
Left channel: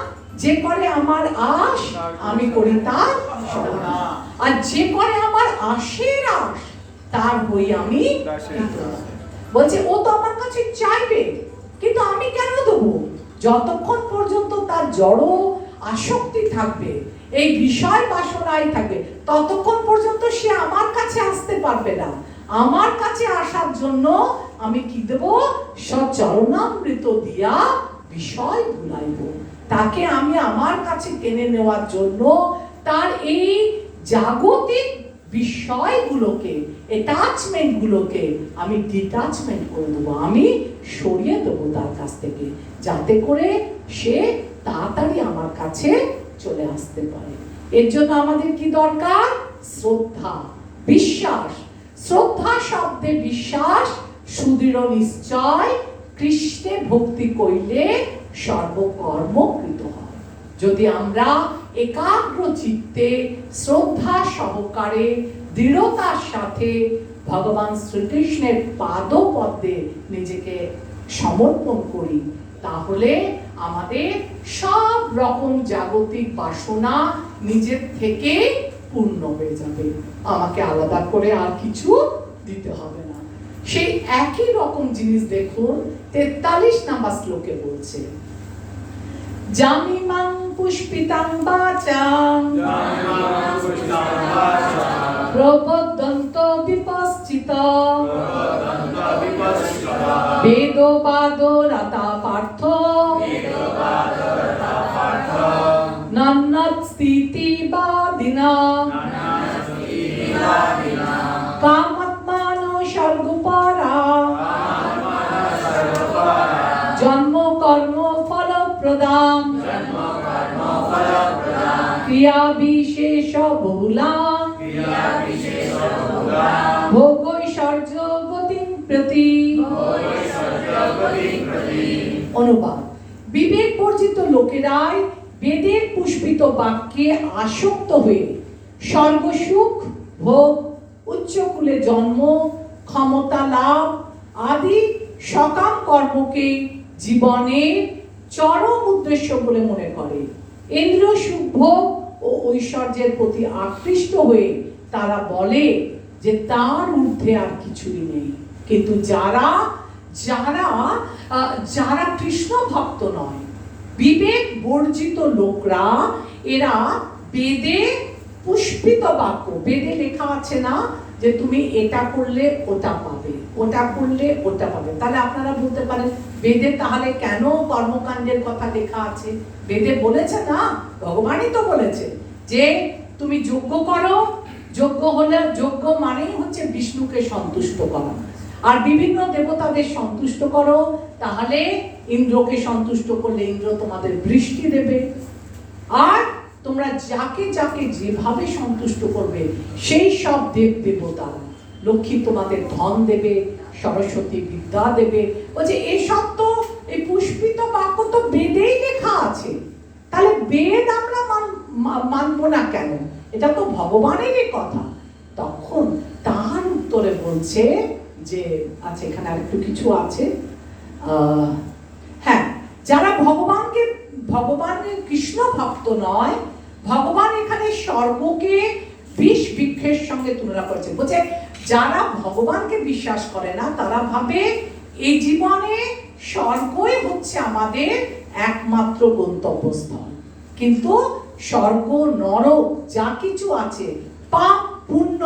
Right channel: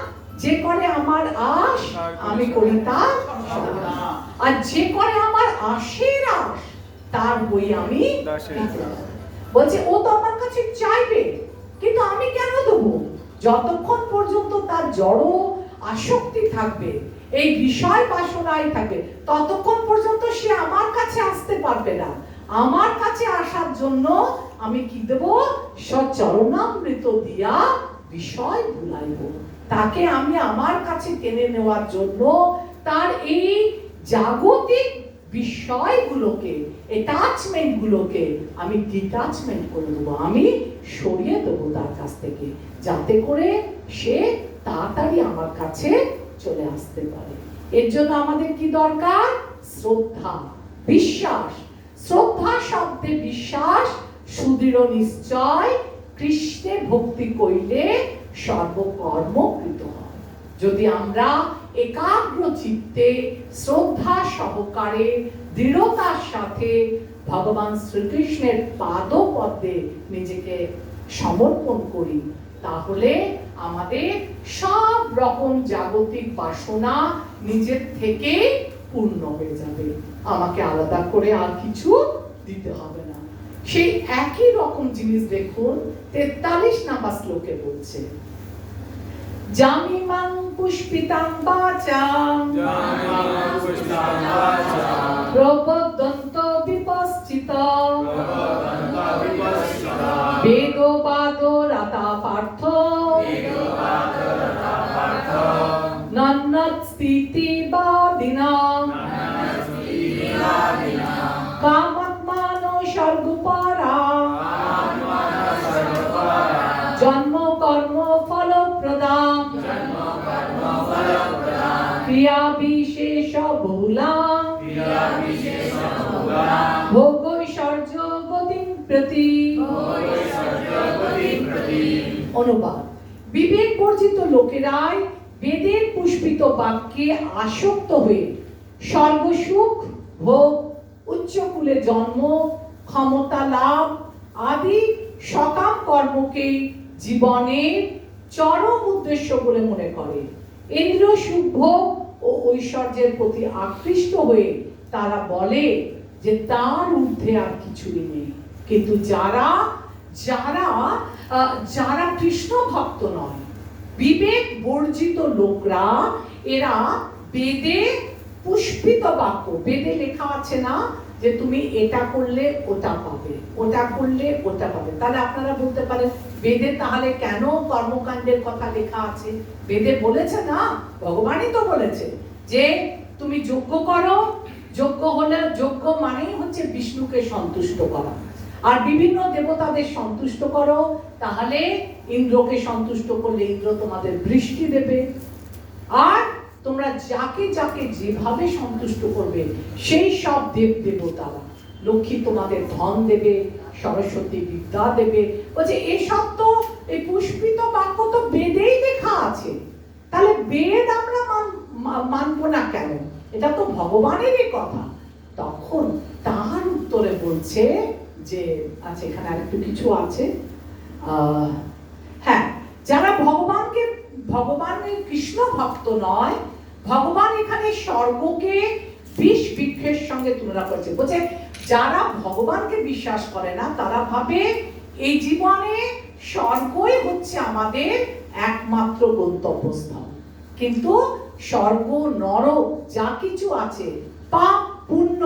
যে করে আমার আশ আমি করি তার সর্বনা, আর যে করে আমার আশের আশ তার বই আমি বলছে ও তো আমার কাছে চাইবে, কিন্তু আমি কেন দেবো? যতক্ষণ পর্যন্ত তার জড় আসক্তি থাকবে, এই বিষয় বাসনায় থাকবে, ততক্ষণ পর্যন্ত সে আমার কাছে আসতে পারবে না। আমার কাছে আসার জন্য আমি কি দেব? সচরণামৃত দিয়া বিষয় ভুলাইব। তাকে আমি আমার কাছে টেনে নেওয়ার জন্য তার এই জাগতিক বিষয়গুলোকে, অ্যাটাচমেন্ট গুলোকে আমি ডিটাচমেন্ট করে দেবো, আমি সরিয়ে দেবো তার কাছ থেকে, যাতে করে সে তাড়াতাড়ি আমার কাছে চলে আসতে পারে। এর জন্য আমাদের কি দরকার? শ্রদ্ধা, বিশ্বাস। শ্রদ্ধা শব্দে বিশ্বাস, সুদৃঢ় নিশ্চয়, কৃষ্ণে ভক্তি কইলে সর্বকর্মকৃত হয়। যদি আমরা একাগ্র চিত্তে শ্রদ্ধা সহকারে দৃঢ়তার সাথে ভগবান শ্রীকৃষ্ণের পাদপদ্মে নিজেকে সমর্পণ করি, তাহলে আমাদের সব রকম জাগতিক বাসনা নিজের থেকে পূর্ণ হয়ে যাবে, আমাকে আলাদা করে আর কিছু দিতে হবে না। সেই একই রকম জিনিস দেখুন 43 নম্বর শ্লোকে বলছে, জামিমাং পুষ্পিতাং বাচাং প্রবদন্ত বিপশ্চিতা বেদবাদ রতা পার্থ নন্নত স্থিতি বাদিনা কামাত্মান স্বর্গপারা জন্ম কর্ম ফল প্রদান ক্রিয়া বিশেষ বহুলাং ভোগৈশ্বর্য গতিং প্রতি। অনুবাদ: বিবেক বর্জিত লোকেরাই বেদের পুষ্পিত বাক্যে আসক্ত হয়ে স্বর্গসুখ ভোগ, উচ্চকুলে জন্ম, ক্ষমতা লাভ আদি সকাম কর্মকে জীবনের চরম উদ্দেশ্য বলে মনে করে। ইন্দ্রিয় সুখ ভোগ ও ঐশ্বর্যের প্রতি আকৃষ্ট হয়ে তারা বলে যে তার ঊর্ধ্বে আর কিছুই নেই। কিন্তু যারা যারা যারা কৃষ্ণ ভক্ত নয়, বিবেক বর্জিত লোকরা, এরা বেদে পুষ্পিত বাক্য, বেদে লেখা আছে না যে তুমি এটা করলে ওটা পাবে, ওটা করলে ওটা পাবে। তাহলে আপনারা বলতে পারেন বেদে তাহলে কেন কর্মকাণ্ডের কথা লেখা আছে? বেদে বলেছে না, ভগবানই তো বলেছে যে তুমি যজ্ঞ করো, যজ্ঞ হলে, যজ্ঞ মানেই হচ্ছে বিষ্ণুকে সন্তুষ্ট করা, আর বিভিন্ন দেবতাদের সন্তুষ্ট করো, তাহলে ইন্দ্রকে সন্তুষ্ট করলে ইন্দ্র তোমাদের বৃষ্টি দেবে, আর তোমরা যাকে যাকে যেভাবে সন্তুষ্ট করবে সেই সব দেব দেবতারা, লক্ষ্মী তোমাদের ধন দেবে, সরস্বতী বিদ্যা দেবে। বলছে এসব তো, এই পুষ্পিত বাক্য তো বেদেই লেখা আছে, তাহলে বেদ আমরা মানবো না কেন? এটা তো ভগবানেরই কথা। তখন তার উত্তরে বলছে যে আচ্ছা এখানে আরেকটু কিছু আছে, হ্যাঁ, যারা ভগবানের কৃষ্ণ ভক্ত নয়, ভগবান এখানে স্বর্গকে বিষ বৃক্ষের সঙ্গে তুলনা করেছে। বলছে যারা ভগবানকে বিশ্বাস করে না, তারা ভাবে এই জীবনে স্বর্গই হচ্ছে আমাদের একমাত্র গন্তব্যস্থল। কিন্তু স্বর্গ, নরক যা কিছু আছে, পাপ পুণ্য,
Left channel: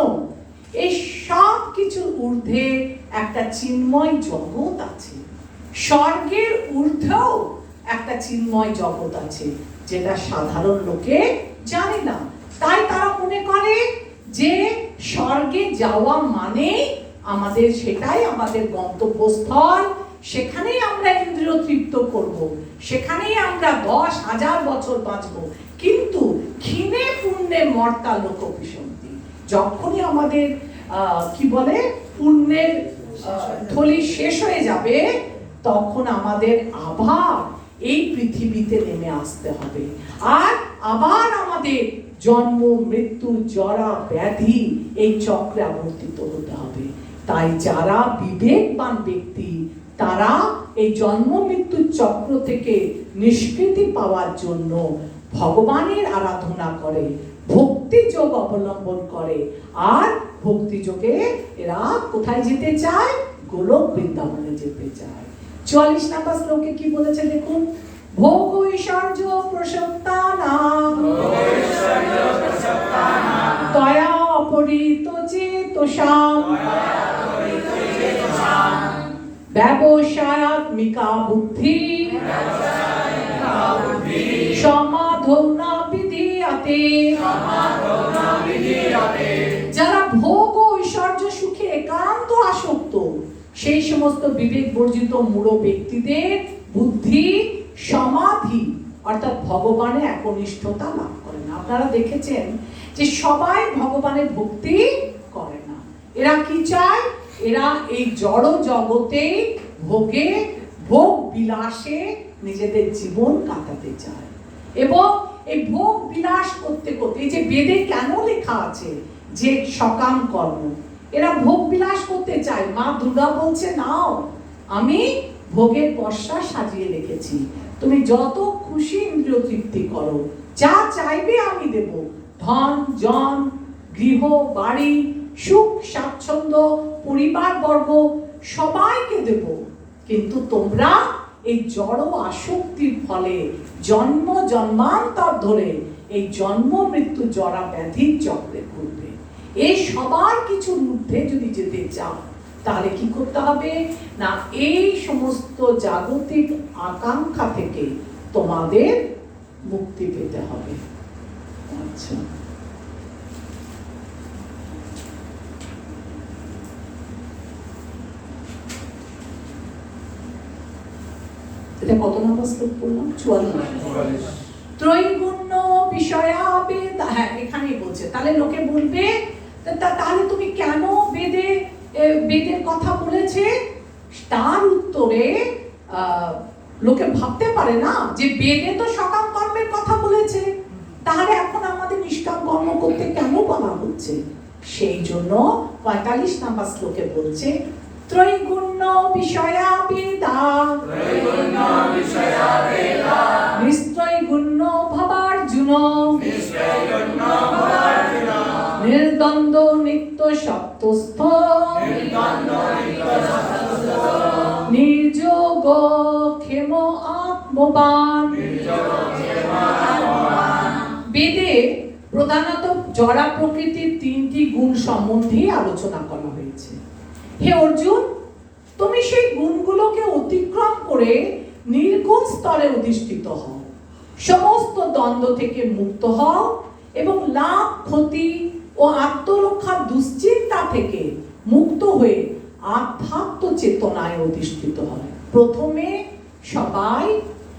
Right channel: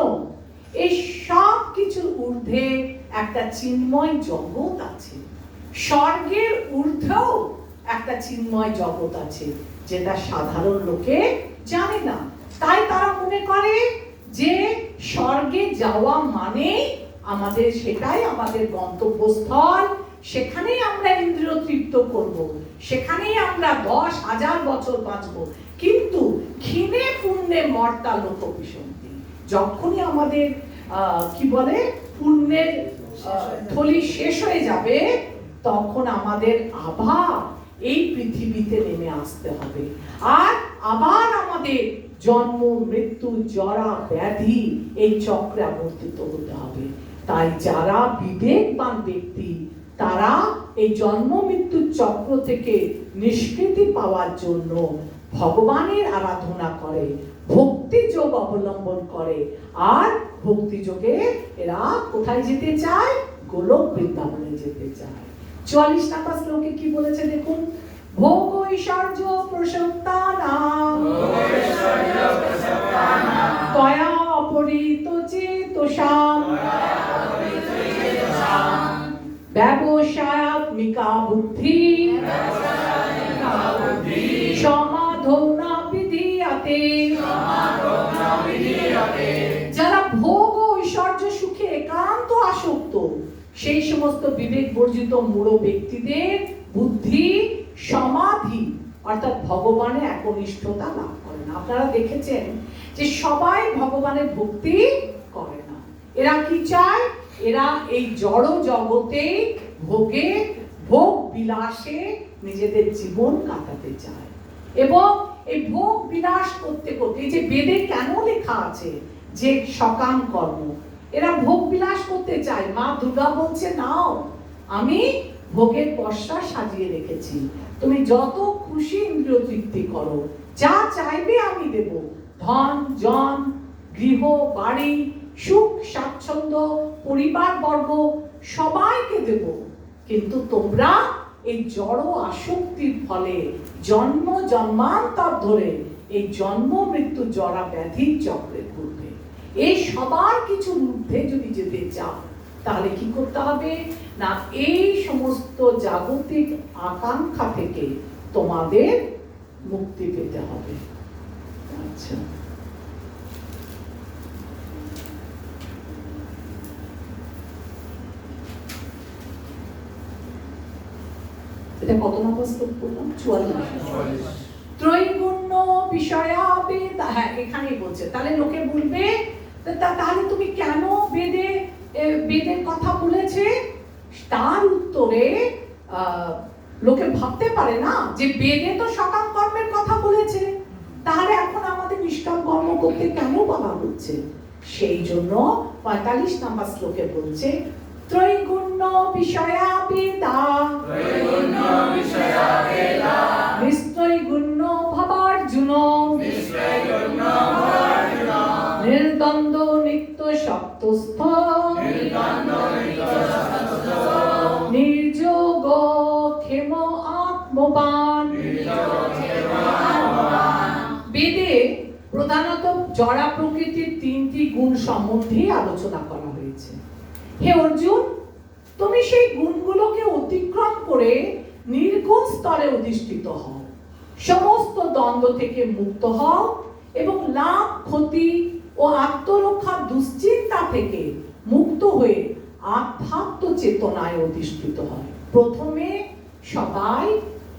এই সব কিছুর ঊর্ধ্বে একটা চিন্ময় জগৎ আছে। স্বর্গের ঊর্ধ্বেও একটা চিন্ময় জগৎ আছে, যেটা সাধারণ লোকে জানে না। তাই তারা মনে করে যে স্বর্গে যাওয়া মানে আমাদের, সেটাই আমাদের গন্তব্যস্থল, সেখানেই আমরা ইন্দ্রিয় তৃপ্ত করব, সেখানেই আমরা 10,000 বছর বাঁচব। কিন্তু ক্ষীণে পুণ্যে মর্তা লোক বিসন্তি, যখনই আমাদের কি বলে পুণ্যের থলি শেষ হয়ে যাবে, তখন আমাদের আবার এই পৃথিবীতে নেমে আসতে হবে, আর আবার আমাদের জন্ম মৃত্যু জরা ব্যাধি এই চক্রে আবর্তিত হতে হবে। তাই যারা বিবেকবান ব্যক্তি তারা এই জন্ম মৃত্যুর চক্র থেকে নিষ্কৃতি পাওয়ার জন্য ভগবানের আরাধনা করে, ভক্তি যোগ অবলম্বন করে, আর ভক্তি যোগে এরা কোথায় যেতে চায়? গোলক বৃন্দাবনে যেতে চায়। 44 নম্বর শ্লোকে কি বলেছে দেখুন, ভোগ ঐশ্বর্য প্রসত্তানাং তয়া অপরিত চেতসাম ব্যবসায়াত্মিকা বুদ্ধি সমাধৌনা বিধীয়তে। যারা ভোগ ও ঐশ্বর্য সুখে একান্ত আসক্ত, সেই সমস্ত বিবেক বর্জিত মূঢ় ব্যক্তিদের বুদ্ধি সমাধি অর্থাৎ ভগবানের একনিষ্ঠতা লাভ করে না। আপনারা দেখেছেন যে সবাই ভগবানের ভক্তি করে না। এরা কি চায়? এরা এই জড় জগতে ভোগে ভোগ বিলাসে নিজেদের জীবন কাটাতে চায়, এবং এই ভোগ বিলাস করতে করতে, এই যে বেদে কেন লেখা আছে যে সকাম কর্ম, এরা ভোগ বিলাস করতে চায়। মা দুর্গা বলছে, নাও আমি ভোগের পসরা সাজিয়ে রেখেছি, তুমি যত খুশি ইন্দ্রিয় তৃপ্তি করো, যা চাইবে আমি দেব, ধন জন গৃহ বাড়ি সুখ স্বাচ্ছন্দ্য পরিবার বর্গ সবাইকে দেব, কিন্তু তোমরা এই জড় আসক্তির ফলে জন্ম জন্মান্তর ধরে এই জন্ম মৃত্যু জরা ব্যাধির চক্রে ঘুরবে। এই সবার কিছুর ঊর্ধ্বে যদি যেতে চাও, তাহলে কি করতে হবে না, এই সমস্ত জাগতিক আকাঙ্ক্ষা থেকে তোমাদের মুক্তি পেতে হবে। আচ্ছা, এটা কত নম্বর শ্লোক পড়লাম? 44। ত্রৈগুণ্য বিষয়াবেদ, হ্যাঁ এখানেই বলছে। তাহলে লোকে বলবে, তাহলে তুমি কেন বেদের কথা বলেছে? তার উত্তরে লোকে ভাবতে পারে না যে বেদে তো সকাম কর্মের কথা বলেছে, তাহলে এখন আমাদের নিষ্কাম কর্ম করতে কেন বলা হচ্ছে? সেই জন্য 45 নম্বর শ্লোকে বলছে, ত্রৈগুণ্য বিষয়াবেদা নিস্ত্রৈগুণ্য ভবার্জুন নির্দ্বন্দ্ব নিত্য সত্যস্থ নির্যোগ ক্ষেম আত্মবান। বেদে প্রধানত জড়া প্রকৃতির 3টি গুণ সম্বন্ধে আলোচনা করা হয়েছে। হে অর্জুন, তুমি সেই গুণগুলোকে অতিক্রম করে নির্গুণ স্তরে অধিষ্ঠিত হও, সমস্ত দ্বন্দ্ব থেকে মুক্ত হও এবং লাভ ক্ষতি ও আত্মরক্ষা দুশ্চিন্তা থেকে মুক্ত হয়ে আধ্যাত্ম চেতনায় অধিষ্ঠিত হয়। প্রথমে সবাই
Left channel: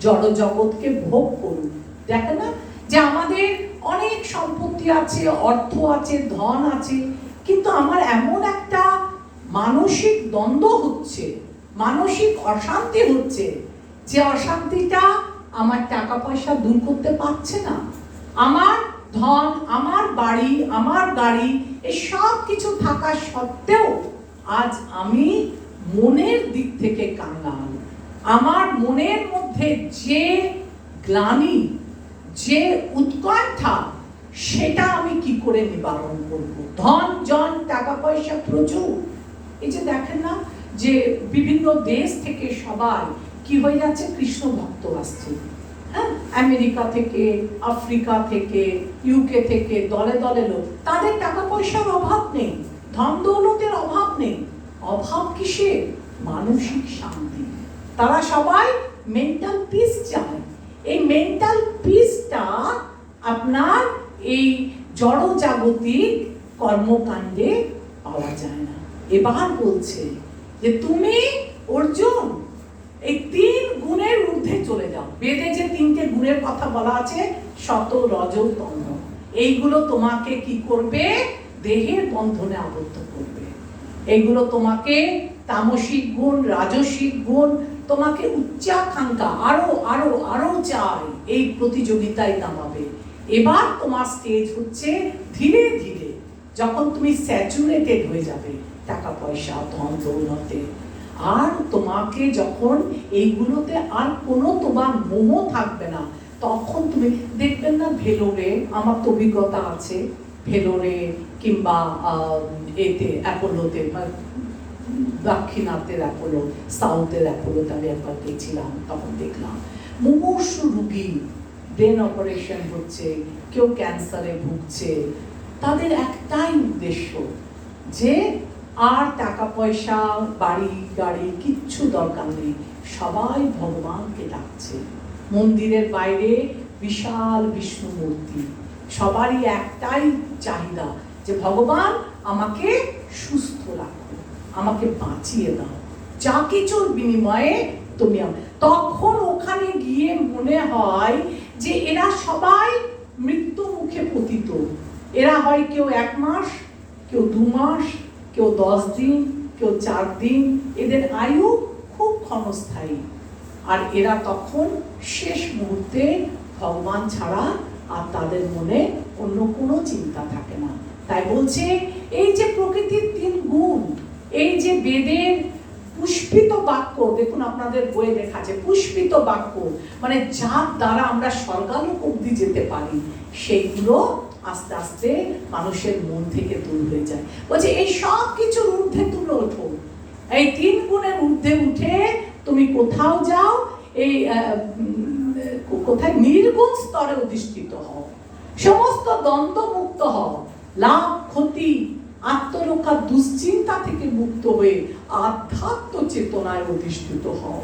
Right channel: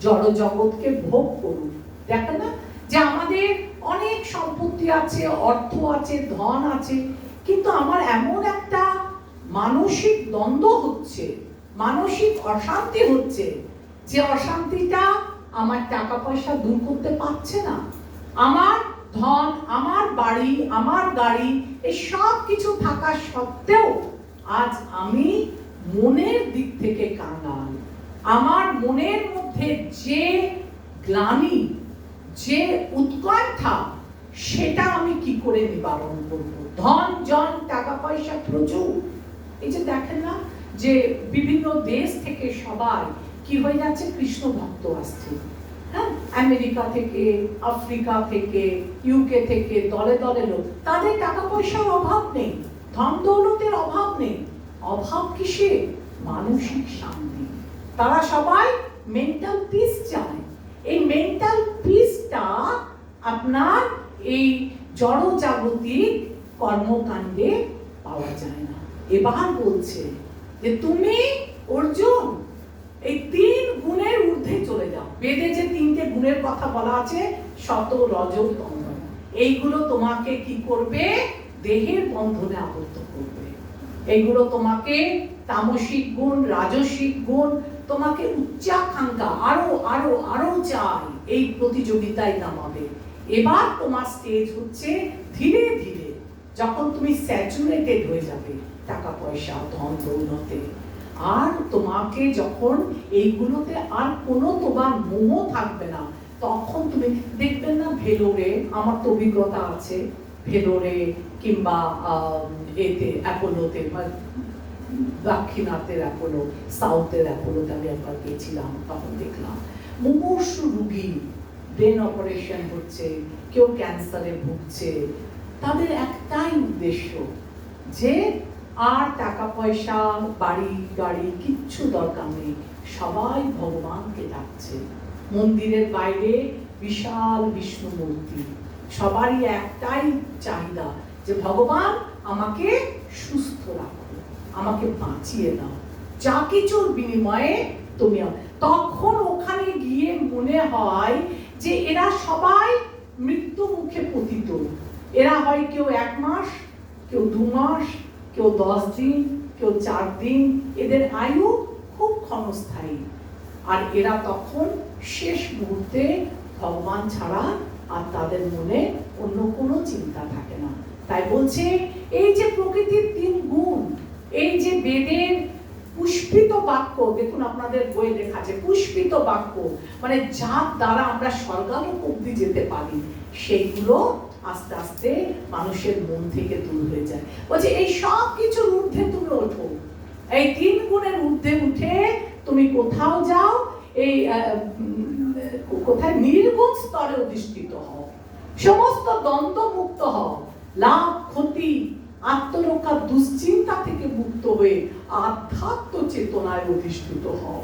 জড় জগৎকে ভোগ করুন। দেখেন না যে আমাদের অনেক সম্পত্তি আছে, অর্থ আছে, ধন আছে, কিন্তু আমার এমন একটা মানসিক দ্বন্দ্ব হচ্ছে, মানসিক অশান্তি হচ্ছে, যে অশান্তিটা আমার টাকা পয়সা দূর করতে পারছে না। আমার ধন, আমার বাড়ি, আমার গাড়ি, এই সব কিছু থাকা সত্ত্বেও আজ আমি মনের দিক থেকে কাঙ্গাল। আমার মনের মধ্যে যে গ্লানি, যে উৎকণ্ঠা, সেটা আমি কি করে নিবারণ করব? ধন জন টাকা পয়সা প্রচুর, এই যে দেখেন না যে বিভিন্ন দেশ থেকে সবাই কি হয়ে যাচ্ছে, কৃষ্ণ ভক্ত আসছে, হ্যাঁ, আমেরিকা থেকে, আফ্রিকা থেকে, ইউকে থেকে দলে দলে লোক। তাদের টাকা পয়সার অভাব নেই, ধন দৌলতের অভাব নেই, অভাব কিসে? মানসিক শান্তি। তারা সবাই মেন্টাল পিস চায়। এই মেন্টাল পিসটা আপনার এই জড় জাগতিক কর্মকাণ্ডে পাওয়া যায় না। এবার বলছে যে তুমি অর্জুন, এই 3 গুণের ঊর্ধ্বে চলে যাও। বেদে যে 3টে গুণের কথা বলা আছে, সত, রজ, তম, এইগুলো তোমাকে কি করবে? দেহের বন্ধনে আবদ্ধ করবে। এইগুলো তোমাকে তামসিক গুণ, রাজসিক গুণ, তোমাকে উচ্চাকাঙ্ক্ষা, আরো আরো আরো চাই, এই প্রতিযোগিতায় নামাবে। এবার তোমার স্টেজ হচ্ছে ধীরে ধীরে যখন তুমি স্যাচুরেটেড হয়ে যাবে টাকা পয়সা, ধন দৌলতে, আর তোমাকে যখন এইগুলোতে আর কোনো তোমার মোহ থাকবে না, তখন তুমি দেখবেন না ভেলোরে, আমার তো অভিজ্ঞতা আছে, ভেলোরে কিংবা এতে অ্যাপোলোতে, দাক্ষিণাত্যের অ্যাপোলো, সাউথের অ্যাপোলোতে আমি একবার গেছিলাম, তখন দেখলাম মুমূর্ষু রোগী, ব্রেন অপারেশন হচ্ছে, কেউ ক্যান্সারে ভুগছে, তাদের একটাই উদ্দেশ্য যে আর টাকা পয়সা, বাড়ি গাড়ি কিচ্ছু দরকার নেই, সবাই ভগবানকে ডাকছে। মন্দিরের বাইরে বিশাল বিষ্ণু মূর্তি, সবারই একটাই চাহিদা যে ভগবান আমাকে সুস্থ রাখো, আমাকে বাঁচিয়ে দাও, যা কিছুর বিনিময়ে তুমি। তখন ওখানে গিয়ে মনে হয় যে এরা সবাই মৃত্যু মুখে পতিত। এরা হয় কেউ 1 মাস, কেউ 2 মাস, কেউ 10 দিন, কেউ 4 দিন, এদের আয়ু খুব ক্ষণস্থায়ী। আর এরা তখন শেষ মুহূর্তে ভগবান ছাড়া আর তাদের মনে অন্য কোনো চিন্তা থাকে না। তাই বলছে এই যে প্রকৃতির 3 গুণ, এই যে বেদের পুষ্পিত বাক্য, দেখুন আপনাদের বইয়ে লেখা আছে পুষ্পিত বাক্য, মানে যার দ্বারা আমরা স্বর্গালোক অবধি যেতে পারি, সেইগুলো আস্তে আস্তে মানুষের মন থেকে দূর হয়ে যায়। বলছে এই সব কিছুর ঊর্ধ্বে তুমি ওঠো, এই 3 গুণের ঊর্ধ্বে উঠে তুমি কোথাও যাও, এই কোথায় নির্গুণ স্তরে অধিষ্ঠিত হও, সমস্ত দ্বন্দ্ব মুক্ত হও, লাভ ক্ষতি আত্মরক্ষা দুশ্চিন্তা থেকে মুক্ত হয়ে আধ্যাত্ম চেতনায় অধিষ্ঠিত হও।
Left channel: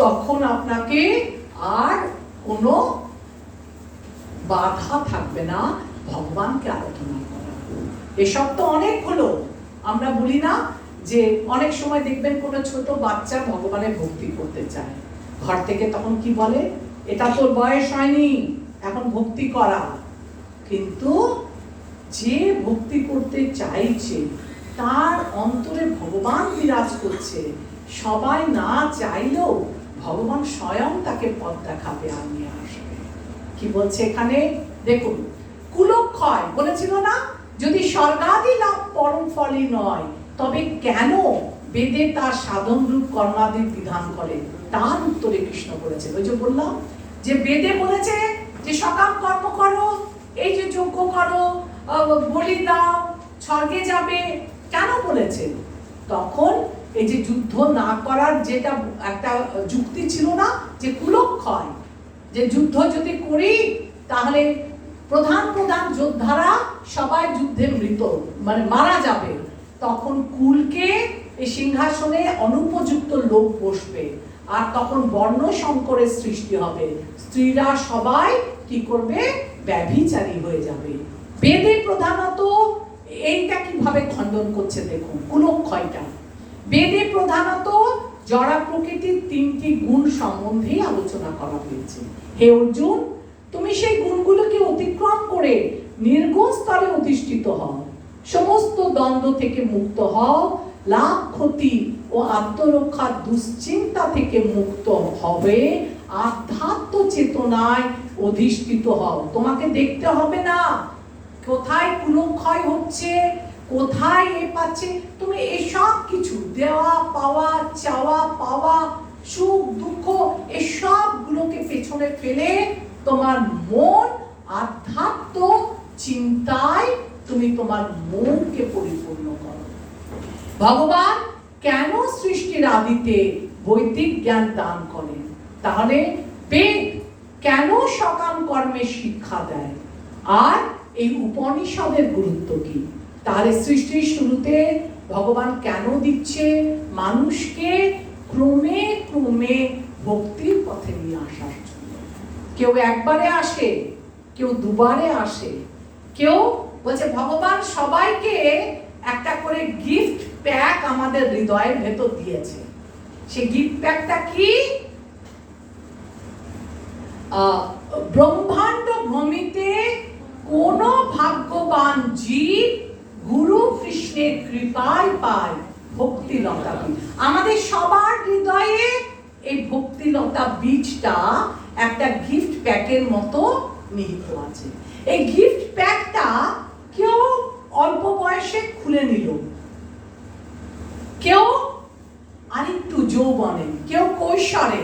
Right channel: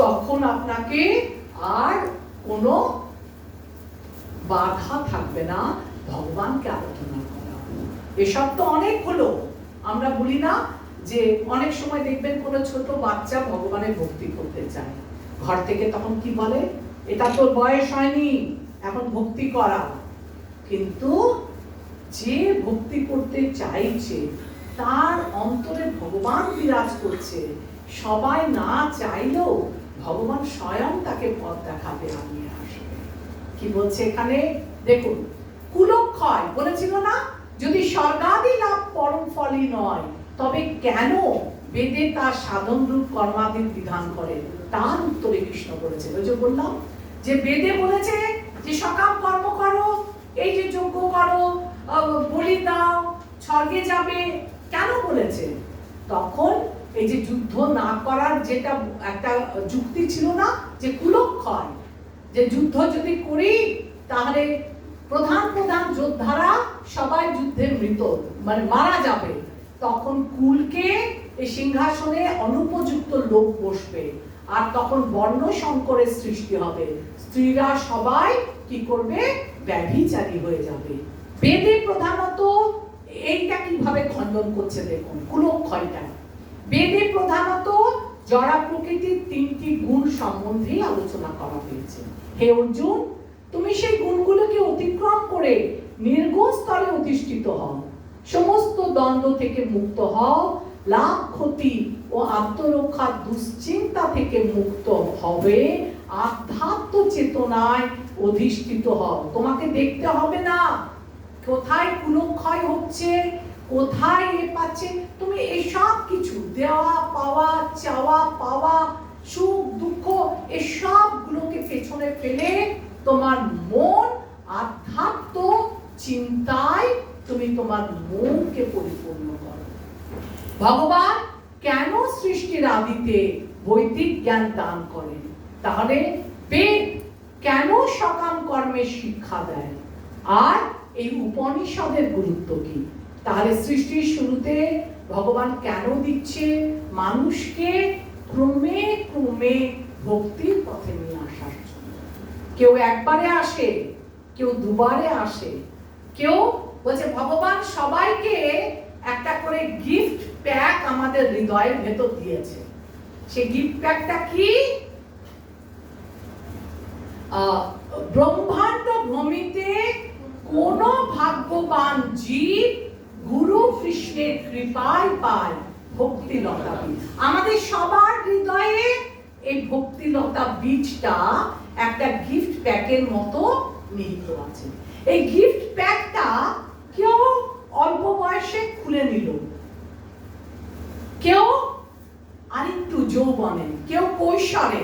তখন আপনাকে আর কোনো বাধা থাকবে না ভগবানকে আরাধনা করা। এসব তো অনেক হলো, আমরা বলি না যে অনেক সময় দেখবেন কোনো ছোট বাচ্চা ভগবানের ভক্তি করতে চায়, ঘর থেকে তখন কি বলে, এটা তোর বয়স হয়নি এখন ভক্তি করা। কিন্তু যে ভক্তি করতে চাইছে তার অন্তরে ভগবান বিরাজ করছে, সবাই না চাইলেও ভগবান স্বয়ং তাকে পথ দেখাবে আর নিয়ে আসবে। কি বলছে এখানে দেখুন, কুলক্ষয় বলেছিল না, যদি স্বর্গাদি লাভ পরম ফলই নয়, তবে কেন বেদে তার সাধন রূপ কর্মাদির বিধান করে, তার উত্তরে কৃষ্ণ বলেছে। ওই যে বললাম যে বেদে বলেছে যে সকাম কর্ম করো, এই যে যজ্ঞ করো, বলি দাও, স্বর্গে যাবে, কেন বলেছে? তখন এই যে যুদ্ধ না করার যেটা একটা যুক্তি ছিল না, যে কুলক্ষয়, যে যুদ্ধ যদি করি তাহলে প্রধান প্রধান যোদ্ধারা সবাই যুদ্ধে মৃত, মানে মারা যাবে, তখন কুলকে এই সিংহাসনে অনুপযুক্ত লোক বসবে, আর তখন বর্ণ সংকরের সৃষ্টি হবে, স্ত্রীরা সবাই কি করবে, ব্যভিচারী হয়ে যাবে। বেদে প্রধানত এইটা কিভাবে খণ্ডন করছে দেখুন, কুলক্ষয়টা বেদে প্রধানত জড়া প্রকৃতির 3টি গুণ সম্বন্ধে আলোচনা করা হয়েছে। হে অর্জুন, তুমি সেই গুণগুলোকে অতিক্রম করে নির্গুণ স্তরে অধিষ্ঠিত হও, সমস্ত দ্বন্দ্ব থেকে মুক্ত হও, লাভ ক্ষতি ও আত্মরক্ষার দুশ্চিন্তা থেকে মুক্ত হবে, আধ্যাত্ম চেতনায় অধিষ্ঠিত হও। তোমাকে দেখতে হবে না কোথায় কুলক্ষয় হচ্ছে, কোথায় এ পাচ্ছে, তুমি এসব কিছু দেওয়া পাওয়া, চাওয়া পাওয়া, সুখ দুঃখ, এসব গুলোকে পেছনে ফেলে তোমার মন আধ্যাত্ম চিন্তায় তুমি তোমার মনকে পরিপূর্ণ করো। ভগবান কেন সৃষ্টির আদিতে বৈদিক জ্ঞান দান করেন? তাহলে বেদ কেন সকাম কর্মের শিক্ষা দেয়? আর এই উপনিষদের গুরুত্ব কি? তাহলে সৃষ্টির শুরুতে ভগবান কেন দিচ্ছে মানুষকে ক্রমে ক্রমে ভক্তির পথে নিয়ে আসার জন্য? কেউ একবারে আসে, কেউ দুবারে আসে, কেউ বলছে ভগবান সবাইকে একটা করে গিফট প্যাক আমাদের হৃদয়ের ভেতর দিয়েছে। সেই গিফট প্যাকটা কি? ব্রহ্মাণ্ড ভূমিতে কোন ভাগ্যবান জীব গুরু কৃষ্ণের কৃপায় পায় ভক্তিলতা বীজ। আমাদের সবার হৃদয়ে এই ভক্তিলতা বীজটা একটা গিফট প্যাকের মতো নিহিত আছে। এই গিফট প্যাকটা কেউ অল্প বয়সে খুলে নিল, কেউ আরেকটু যৌবনে, কেউ কৈশোরে,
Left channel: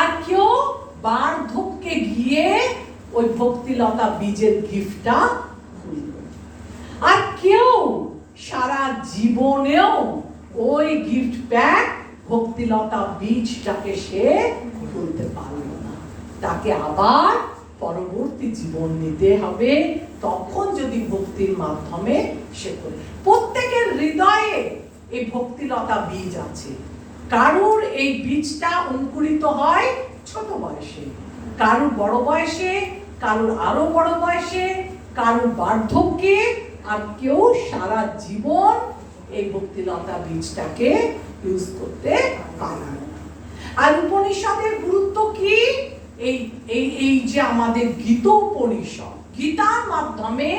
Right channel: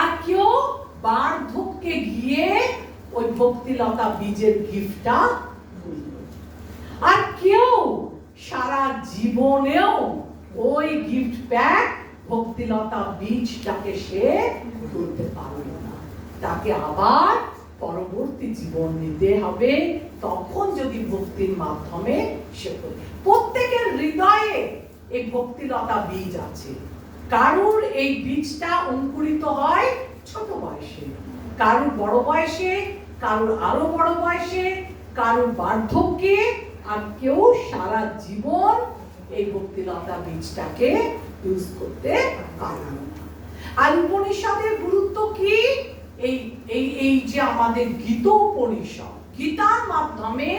আর কেউ বার্ধক্যে গিয়ে ওই ভক্তিলতা বীজের গিফটটা খুলল, আর কেউ সারা জীবনেও ওই গিফট প্যাক ভক্তিলতা বীজটাকে সে খুলতে পারল না। তাকে আবার পরবর্তী জীবন নিতে হবে, তখন যদি ভক্তির মাধ্যমে সে করে। প্রত্যেকের হৃদয়ে এই ভক্তিলতা বীজ আছে। কারুর এই বীজটা অঙ্কুরিত হয় ছোট বয়সে, কারুর বড় বয়সে, কারুর আরো বড় বয়সে, কারুর বার্ধক্যে, আর কেউ সারা জীবন এই ভক্তিলতা বীজটাকে ইউজ করতে পারে না। আর উপনিষদের গুরুত্ব কি? এই যে আমাদের গীতোপনিষদ, গীতার মাধ্যমে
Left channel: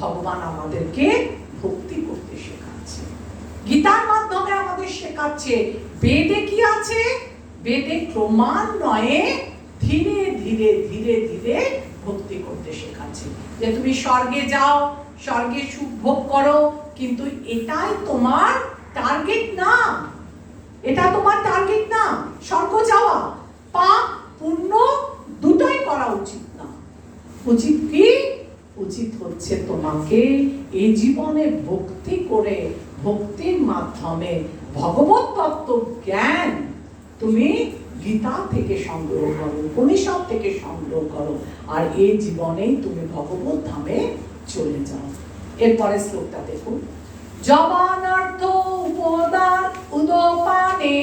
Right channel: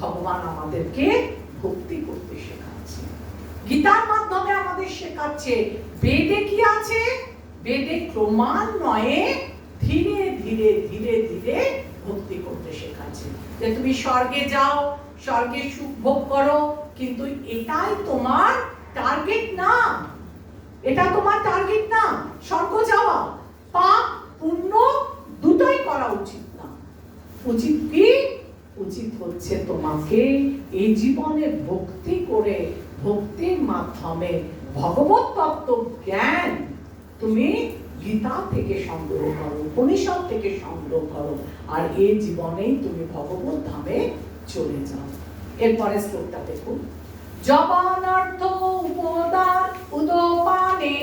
ভগবান আমাদেরকে ভক্তি করতে শেখাচ্ছে। গীতার মাধ্যমে আমাদের শেখাচ্ছে। বেদে কি আছে? বেদে ক্রমান্বয়ে ধীরে ধীরে ধীরে ধীরে ভক্তি করতে শেখাচ্ছে। যে তুমি স্বর্গে যাও, স্বর্গে সুখ ভোগ করো, কিন্তু এটাই তোমার টার্গেট না। এটা তোমার টার্গেট না স্বর্গ যাওয়া। পাপ পুণ্য দুটোই করা উচিত না। উচিত কি? উচিত হচ্ছে তোমাকে এই জীবনে ভক্তি করে, ভক্তির মাধ্যমে ভগবত তত্ত্ব জ্ঞান তুমি গীতা থেকে সংগ্রহ করো, উপনিষদ থেকে সংগ্রহ করো, আর এই জীবনেই তুমি ভগবত ধামে চলে যাও। এরপরে শ্লোকটা দেখুন। জবানার্থ উপদান উদপানে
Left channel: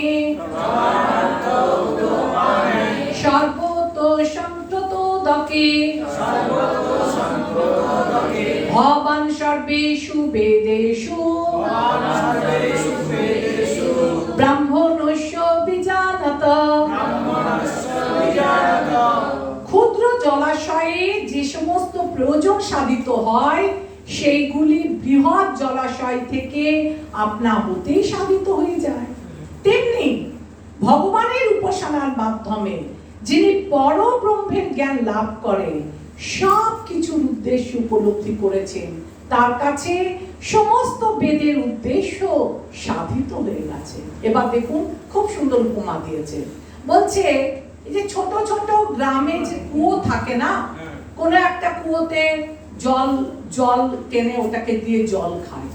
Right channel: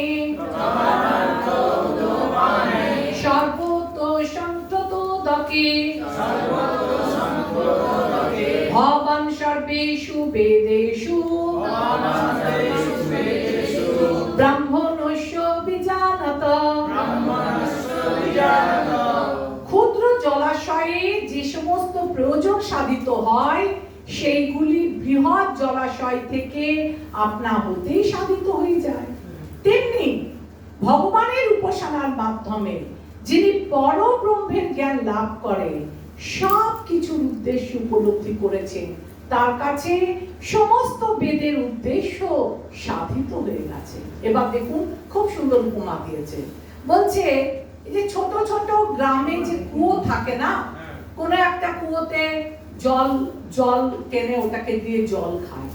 সর্বত সন্ততোদকে ভবান সর্বেষু বেদেষু ব্রাহ্মণস্য বিজানত। ক্ষুদ্র জলাশয়ে যে সমস্ত প্রয়োজন সাধিত হয়, সেইগুলি বৃহৎ জলাশয় থেকে আপনা হতেই সাধিত হয়ে যায়। তেমনি ভগবানের উপাসনার মাধ্যমে যিনি পরব্রহ্মের জ্ঞান লাভ করে সব কিছুর উদ্দেশ্য উপলব্ধি করেছেন, তার কাছে সমস্ত বেদের উদ্দেশ্য সাধিত হয়ে গেছে। এবার দেখুন, খুব সুন্দর উপমা দিয়েছে। বলছে এই যে ছোট ছোট গ্রামে যে কুয়ো থাকে না, কোন একটা কুয়োতে জল টেনে ওটাকে দিয়ে জল খায়,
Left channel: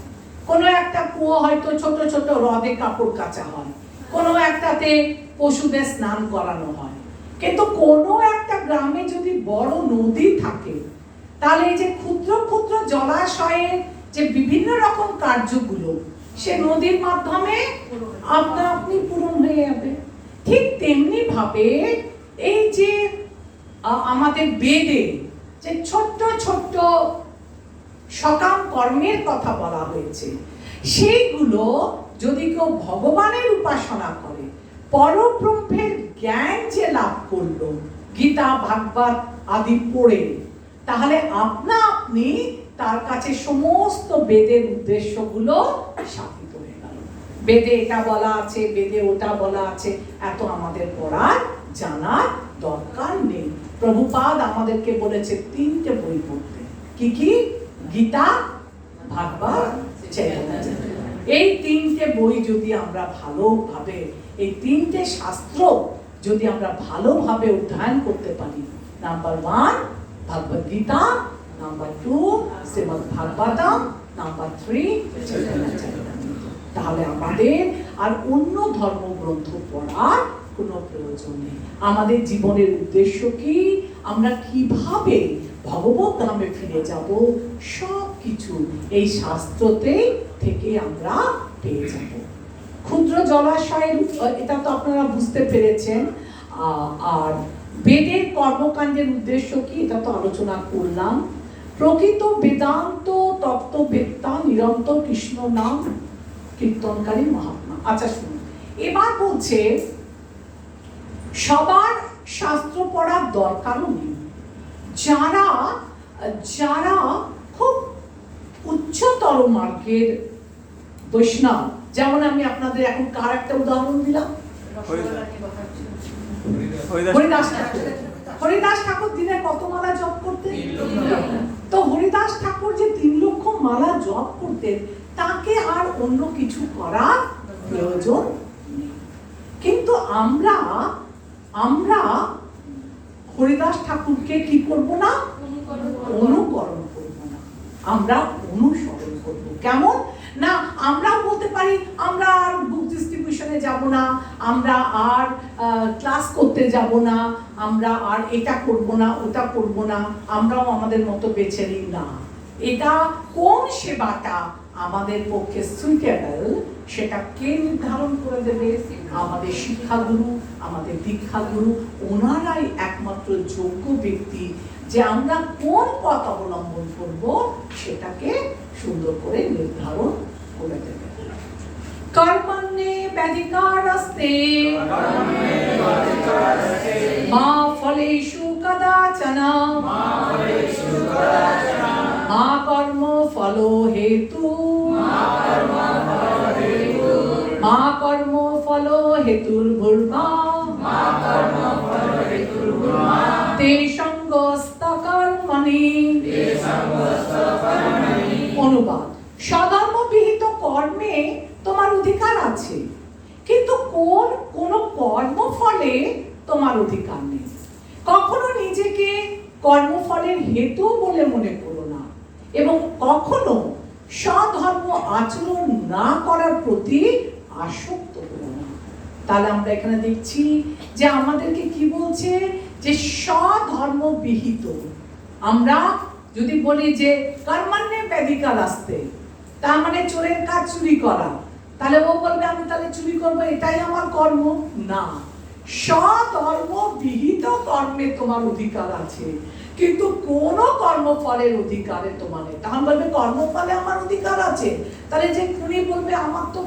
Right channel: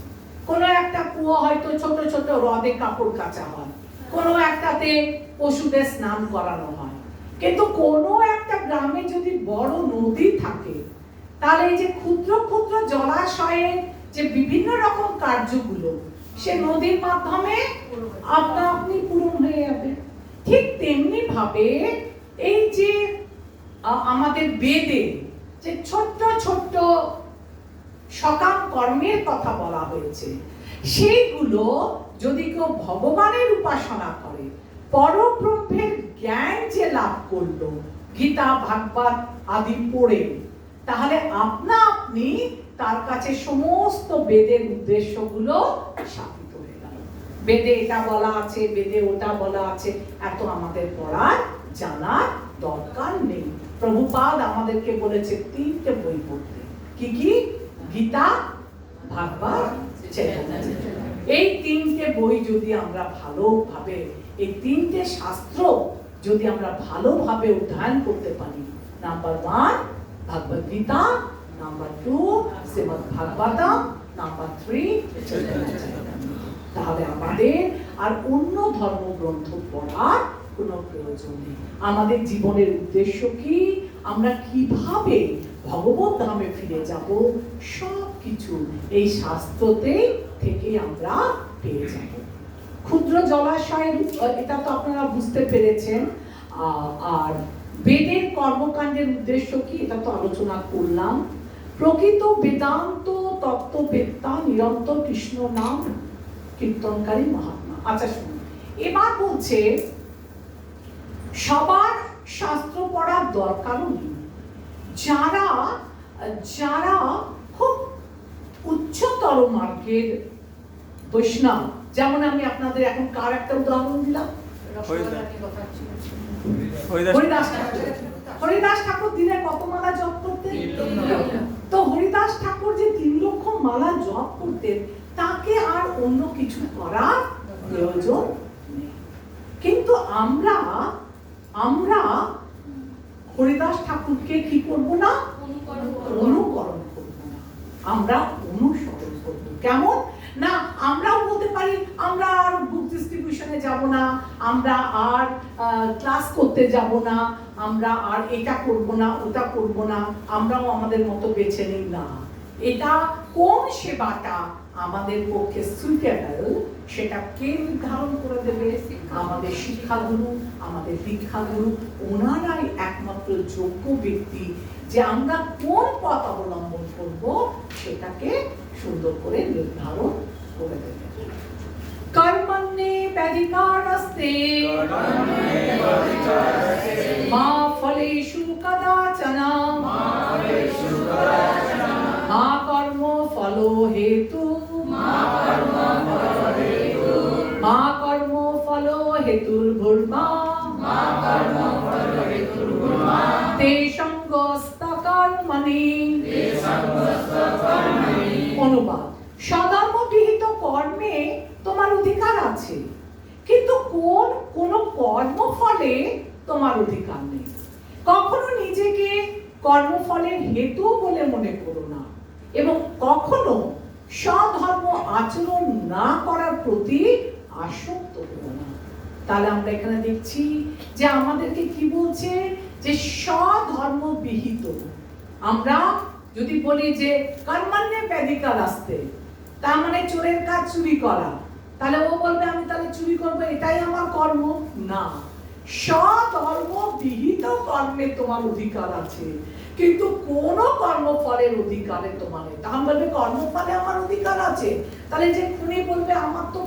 কোন একটা কুয়ো হয়তো ছোট ছোট হ্রদে কাপড় কাচা হয়, কোন একটাতে পশুদের স্নান করানো হয়। কিন্তু কোন একটা গ্রামে যদি বড় নদী থাকে, তাহলে এই যে ক্ষুদ্র ক্ষুদ্র জলাশয়ের যে বিভিন্ন রকম কার্যগুলো সে নদীর মাধ্যমে আপনা আপনি পূরণ হয়ে যাবে। ঠিক তেমনি ভাবে এই যে আমাদের বেদে যে ছোট্ট ছোট্ট সকাম কর্মের কথা বলা হয়েছে, সেইগুলো যদি কেউ ভগবানের উপাসনা করে, পরব্রহ্মের জ্ঞান যে লাভ করলো গীতা ভাগবত আদি পড়ে, তাহলে আপনা আপনি তার কাছে সমস্ত বেদের উদ্দেশ্যগুলো সাধিত হয়ে গেল। বেদে এটা বলা আছে, বেদে ওটা বলা আছে, এত আমাদের পড়ার জানার দরকার নেই। প্রভুপাদ আমাদেরকে বলেছে 3টে বই পড়তে। কি কি? গীতা, ভাগবত, চৈতন্য। এই 3টে বই যদি আমরা ভালোভাবে, এই 3টে শাস্ত্র যদি আমরা ভালোভাবে অধ্যয়ন করতে পারি, নাম্বার 1 ভগবদ গীতা, নাম্বার 2 শ্রীমদ্ ভাগবতম, নাম্বার 3 চৈতন্য চরিতামৃত, তাহলে আমাদের আর অন্য ধর্মগ্রন্থ পড়ার কোনো প্রয়োজন নেই। আমাদের জীবনের উদ্দেশ্য কি? আমরা কিভাবে ভগবত ধামে ফিরে যাব, সব কিছু এই শাস্ত্রতে থেকে আমরা পেয়ে যাব। ক্ষুদ্র জলাশয়ের এটা তো আপনারা বুঝতে পেরেছেন। আর বেদের কর্মকাণ্ডের উদ্দেশ্য কি, এটা তো আলোচনা করলাম। প্রকৃত বেদান্ত তত্ত্ববেত্তা নিরন্তর কৃষ্ণ নাম কীর্তনকারী মহাত্মা। আচ্ছা শুনুন, এবার বলছে সবার শাস্ত্র পড়ার দরকারও নেই। যারা যারা খুব উচ্চতর মার্গের বৈষ্ণব, যেমন আমি আপনাদের এখন কার একটা উদাহরণ দিলাম, হরিদাস ঠাকুর। হরিদাস ঠাকুর দিনে কত মালা জপ করতেন? তো হরিদাস ঠাকুর যে 3 লক্ষ মালা জপ করতেন, তাকে আর অন্য কিছু করার প্রয়োজন নেই। কিন্তু আমরা হরিদাস ঠাকুরকে কি করব না? অনুকরণ করব না, আমরা অনুসরণ করব। কেমন না? আমরাও বলতে পারি আমরা আর বুক ডিস্ট্রিবিউশনে যাব না, আমরা আর ক্লাস করতে যাব না, আমরা আর এটা করব না, ওটা করব না, আমরাও আমাদের মতো বেছে নিই না। এটা কোন সেবাটা আমাদের পক্ষে সুইটেবল সেটা কে নির্ধারণ করে দেবে? আমাদের শিক্ষাগুরু, আমাদের দীক্ষাগুরু, ওনারাই একমাত্র যোগ্য ব্যক্তি যে আমরা কোন পথ অবলম্বন করব সেটাকে সুন্দর করে নির্ধারণ করে দেবে। কর্মণ্যে ব্যাধিকারস্তে মা ফলেষু কদাচন মা কর্ম ফল হেতু মা কর্ম ফল হেতুর ভূর্মা তে সঙ্গস্ত কর্মণি। অনুবাদ: সধর্ম বিহিত কর্মে তোমার অধিকার আছে, কিন্তু কোন কর্মফলে তোমার অধিকার নেই। কখনো নিজেকে কর্মফলের হেতু বলে মনে করো না, এবং কখনো স্বধর্ম আচরণ না করার প্রতি আসক্ত করো না। তাহলে আমরা এখানে দেখছি যে আমাদেরকে কি বলছে, যে স্বধর্ম বিহিত। আমরা যদি বলি যে কর্মণ্যে ব্যাধিকারস্তে, তার মানে চোরের কাজ চুরি করা, তাহলে ও বলবে আমি তাহলে চুরি করবো, এটাই আমার কর্ম না। স্বধর্ম বিহিত কর্মে তোমার অধিকার আছে, কিন্তু কোন কর্মফলের অধিকারে তোমার নেই। তখন বলবে কর্মফলে আমার অধিকার আছে, তাহলে যে খুনি বলবে আমার তো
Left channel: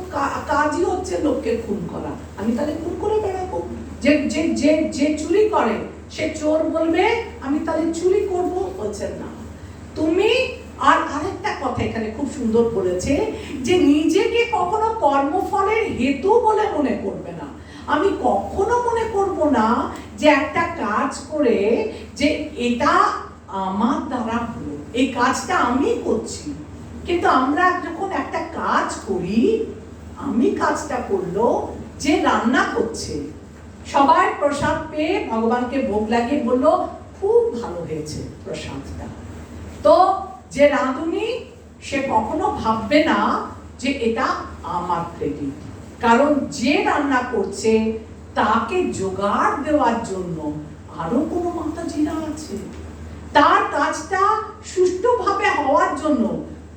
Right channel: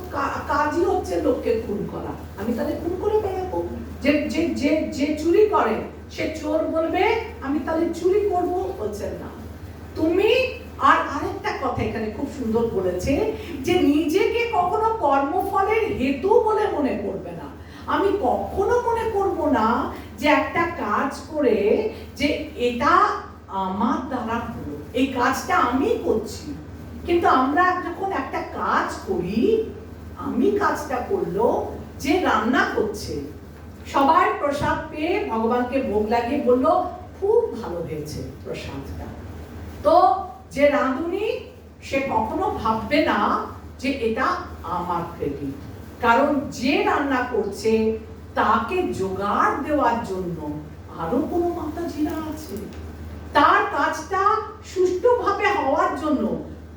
কাজই হচ্ছে লোককে খুন করা, আমি তাহলে খুন করে বেড়াবো। যে যে যে যে চুরি করে সে চোর বলবে আমি তাহলে চুরি করবো, বলছেন না। তুমি আর আরেকটা কথা এখানে খুব সুন্দর বলেছে, যে নিজেকে কখনো কর্মফলের হেতু বলে মনে করবে না। আমি কখনো মনে করব না যে একটা কাজ করে যে এটা আমার দ্বারা হলো, এই কাজটা আমি করছি। কিন্তু আমরা যখন একটা কাজ করি, আমি কাজটা করলো, যে রান্না করছে সবাই প্রসাদ পেয়ে ভগবানকে ভোগ লাগিয়ে বললো খুব ভালো হয়েছে প্রসাদটা, তো যে রাঁধুনি সে কখনো ভাববে না যে এটা আমার ক্রেডিট, কারণ যে রান্না করছে তাকে জোগাড় দেওয়ার জন্য আরো কোনো মাতাজিরা আছে, তার কাজটা সুষ্ঠুভাবে হওয়ার জন্য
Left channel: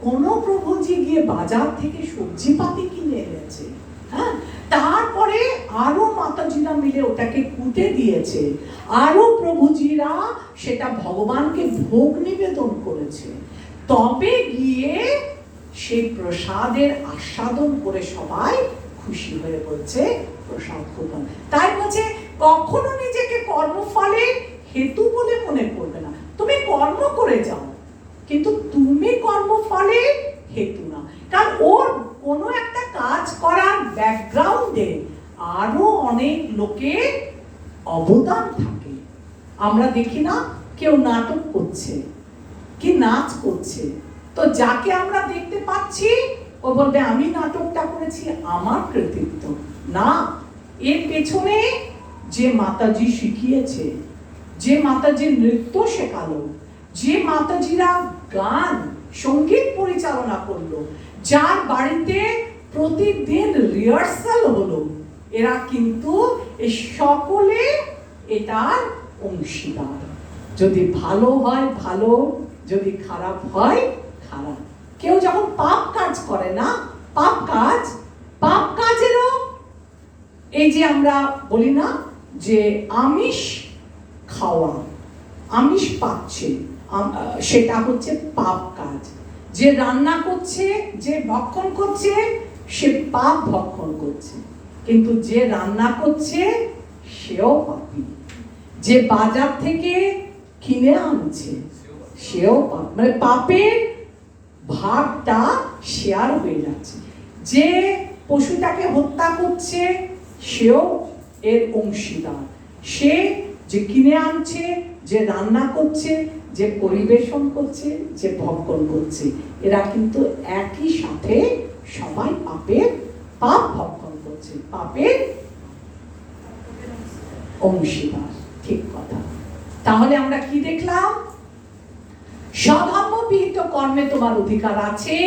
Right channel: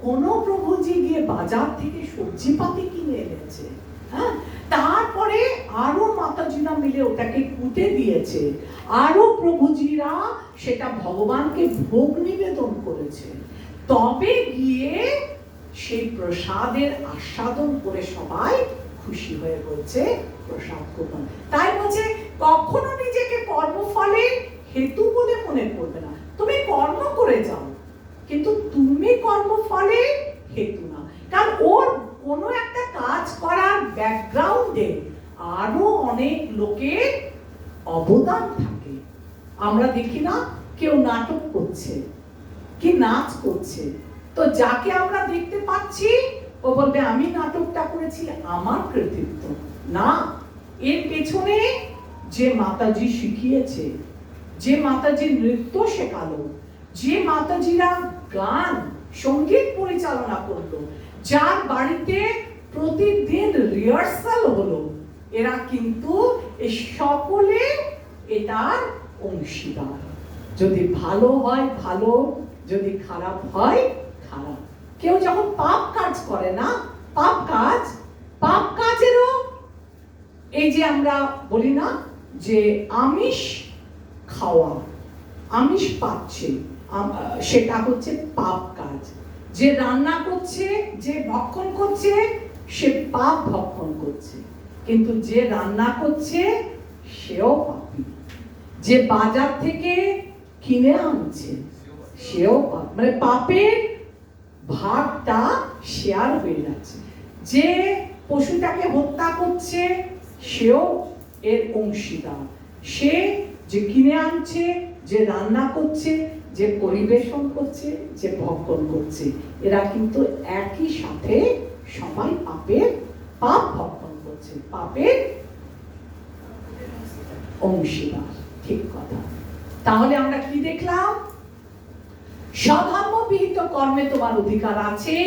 কোনো প্রভুজি গিয়ে বাজার থেকে সবজিপাতি কিনে এনেছে, হ্যাঁ, তারপরে আরো মাতাজিরা মিলে ওটাকে কুটে দিয়েছে, আরো প্রভুজিরা সেটা ভগবানকে ভোগ নিবেদন করেছে, তবে গিয়ে সেই প্রসাদের আস্বাদন করে সবাই খুশি হয়ে বলছে প্রসাদ গ্রহণ। তাই বলছে কখনো নিজেকে কর্মফলে হেতু বলে মনে করবে না। তুমি কর্ম করে যাও, কিন্তু তুমি কর্মফলে হেতু না, কারণ ওর কোনো একটা কাজ করার ব্যাকগ্রাউন্ডে আরো অনেক লোকের অবদান থাকে। আমরা দেখি না কেউ নাটক করছে কি নাচ করছে, তো যাকে আমরা দেখতে পাচ্ছি ও বলবে আমি নাটকটা করেছি, আমার কৃতিত্ব না। এর পেছনে যে মাতাজি শিখিয়েছে, যে মাতাজি নৃত্য শেখালো, যে মাতাজিরা গান সঙ্গীত পরিচালনা করলো, যার বাড়িতে প্রতিদিন রিহার্সাল হলো, এরা কিন্তু এই সকলে এটার অংশীদার। যদি ভালো হয় ভালো, যদি খারাপ হয় খারাপ। কেউ যখন পাপ কাজ করে না, পাপ কাজেরও এই যে আমরা বলি না যে আমিষ খাওয়া, আমিষ পাচ্ছে, সেটা হচ্ছে পাপ কাজ। যে রান্না করছে, যে ভক্ষণ করছে, সে পাপ ভক্ষণ করছে, কিন্তু যে রান্না করছে সেও পাপী। যে বাজার থেকে কিনে আনছে সেও পাপ, মানে পাপের ভাগটা শেয়ার হয়ে যাচ্ছে। যে পশুটাকে হত্যা করছে সেও এর অংশীদার, সে যে কিনে আনছে, যে রান্না করছে, যে পরিবেশন করছে, যে ভক্ষণ করছে, এরা কিন্তু একই সাথে সবাই পাপ ভক্ষণ করছে, পাপের অংশীদার। ঠিক কথা। তাহলে আমরা কি দেখলাম? স্বধর্মবিহিত কর্মে তোমার অধিকার আছে,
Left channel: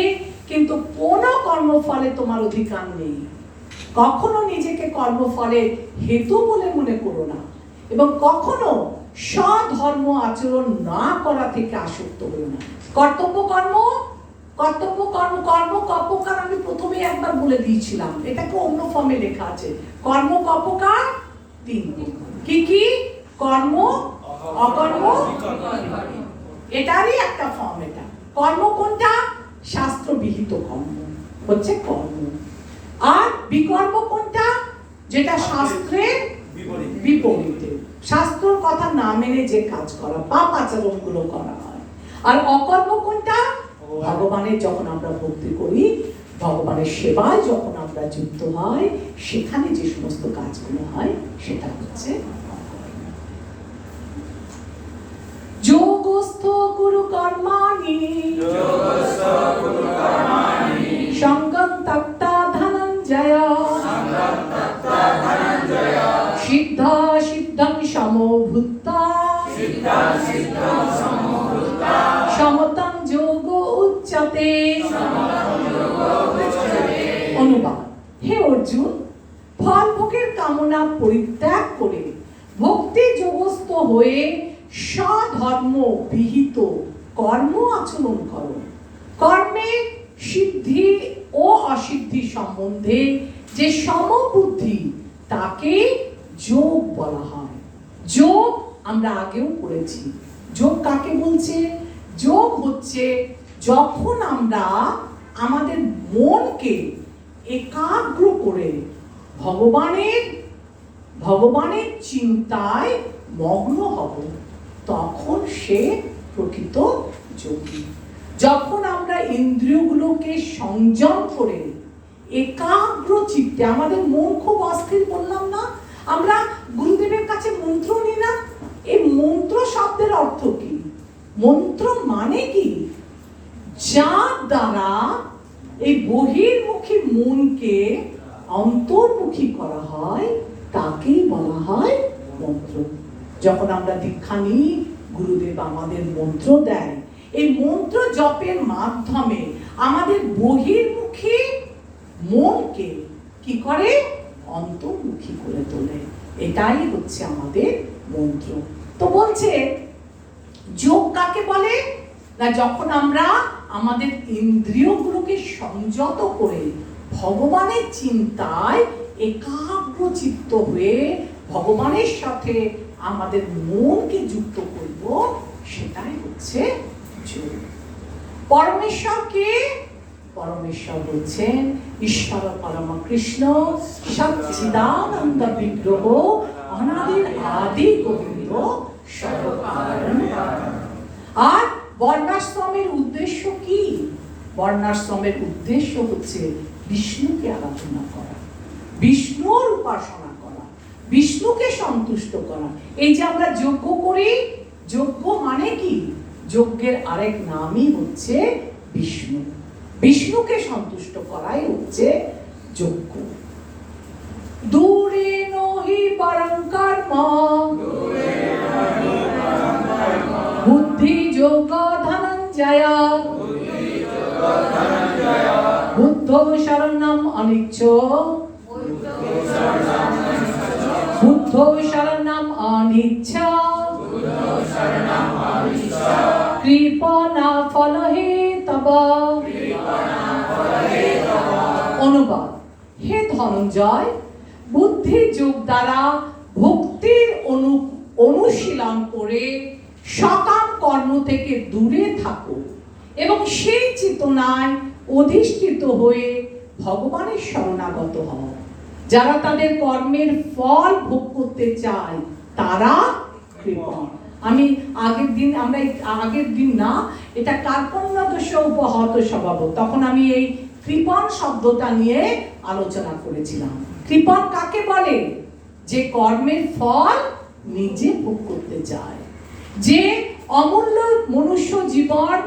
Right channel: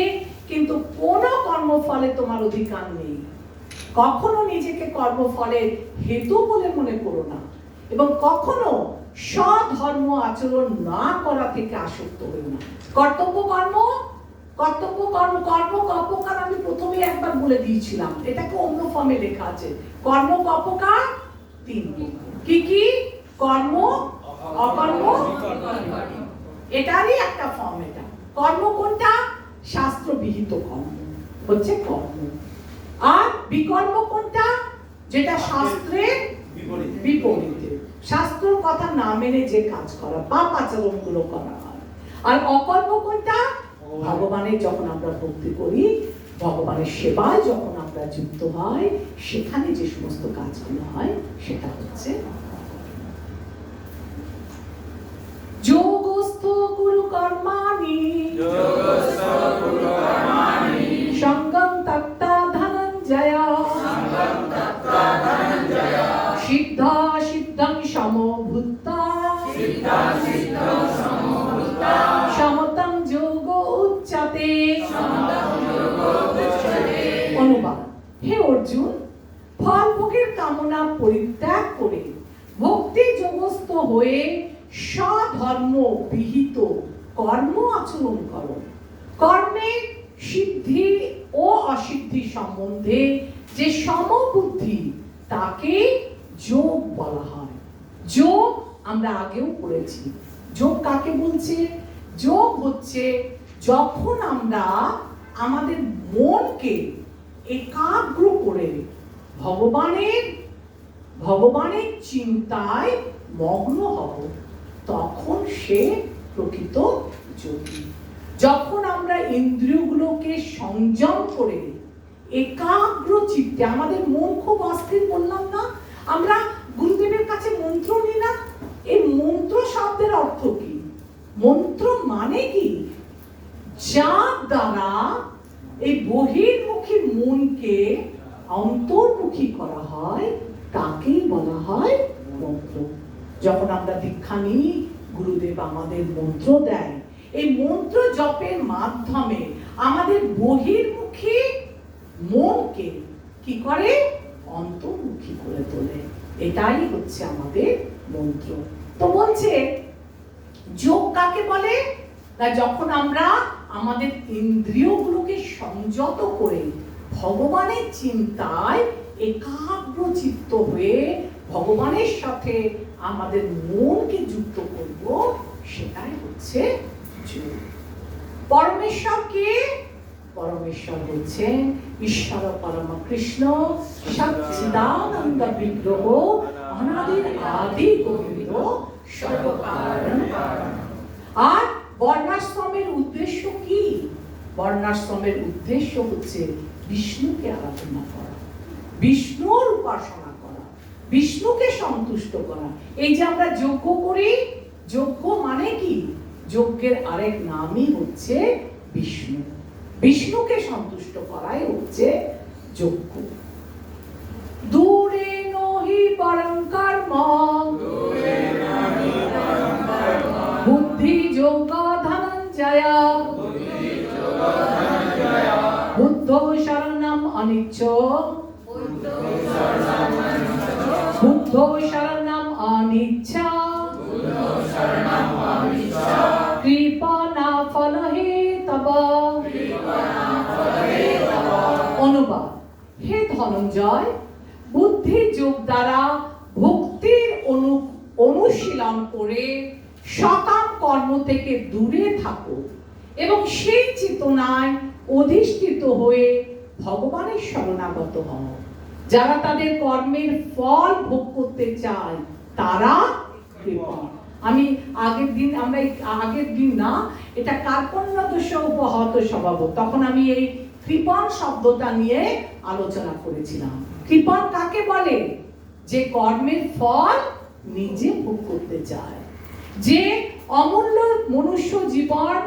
কিন্তু কোন কর্মফলে তোমার অধিকার নেই। কখনো নিজেকে কর্মফলের হেতু বলে মনে করো না, এবং কখনো স্বধর্ম আচরণ না করা থেকে আসক্ত হও না। কর্তব্য কর্ম কর্মকার আমি প্রথমে একবার বলে দিয়েছিলাম, এটাকে অন্য ফর্মে লেখা আছে। কর্ম কর্মকার 3 কি কি? কর্ম, অকর্ম, এটারই একটা ফর্ম। এটা কর্ম কোনটা? শাস্ত্রবিহিত কর্ম হচ্ছে কর্ম। আর বিকর্ম কোনটা? যেটা শাস্ত্রের বিপরীতে, শাস্ত্রের কথা না মেনে যে কাজ করা, পাপ আচরণ গুলো করা হয়। আর অকর্ম কোনটা? ভগবানের যখন আমরা ভক্তি করি, ভগবানের সেবায় যখন আমরা যুক্ত হয়, সেখানে যে সমস্ত কাজগুলো হয় সেটা হচ্ছে যোগস্থ গুরু কর্মাণি সঙ্গম তক্তা ধনঞ্জয় সিদ্ধা সিদ্ধং সমভূতা সমতম যোগ উচ্যতে। অনুবাদ: হে অর্জুন, ফল ভোগের কামনা পরিত্যাগ করে ভক্তি যোগস্থ হয়ে স্বধর্ম বিহিত কর্ম আচরণ করো। কর্মের সিদ্ধি ও অসিদ্ধি সম্বন্ধে যে সমবুদ্ধি, তাকে যোগ বলা হয়। যোগ আমরা আগেও পড়েছি। যোগ কাকে বলছে? যোগ হচ্ছে যখন আমরা আমাদের মনকে একাগ্র করে ভগবানের চিন্তায় মগ্ন হব, তখন সে প্রকৃত যোগী। যখন আমরা ইন্দ্রিয়গুলোকে সংযম করে একাগ্র চিত্তে, আমাদের মন খুব অস্থির, বললাম না, আমরা গুরুদেবের কাছে মন্ত্র নিই না। এই মন্ত্র শব্দের অর্থ কি? মন্ত্র মানে কি? যার দ্বারা এই বহির্মুখী মনকে অন্তর্মুখী করা হয়, তাকেই বলা হয় মন্ত্র। যখন আমরা দীক্ষা নিই, গুরুদেব আমাদের মন্ত্র দেয়। এই মন্ত্র জপের মাধ্যমে আমাদের বহির্মুখী মনকে কি করে? অন্তর্মুখী করে তোলে। এটাই হচ্ছে আমাদের মন্ত্র। তো বলছে যোগ কাকে বলে? না, যখন আমরা আমাদের ইন্দ্রিয়গুলোকে সংযত করে ভগবানের চিন্তায় একাগ্র চিত্ত হয়ে ভগবানের সাথে আমাদের মনকে যুক্ত করব, সেটাই হচ্ছে যোগ। পরমেশ্বর কে? পরমেশ্বর হচ্ছেন ঈশ্বর পরম কৃষ্ণ, সচ্চিদানন্দ বিগ্রহ, অনাদির আদি গোবিন্দ, সর্বকারণ কারণ। আর বর্ণাশ্রমের উদ্দেশ্য কি? বর্ণাশ্রমের উদ্দেশ্য হচ্ছে বিষ্ণুকে আরাধনা করা, বিষ্ণুর উপাসনা করা, বিষ্ণুকে সন্তুষ্ট করা। এই যে আমরা যজ্ঞ করি, যজ্ঞ মানে কি? যজ্ঞের আরেক নামই হচ্ছে বিষ্ণু। বিষ্ণুকে সন্তুষ্ট করাই হচ্ছে যজ্ঞ। দূরে নহি পরং কর্ম, বুদ্ধি যোগ ধনঞ্জয়, বুদ্ধ শরণম অনিচ্ছ, বুদ্ধ শরণম অনিচ্ছ, কৃপণা ফল হে তব। অনুবাদ: হে ধনঞ্জয়, বুদ্ধি যোগ দ্বারা ভক্তির অনুশীলন করে সকাম কর্ম থেকে দূরে থাকো এবং সেই চেতনায় অধিষ্ঠিত হয়ে ভগবানের শরণাগত হও। যারা তাদের কর্মের ফল ভোগ করতে চায়, তারা কৃপণ। আমি আগের দিন না, এটা কার্পণ্যদোষ উপহত স্বভাব, তখন আমি এই কৃপণ শব্দটা নিয়ে আলোচনা করেছিলাম। কৃপণ কাকে বলে? যে কর্মের ফল নিজে ভোগ করতে চায়, যে অমূল্য মনুষ্য জীবন,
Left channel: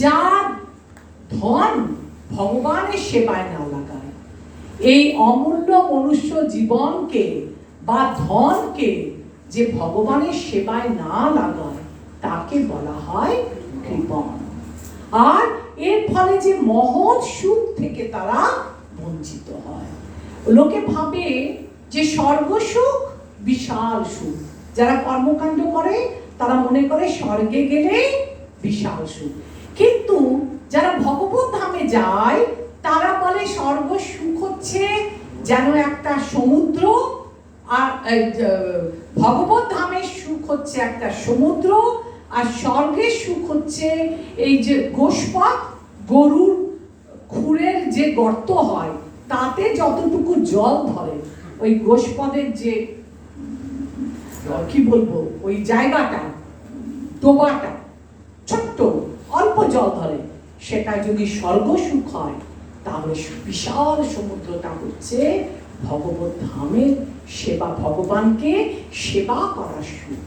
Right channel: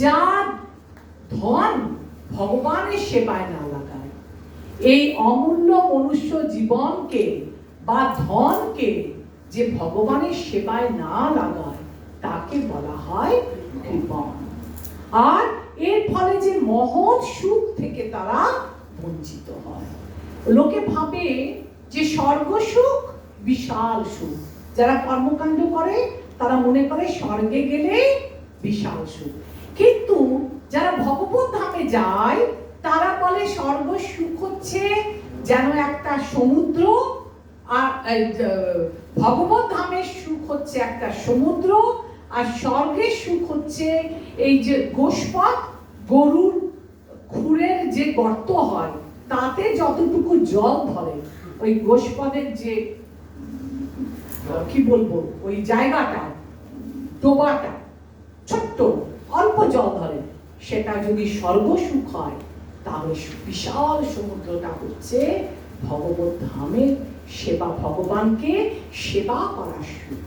যার ধন ভগবানের সেবায় না লাগায়, এই অমূল্য মনুষ্য জীবনকে বা ধনকে যে ভগবানের সেবায় না লাগায় তাকে বলা হয় কৃপণ। আর এর ফলে যে মহৎ সুখ থেকে তারা বঞ্চিত হয়। লোকে ভাবে যে স্বর্গ সুখ বিশাল সুখ, যারা কর্মকাণ্ড করে তারা মনে করে স্বর্গে গেলে বিশাল সুখ, কিন্তু যারা ভগবত ধামে যায় তারা বলে স্বর্গ সুখ হচ্ছে যেন একটা সমুদ্র, আর ভগবত ধামের সুখ হচ্ছে একটা সমুদ্র, আর স্বর্গের সুখ হচ্ছে এই যে গোষ্পদ, গরুর খুরের যে গর্ত হয় তাতে যতটুকু জল ধরে, ওই গোষ্পদের যে কি বলবো ওই জায়গাটা, ডোবাটা ছোট্ট অল্প জল ধরে, সেটা যদি স্বর্গ সুখ হয় তাহলে বিশাল সমুদ্রটা হচ্ছে ভগবত ধামের সেবা, ভগবানকে সেবা করার সুখ।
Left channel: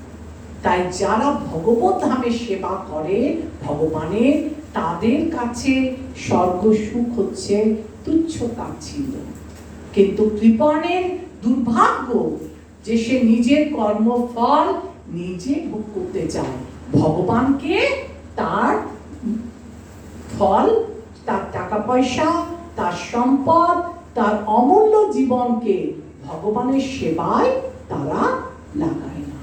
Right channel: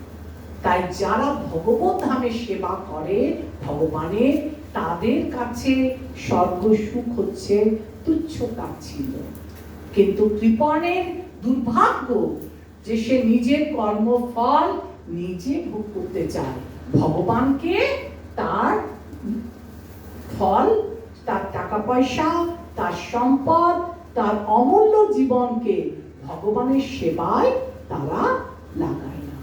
তাই যারা ভগবত ধামের সেবা করে ভগবানের, তাদের কাছে স্বর্গ সুখ হচ্ছে তুচ্ছ তাচ্ছিল্য। কিন্তু কৃপণের দুর্ভাগ্য যে সে নিজের কর্মফল নিজে ভোগ করতে চায়, ভগবানকে তার ফল, তার টাকা পয়সা, তার সম্পদ, তার অমূল্য জীবনকে ভগবানের সেবায় তারা লাগায় না।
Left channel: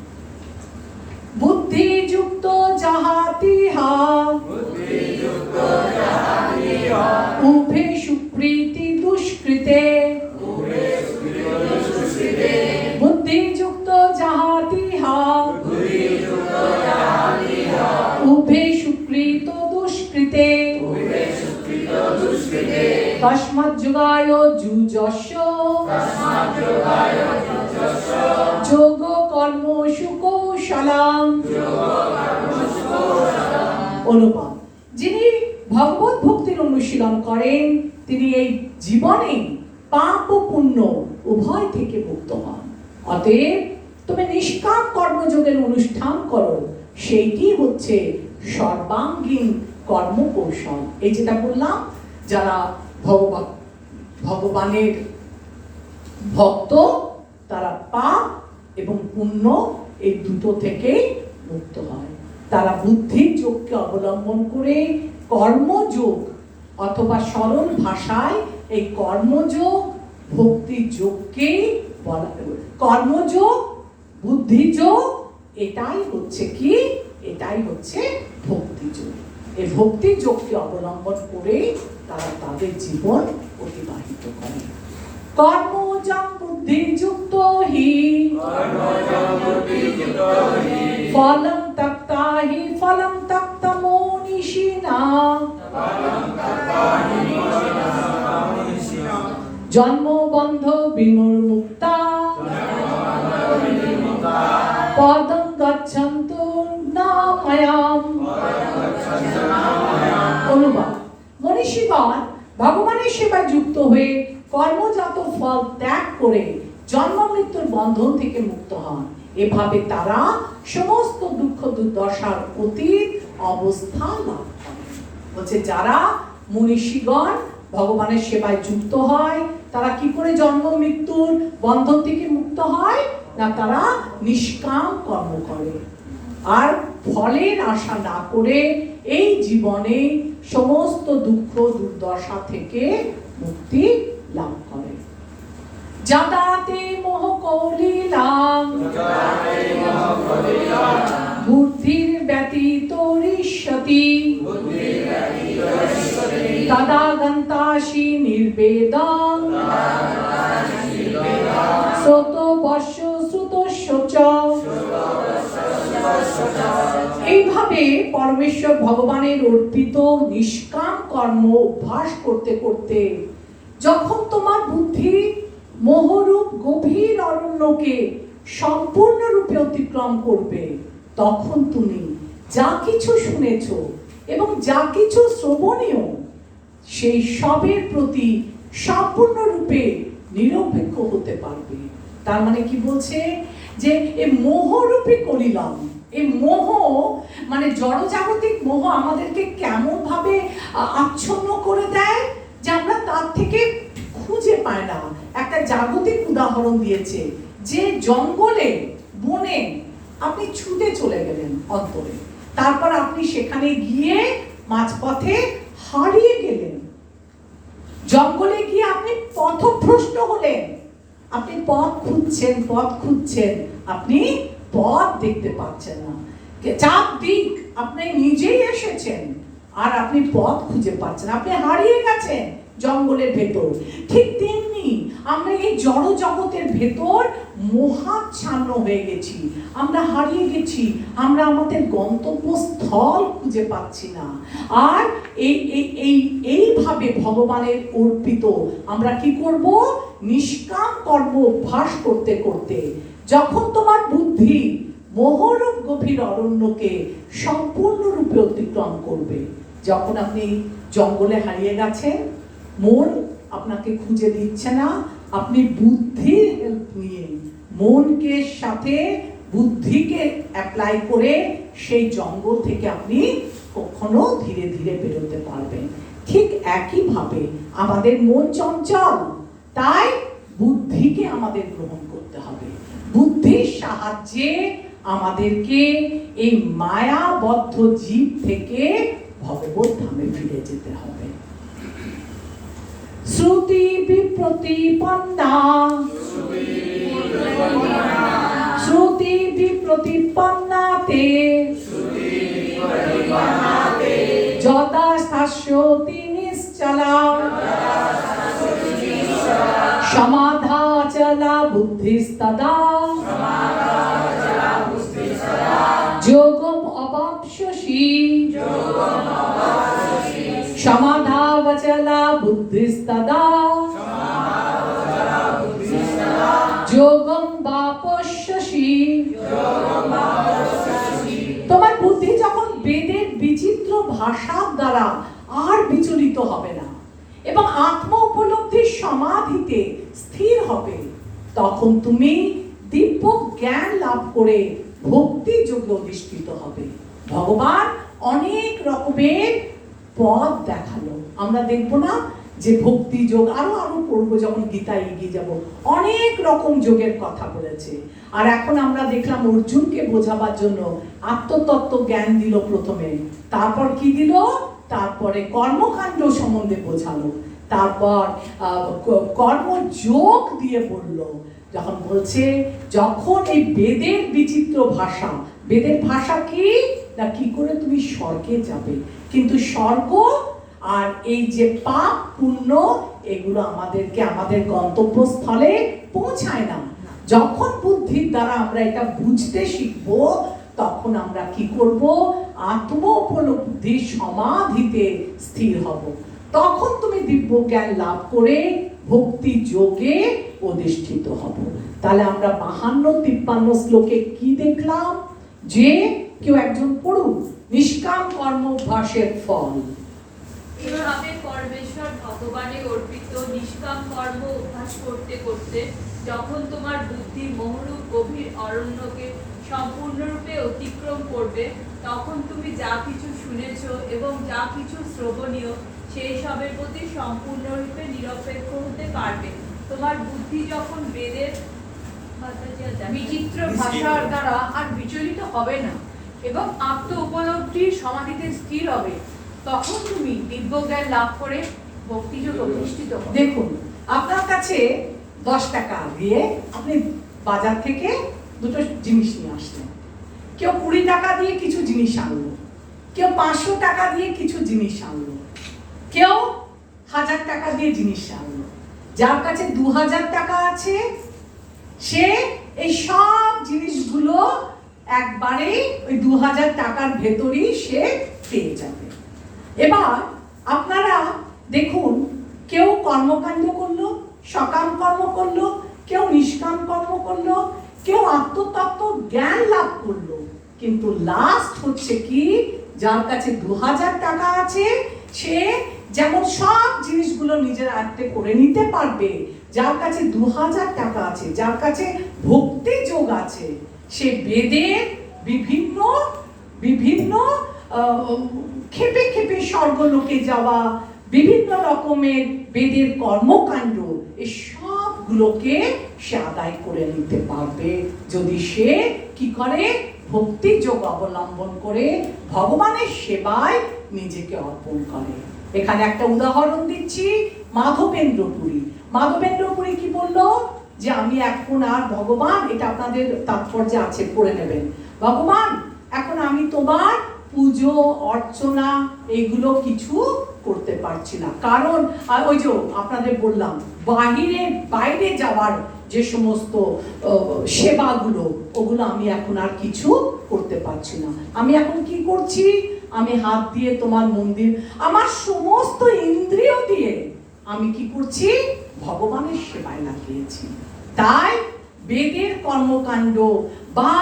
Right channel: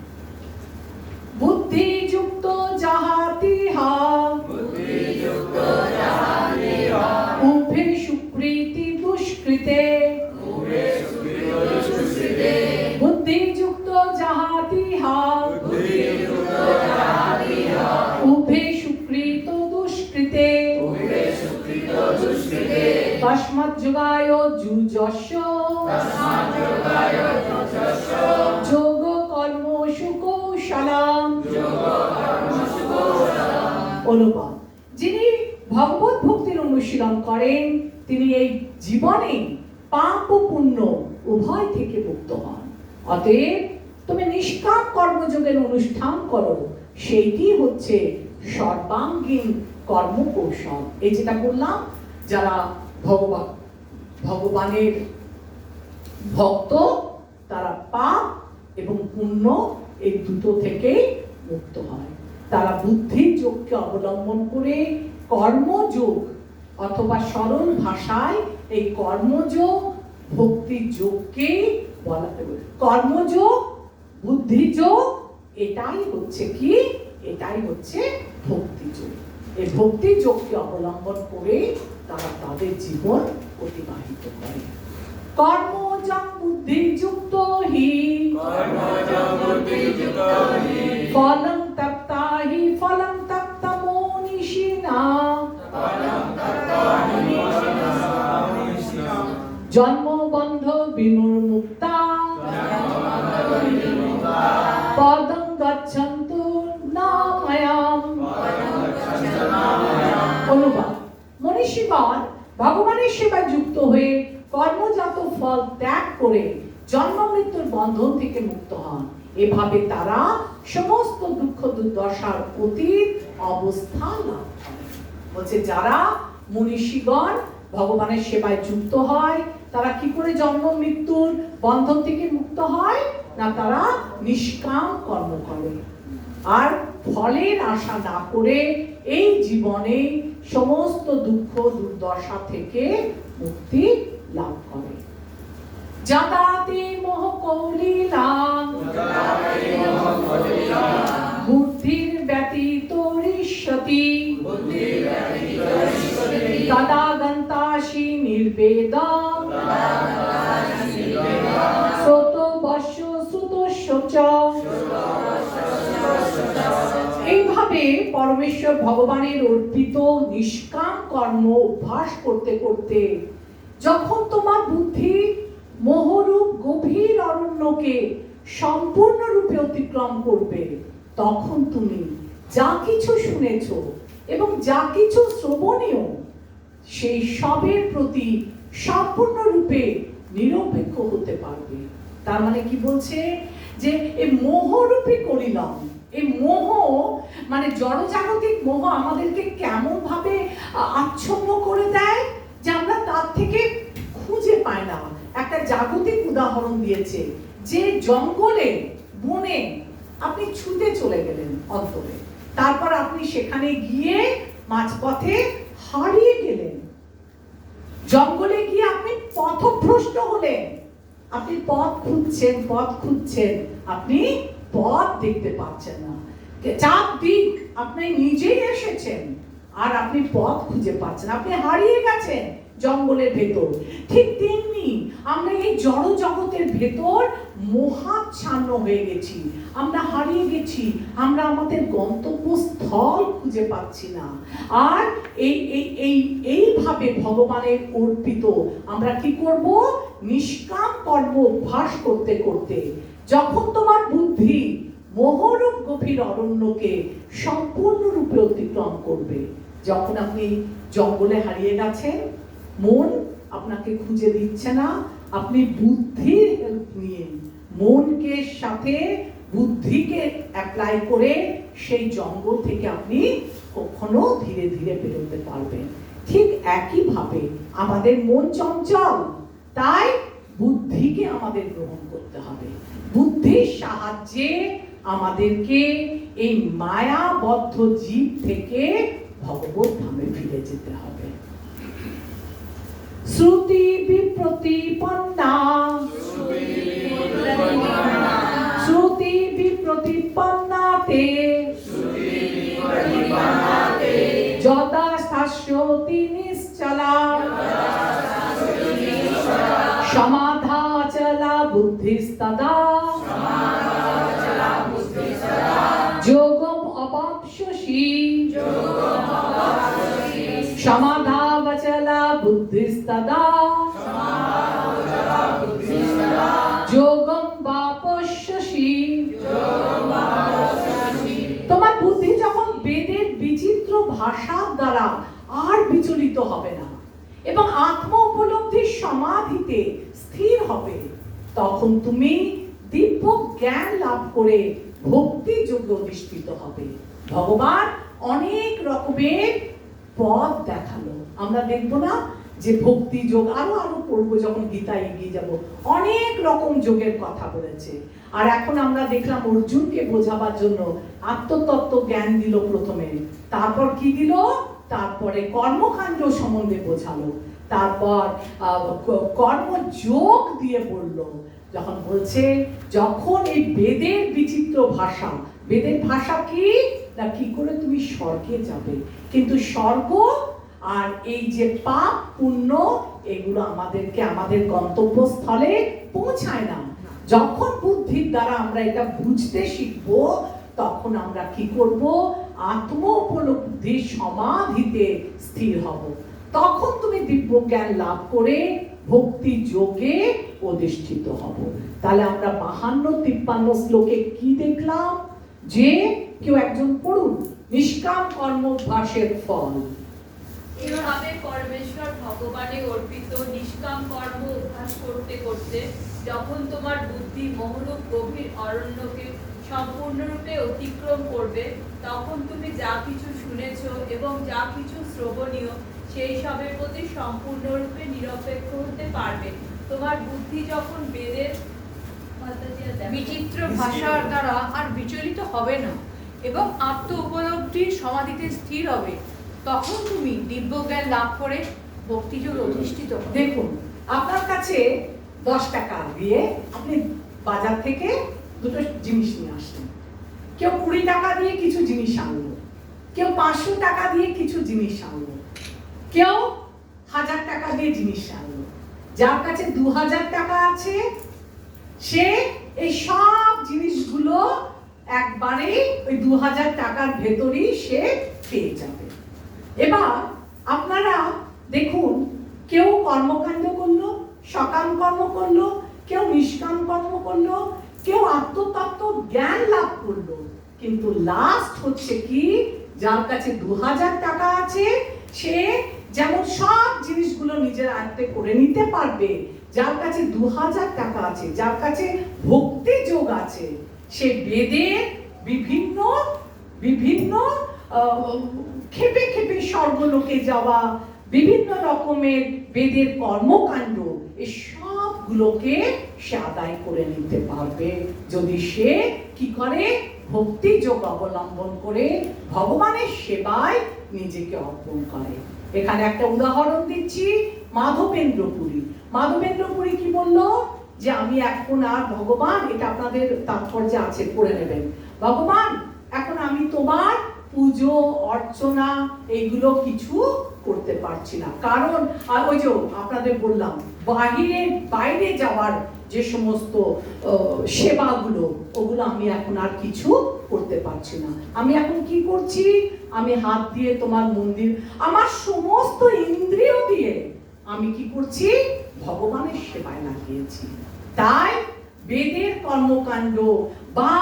বুদ্ধিযুক্ত যাহাতিহা উভে সুপ্রীতি দুষ্কৃতে, বুদ্ধিযুক্ত যাহাতিহা উভে সুপ্রীত দুষ্কৃতে, তস্মাৎ যোগায় যুজস্য যোগ কর্মসু কৌশলম। অনুবাদ: যিনি ভগবত ভক্তির অনুশীলন করেন তিনি এই জীবনে পাপ ও পুণ্য উভয় থেকে মুক্ত হন। অতএব তুমি নিষ্কাম কর্মযোগের অনুষ্ঠান করো, সেইটি হচ্ছে সর্বাঙ্গীন কর্মকৌশল। এই যেটা বললাম, যারা ভগবানের ভক্ত তারা পাপ এবং পুণ্য এই দুটো থেকে মুক্ত হয়। তারা বুদ্ধির যোগকে অবলম্বন করে কর্মযোগ, অথবা সরল ভাষায় এই কর্মযোগ ভক্তি যোগকে বলা, কর্মযোগ বুদ্ধিযোগ এটাই হচ্ছে কি, এটাই হচ্ছে ভক্তিযোগ। এই ভক্তিযোগকে অবলম্বন করে তারা তাদের জীবন অতিবাহিত করে। কর্মযোগ বুদ্ধিযুক্ত হি ফলং তপ্তা হি ফলং তপ্ত মনীষিণা, জন্মবন্ধ বিমুক্তা পদং গচ্ছন্তু নাময়াম। অনুবাদ: মনীষীগণ ভগবানের সেবায় যুক্ত হয়ে কর্মজাত ফল ত্যাগ করে জন্ম মৃত্যুর বন্ধন থেকে মুক্ত হন। এভাবে তারা সমস্ত দুঃখ দুর্দশার অতীত অবস্থা লাভ করে। বলছে যারা মনীষীগণ ভগবানের সেবায় যুক্ত হয় তারা কি করে জন্ম মৃত্যুর বন্ধন থেকে মুক্ত হয় না, তারা নিষ্কাম কর্ম করে আর ফলের আশা না করে এই জীবনে সমস্ত দুঃখ দুর্দশা থেকে মুক্তি লাভ করে। যাদাতে মোহ কৌলীলাং বুদ্ধির ব্যতীত ঋষ্যতি, তদা গন্তাসি নির্বেদং শ্রোতো বশ্য শ্রুতস্য চ। এইভাবে পরমেশ্বর ভগবানের অর্পিত নিষ্কাম কর্ম অভ্যাস করতে করতে যখন তোমার বুদ্ধি মোহরূপ গভীর অরণ্যকে সম্পূর্ণরূপে অতিক্রম করবে, তখন তুমি যা কিছু শুনেছ এবং যা কিছু শ্রবণীয় সেই সবের প্রতি সম্পূর্ণরূপে নিরপেক্ষ হতে পারবে। তার মানে কি বলছে যে এই মোহরূপী কলিলম, এই মোহ মানে জড়জাগতিক মোহ আমাদেরকে কেমন ভাবে আচ্ছন্ন করে দেয় যে আমরা তার থেকে খুঁজে পাই না। একটা জাগতিক উদাহরণ দিয়েছে যে জঙ্গলে বনে আপনি ছুটে চলে গেলেন অন্তরে, তারপর আপনি সেখানে গিয়ে মাঝপথে হারিয়ে গেলেন, জঙ্গলে গিয়ে আপনি পথভ্রষ্ট হলেন, আপনি পথ খুঁজছেন, আপনি পথ দেখতে পাচ্ছেন না, চাপ দিক আপনি নিজেই এসেছেন আর আপনি পথ খুঁজে পাচ্ছেন, আপনি হারিয়ে গেছেন জঙ্গলের ভেতর। ঠিক তেমনি আমরা এই জড় জগতের ভেতর মোহাচ্ছন্ন হয়ে গেছি, আমরা হারিয়ে গেছি, আমরা আমাদের গন্তব্যস্থল খুঁজে পাচ্ছি না। আর এইভাবে ভগবানের অর্পিত আমরা কি করব? নিষ্কাম কর্ম অভ্যাস করতে করতে যখন তোমার বুদ্ধি মোহরূপ গভীর অরণ্যকে সম্পূর্ণরূপে অতিক্রম করবে, যখন আপনি জঙ্গলে হারিয়ে গেছেন, মন আপনাকে খুঁজে দিচ্ছে না, আপনি বুদ্ধির হেল্প নিয়ে মনকে সাথে বুদ্ধিকে অ্যাপ্লাই করে সেই জঙ্গল থেকে আপনি কখনো ধীরে ধীরে বেরোতে পারবেন। ঠিক একইভাবে আমাদের মন চঞ্চল, তাই বুদ্ধিকে আমাদের গ্রহণ করতে হবে। বুদ্ধির সাহায্যে আমাদেরকে এই মায়াবদ্ধ জীব থেকে ভগবত ধামে ফিরে যেতে হবে। শ্রুতি বিপ্রতিপন্না, শ্রুতি বিপ্রতিপন্নাতে যদা শাস্যতি নিশ্চলা সমাধাচলা বুদ্ধিস্তদা যোগম অবাপ্স্যসি সমাধাবচলা বুদ্ধিস্তদা যোগম বাপস্যসি। তোমার বুদ্ধি যখন বেদের বিচিত্র ভাষার দ্বারা আর বিচলিত হবে না এবং আত্ম উপলব্ধির সমাধিতে স্থির হবে, তখন তুমি দিব্য জ্ঞান লাভ করে ভক্তি যোগে অধিষ্ঠিত হবে। ভগবান অনেক রকমের পথ দেখালো, আমরা দেখবো না যে ভক্তি যোগ, আরো পড়বো যখন গীতায় এগিয়ে যাব, অনেক রকম যোগের কথা বলেছে। আর এখন আমরা দেখলাম অর্জুনকে বোঝাবার জন্য আত্মতত্ত্ব জ্ঞান দিল প্রথমে, তারপর কি দিল? তারপরে কর্মকাণ্ড সম্বন্ধে বোঝালো, তারপর কর্মযোগ দিয়ে বলল। যখন বলছে যখন এই বেদের বিচিত্র ভাষা, বেদের ভাষা কি না, কি করে তুমি স্বর্গে যাবে, কিন্তু স্বর্গ আর এই যে পাপ পুণ্য এগুলো আমাদেরকে আমাদের গন্তব্যস্থলে পৌঁছায় না। যখন বুদ্ধির দ্বারা আমরা এটা বুঝতে শিখবো, তখন আমরা কি করব? আত্ম উপলব্ধির সমাধিতে স্থির হব, তখন তুমি দিব্য জ্ঞান লাভ করে ভক্তি যোগে অধিষ্ঠিত হব। তাহলে আমরা 52-53 শ্লোকে কি দেখলাম? যে কেউ একজন পড়ুন, নিষ্কাম কর্ম অভ্যাসের ফল। এভাবে পরমেশ্বর ভগবানে অর্পিত নিষ্কাম কর্ম অভ্যাস করতে করতে যখন তোমার বুদ্ধি মোহরূপ গভীর অরণ্যকে সম্পূর্ণরূপে অতিক্রম করবে, তখন তুমি যা কিছু শুনেছ এবং যা কিছু শ্রবণীয় সেই সবের প্রতি সম্পূর্ণরূপে নিরপেক্ষ হতে পারবে। তোমার বুদ্ধি যখন বেদের বিচিত্র ভাষার দ্বারা আর বিচলিত হবে না এবং আত্ম উপলব্ধির সমাধিতে স্থির হবে, তখন তুমি দিব্য জ্ঞান লাভ করে ভক্তিযোগে অধিষ্ঠিত হবে। দেখুন, আপনার কাছে 10 টাকা দিয়ে আপনি বাজার থেকে দুটো জিনিস নিয়ে আসলেন, কেউ 20 টাকা দিয়ে কিছু জিনিস আনলো, কেউ 500 টাকা দিয়ে কিছু জিনিস আনলো, কেউ 1000 টাকা দিয়ে জিনিস আনলো। যার কাছে 2000 টাকা আছে সে এই সব জিনিসগুলো একবারে ওই 2000 টাকার ভেতরেই সে পেয়ে যাবে। এবার আপনারা দেখুন, কেউ কর্মকাণ্ড করলো, সকাম কর্ম করলো, কেউ নিষ্কাম কর্ম করলো, কেউ আত্মতত্ত্ব জ্ঞান লাভ করলো, কিন্তু লাস্ট হচ্ছে কি, যার কাছে 2000 টাকা আছে সে যেমন সব জিনিসগুলো নিজের আয়ত্তে করে নিতে পারবে, যার কাছে 2000 টাকা আছে, যার কাছে ভক্তি যোগ আছে, সে বেদের বিভিন্ন বিভিন্ন খেপে খেপে স্বর্গলোকে যাওয়া, বিভিন্ন রকমের বেদের কর্মকাণ্ড, এই সবগুলোকে সে আদায় করে নিতে পারবে যদি সে কি করে, ভক্তি যোগ অবলম্বন করে ভগবানের সেবায় নিজেকে অর্পণ করে। এখানে একটা উদাহরণ দিচ্ছি, মাধবেন্দ্র পুরী। মাধবেন্দ্র পুরী কি বললো, যে আমি এখন আর ভগবান, এটা আপনাদের তাৎপর্য আছে, পড়ে নেবেন, ভগবান এখন আমি তোমার পুজো অর্চনা এগুলো কিছু করতে পারছি না, কারণ ওই যে আপনাদের বললাম বাইরে যাওয়ার যে সমস্ত সেবাগুলো, ওগুলো আমি এখন আর কিছু করতে পারছি না। আমি এখন কি করছি, আমি হাত দিয়ে তোমার মন্দির, আমার সমস্ত ইন্দ্রিয় দিয়ে আমি কি করছি, ভগবানের সেবায় লাগিয়েছি। তাই বেদের কর্মকাণ্ড বা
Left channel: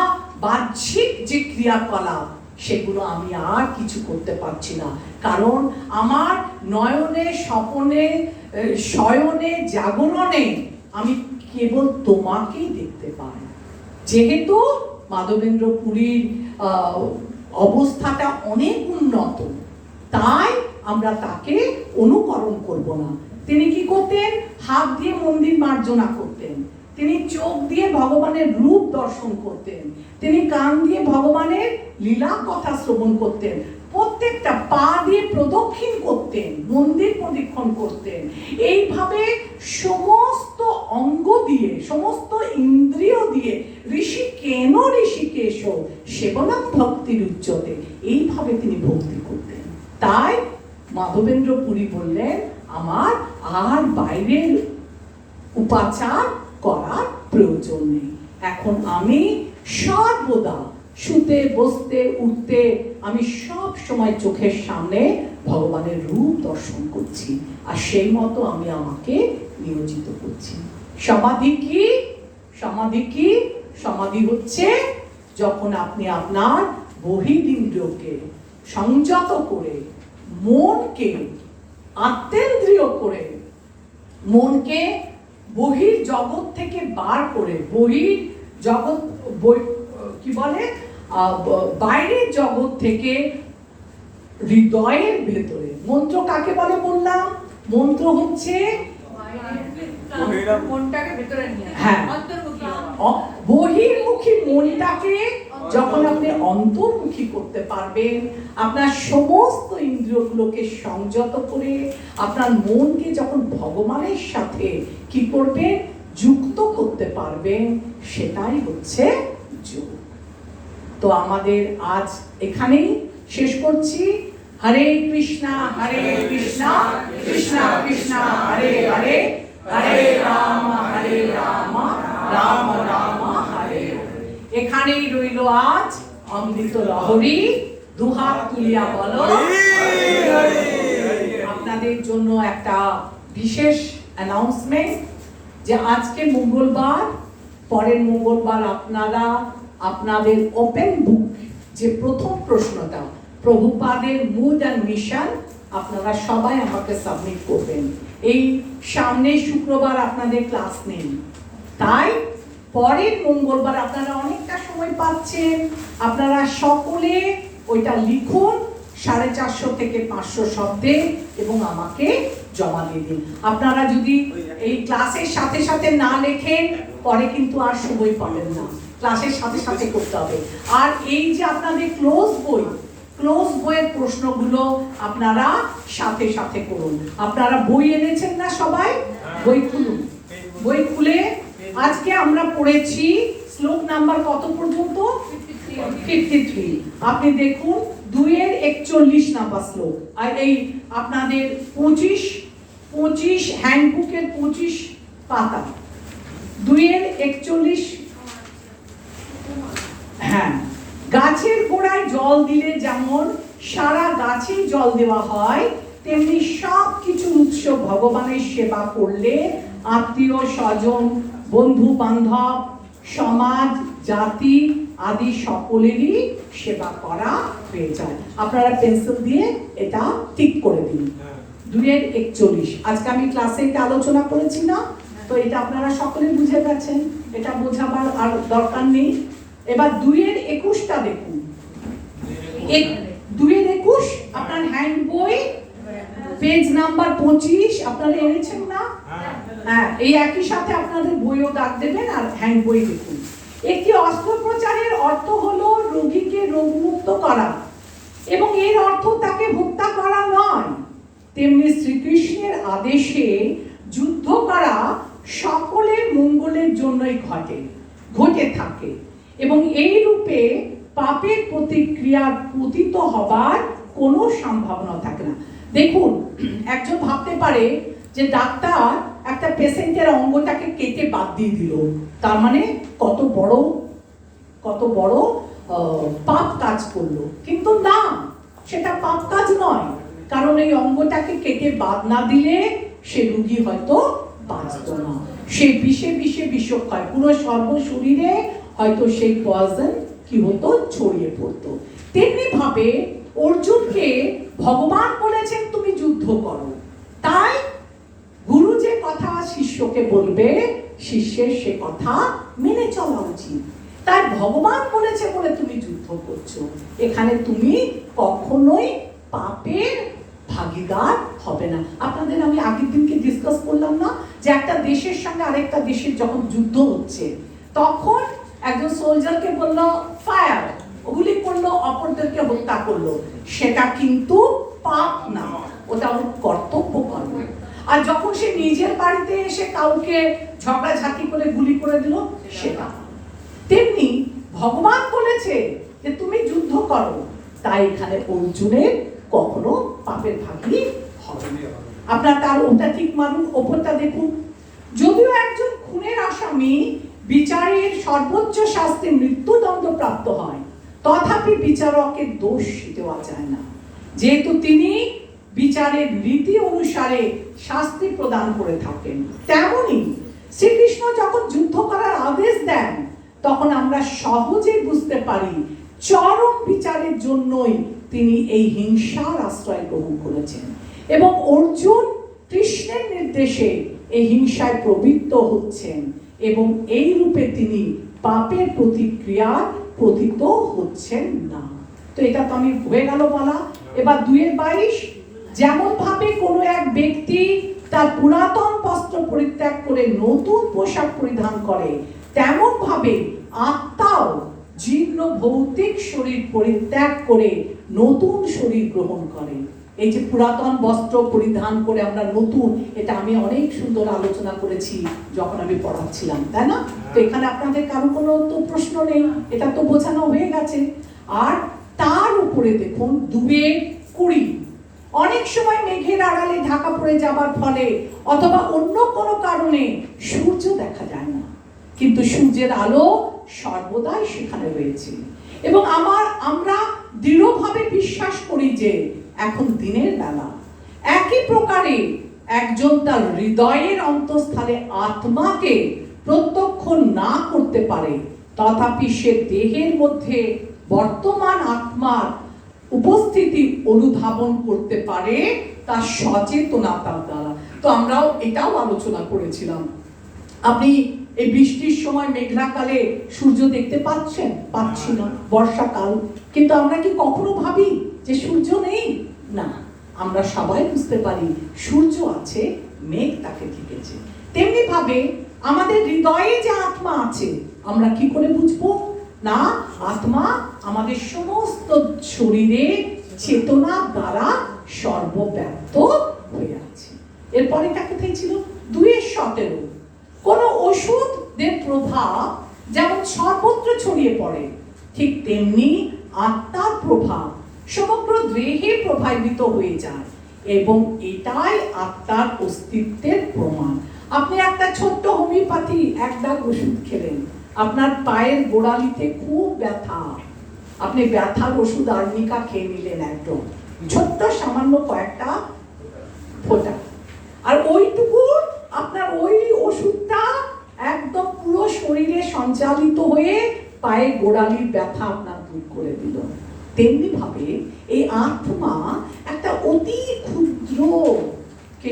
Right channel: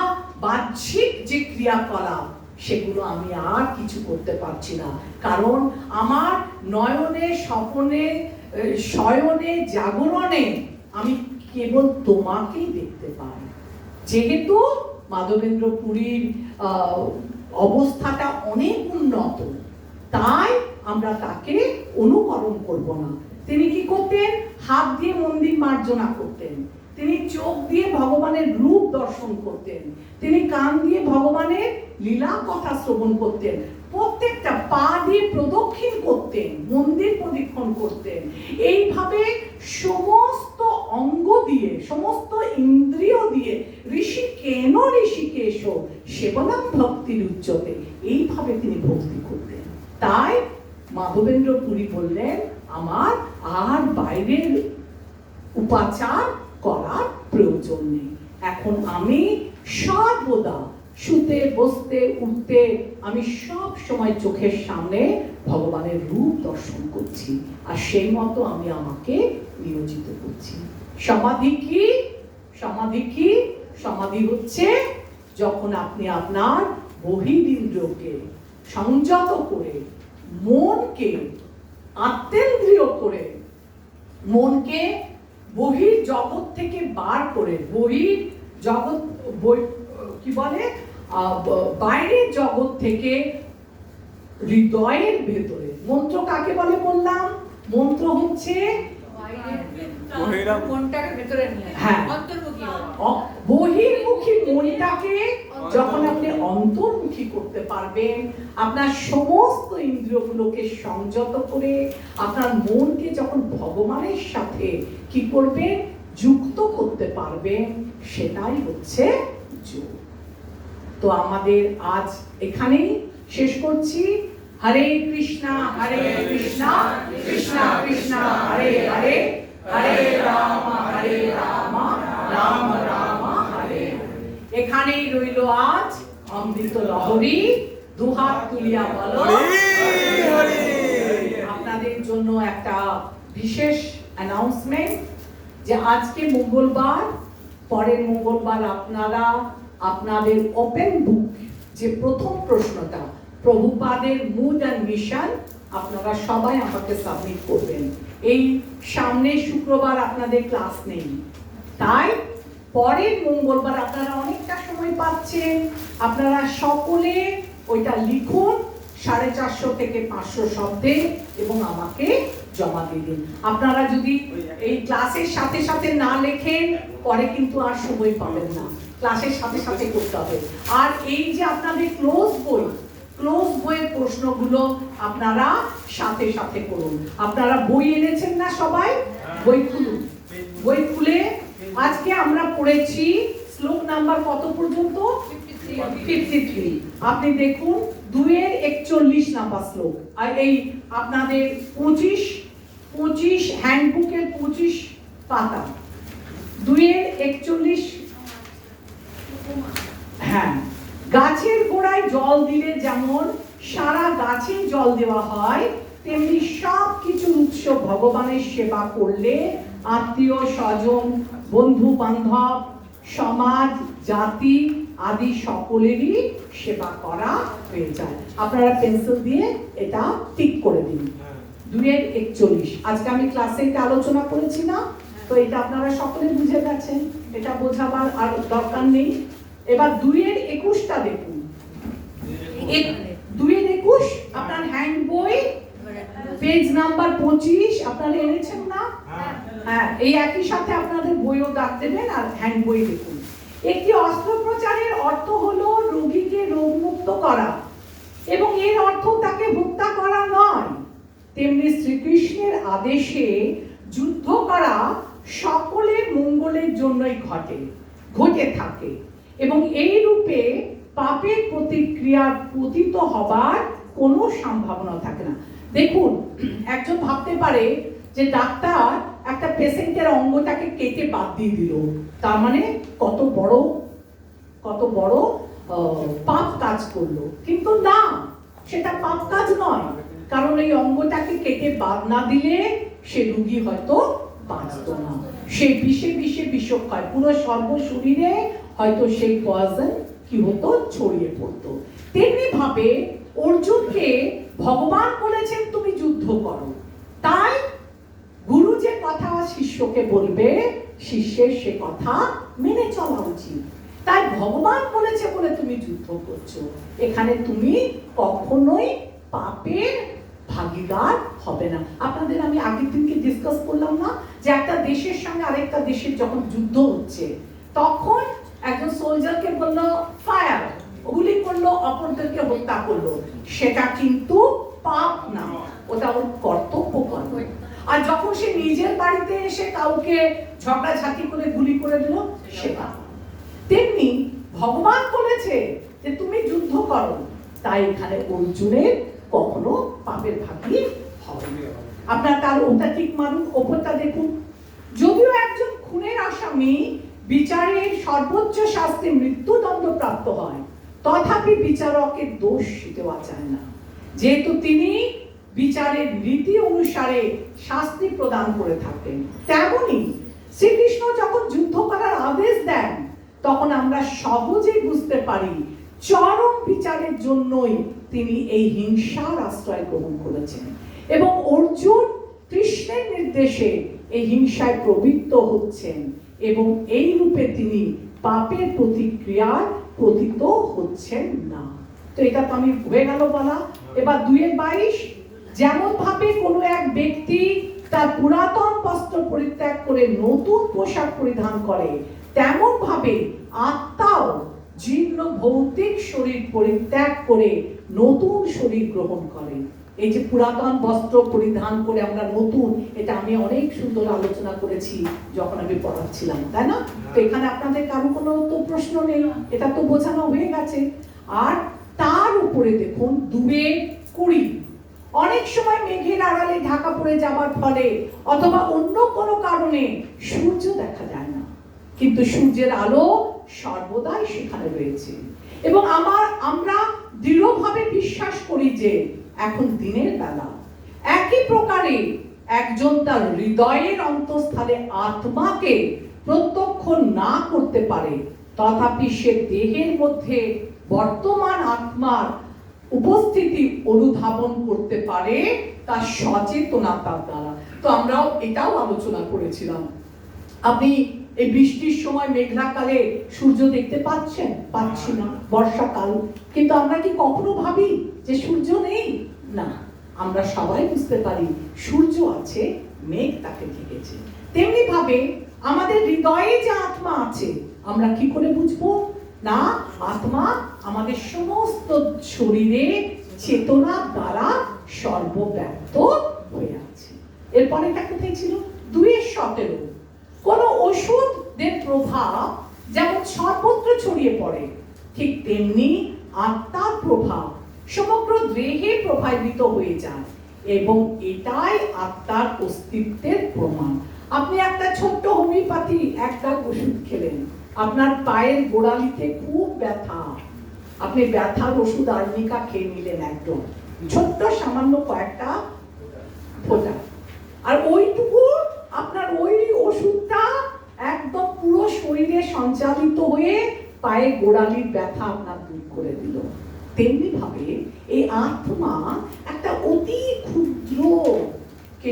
বাহ্যিক যে ক্রিয়াকলাপ, সেগুলো আমি আর কিছু করতে পারছি না, কারণ আমার নয়নে স্বপনে শয়নে জাগরণে আমি কেবল তোমাকেই দেখতে পাই। যেহেতু মাধবেন্দ্র পুরীর অবস্থাটা অনেক উন্নত, তাই আমরা তাকে অনুকরণ করব না। তিনি কি করতেন, হাত দিয়ে মন্দির মার্জনা করতেন, তিনি চোখ দিয়ে ভগবানের রূপ দর্শন করতেন, তিনি কান দিয়ে ভগবানের লীলা কথা শ্রবণ করতেন, প্রত্যেকটা পা দিয়ে প্রদক্ষিণ করতেন, মন্দির প্রদক্ষিণ করতেন। এইভাবে সমস্ত অঙ্গ দিয়ে, সমস্ত ইন্দ্রিয় দিয়ে ঋষিকেশ সেবনম ভক্তির উচ্চতে, এইভাবে তিনি ভক্তি করতেন। তাই মাধবেন্দ্র পুরী বললেন, আমার আর বাইরের উপাচার করার প্রয়োজন নেই, এখন আমি সর্বদা শুতে বসতে উঠতে আমি সব সময় চোখের সামনে ভগবানের রূপ দর্শন করছি, আর সেই মতো আমি আমাকে নিয়োজিত করছি। সমাধি কি? সমাধি কি? সমাধি হচ্ছে যখন আপনি আপনার বহিরিন্দ্রিয়কে সংযত করে, মনকে আত্মেন্দ্রিয় করে, মনকে বহির জগৎ থেকে বার করে, বহির জগৎ কি বলে, বাইরের জগৎ থেকে হৃদয়ের ভেতরে। মন্ত্র কাকে বলে বললাম? মন্ত্র হচ্ছে মনটাকে ভেতরে নিয়ে, হ্যাঁ, অন্তর্মুখী, বহির্মুখী মনটাকে যখন আপনি অন্তর্মুখী করতে পারবেন, আপনার সমস্ত ইন্দ্রিয়গুলোকে সংযত করে আপনার মনকে যখন ভগবানের সাথে কি করবেন, যুক্ত করতে পারবেন, সেটাই হচ্ছে যোগ। তো আমাদের আজ এখানেই শেষ করছি। হরে কৃষ্ণা কৃষ্ণা কৃষ্ণা হরে হরে, হরে রাম রাম রাম হরে হরে। এখানেই রইল আজ অমৃত লহরী, দুহাত তুলিয়া বলো। আপনাদের জন্য একটা বিশেষ অ্যানাউন্সমেন্ট, যে আজকে মঙ্গলবার, পরের মঙ্গলবার আপনারা আপনাদের ওপেন বুক যে প্রথম প্রশ্নটা, প্রভুপাদের মুড অ্যান্ড মিশন, আপনারা সবাই আমাকে সাবমিট করবেন। এই সামনে শুক্রবার আপনাদের ক্লাস নেই, তাই পরের মঙ্গলবার আপনারা অনেকটা সময় পাচ্ছেন, আপনারা সকলে ওইটা লিখুন 450 থেকে 500 শব্দে এবং আমাকে জমা দিয়ে দিন। আপনারা যদি এই ক্লাসের সাথে সাথে না লেখেন, পরে কিন্তু আর সময় পাবেন না, ক্লাসের সাথে সাথে করতে হবে। আর এই যে আপনাদের ক্লোজ বইয়ের প্রশ্নগুলো আপনারা সাথে সাথে করুন। আপনারা বই এনেছেন না সবাই? বই খুলুন, বই খুলে আজকে আমরা পড়েছি শ্লোক নাম্বার কত পর্যন্ত? 53। আপনি দেখুন 2-এর 41 নাম্বার শ্লোক, আর এই আপনাদের 25 হ্যান্ডবুকের 25 পাতা, 2-এর 41। হ্যাঁ, গাছের গোড়ায় জল দিলে যেমন সারা গাছে জল দেওয়া হয়, তেমনি সব কিছু উৎস ভগবানের সেবা করলে, আত্মীয় স্বজন, বন্ধু বান্ধব, সমাজ, জাতি আদি সকলেরই সেবা করা হয়ে যায়। আপনারা পেন্সিল দিয়ে এটা টিক করে দিন। 2-41 আজকে আমি ক্লাসে এটা আলোচনা করেছি না, তো এটা আপনারা সকলে বুঝে গেছেন, এটা বোঝাবার আর দরকার নেই। এবার 2-21টা দেখুন। 2-21 আপনার হ্যান্ড বই পেজ নাম্বার 25 আপনারা এনেছেন না? হ্যাঁ, এই একই সাথে আপনাদের বইও দাগ দেবেন আর হ্যান্ড বই দেখুন। একটি অস্ত্রোপচারের অর্থ হলো রোগীকে রোগমুক্ত করা, এবং এর অর্থ তাকে হত্যা করা নয়। তেমনি শ্রীকৃষ্ণের আদেশে যুদ্ধ করা সকলের মঙ্গলের জন্যই ঘটে থাকে, এবং এই রূপে পাপের প্রতিক্রিয়া পতিত হবার কোনো সম্ভাবনা থাকে না। দেখুন, একজন ভাবতে পারে যে ডাক্তার একটা পেশেন্টের অঙ্গটাকে কেটে বাদ দিয়ে দিল, তার মানে কত বড় পাপ কাজ করলো। কিন্তু না, সেটা পাপ কাজ নয়, কারণ এই অঙ্গটাকে কেটে বাদ না দিলে সে রোগী হয়তো বাঁচত না, সে বিষে বিষক্ষয় পুরো সর্বশরীরে হয়তো সেই পয়জন কি হতো, ছড়িয়ে পড়তো। তেমনি ভাবে অর্জুনকে ভগবান বলেছেন তুমি যুদ্ধ করো, তাই গুরু যে কথা শিষ্যকে বলবে শিষ্যের সে কথা মেনে চলা উচিত। তাই ভগবান বলেছে বলে তুমি যুদ্ধ করছো, এখানে তুমি কখনোই পাপের ভাগীদার হবে না। আপনাদের আমি আগের দিনকে ডিসকাস করলাম না যে একটা দেশের সঙ্গে আরেকটা দেশের যখন যুদ্ধ হচ্ছে, তখন একজন সোলজারকে বললো ফায়ার, গুলি করলো, অপরদেরকে হত্যা করলো, সেটা কিন্তু পাপ না, ওটা ওর কর্তব্য কর্ম। আর যখন সে নিজের বাড়িতে এসে কাউকে ঝগড়াঝাটি করে গুলি করে দিল, সেটা। তেমনি ভগবান বলেছে যে তুমি যুদ্ধ করো, তাই এখানে অর্জুনের কখনো পাপের ভাগী হবে না। আপনার তার ওটা ঠিক মানুন, ওপরটা দেখুন। যদিও একজন খুনের আসামি বিচারের সর্বোচ্চ শাস্তি মৃত্যুদণ্ড প্রাপ্ত হয়, তথাপি বিচারকের দোষ দেওয়া যায় না, যেহেতু তিনি বিচারের রীতি অনুসারে শাস্তি প্রদান করে থাকেন। তেমনি শ্রীকৃষ্ণ যখন যুদ্ধ করার আদেশ দেন, তখন আমরা সহজেই বুঝতে পারি চরম বিচারের জন্যই তিনি এই হিংসার আশ্রয় গ্রহণ করেছেন, এবং অর্জুন কৃষ্ণের নির্দেশে এই হিংসায় প্রবৃত্ত হচ্ছেন, এবং এই রূপে তিনি পাপের প্রতিক্রিয়ায় পতিত হচ্ছেন না। তো এটা তো আমি হয়ে গেল বলা। এবার 2-22 যেমন ভাবে কোনো এক ব্যক্তি তার পুরাতন বস্ত্র পরিত্যাগ করে নতুন পোশাক পরিধান করে, তেমন ভাবে আত্মাও জীর্ণ ভৌতিক শরীর পরিত্যাগ করে নতুন শরীর গ্রহণ করে। এই যে পুরাতন বস্ত্র পরিধান করে আমরা নতুন, এটা আমি অনেক সুন্দর আলোচনা করেছি যখন আমি পড়াচ্ছিলাম, তাই না? তো এখানে আপনাদের কারো কোনো তো প্রশ্ন নেই, এটা তো বোঝানো হয়ে গেছে। আর তার উপরে দেখুন 2-20 অনেক সময় মেঘের আড়ালে ঢাকা পড়ে যাবার ফলে অথবা অন্য কোনো কারণে সূর্য দেখা যায় না, কিন্তু সূর্যের আলো সর্বদাই সেখানে রয়েছে, এবং আমরা দৃঢ়ভাবে বিশ্বাস করি যে এখন দিনের বেলা। একই প্রকারে একজন তার হৃদয়ের অন্তঃস্থলে আত্মাকে প্রত্যক্ষ না করতে পারে, তথাপি সে দেহের মধ্যে বর্তমান আত্মার উপস্থিতি অনুধাবন করতে পারে তার সচেতনতার দ্বারা। তো আমরাও এটাও আলোচনা করেছিলাম। আপনি এই বৃষ্টির সময় মেঘলাকালে সূর্য দেখতে পাচ্ছি না, বর্ষাকাল, কিন্তু আমরা কি কখনো ভাবি যে সূর্য নেই? না, আমরা সবাই বুঝতে পারি সূর্য আছে, মেঘ তাকে ঢেকেছে। তেমনি ভাবে আমাদের হৃদয়ে যে আত্মা আছে, আমরা কি করে বুঝবো? না, আত্মা আমাদের সমস্ত শরীরে চেতনা দ্বারা সর্বব্যাপ্ত হয়ে আছে। এরপরে এটা কোথায় ছিল? 2-17 কোন ওষুধের প্রভাব যেমন সর্বত্র ছড়িয়ে পড়ে, ঠিক তেমনি আত্মার প্রভাব সমগ্র দেহে প্রভাবিত হয়ে যায়, এবং এটাই আত্মার অস্তিত্বের প্রমাণ। আপনি একটা ছোট্ট হোমিওপ্যাথি একটা ওষুধ খেলেন, আপনার পায়ের গোড়ালিতে খুব ব্যথা, আপনি ব্যথার ওষুধ আর্নিকা খেয়ে নিলেন একদম ছোট্ট সামান্য কয়েকটা ফোঁটা, আর ওইটুকু আপনার ওই ওষুধটা একদম পুরো শরীরে সঞ্চালিত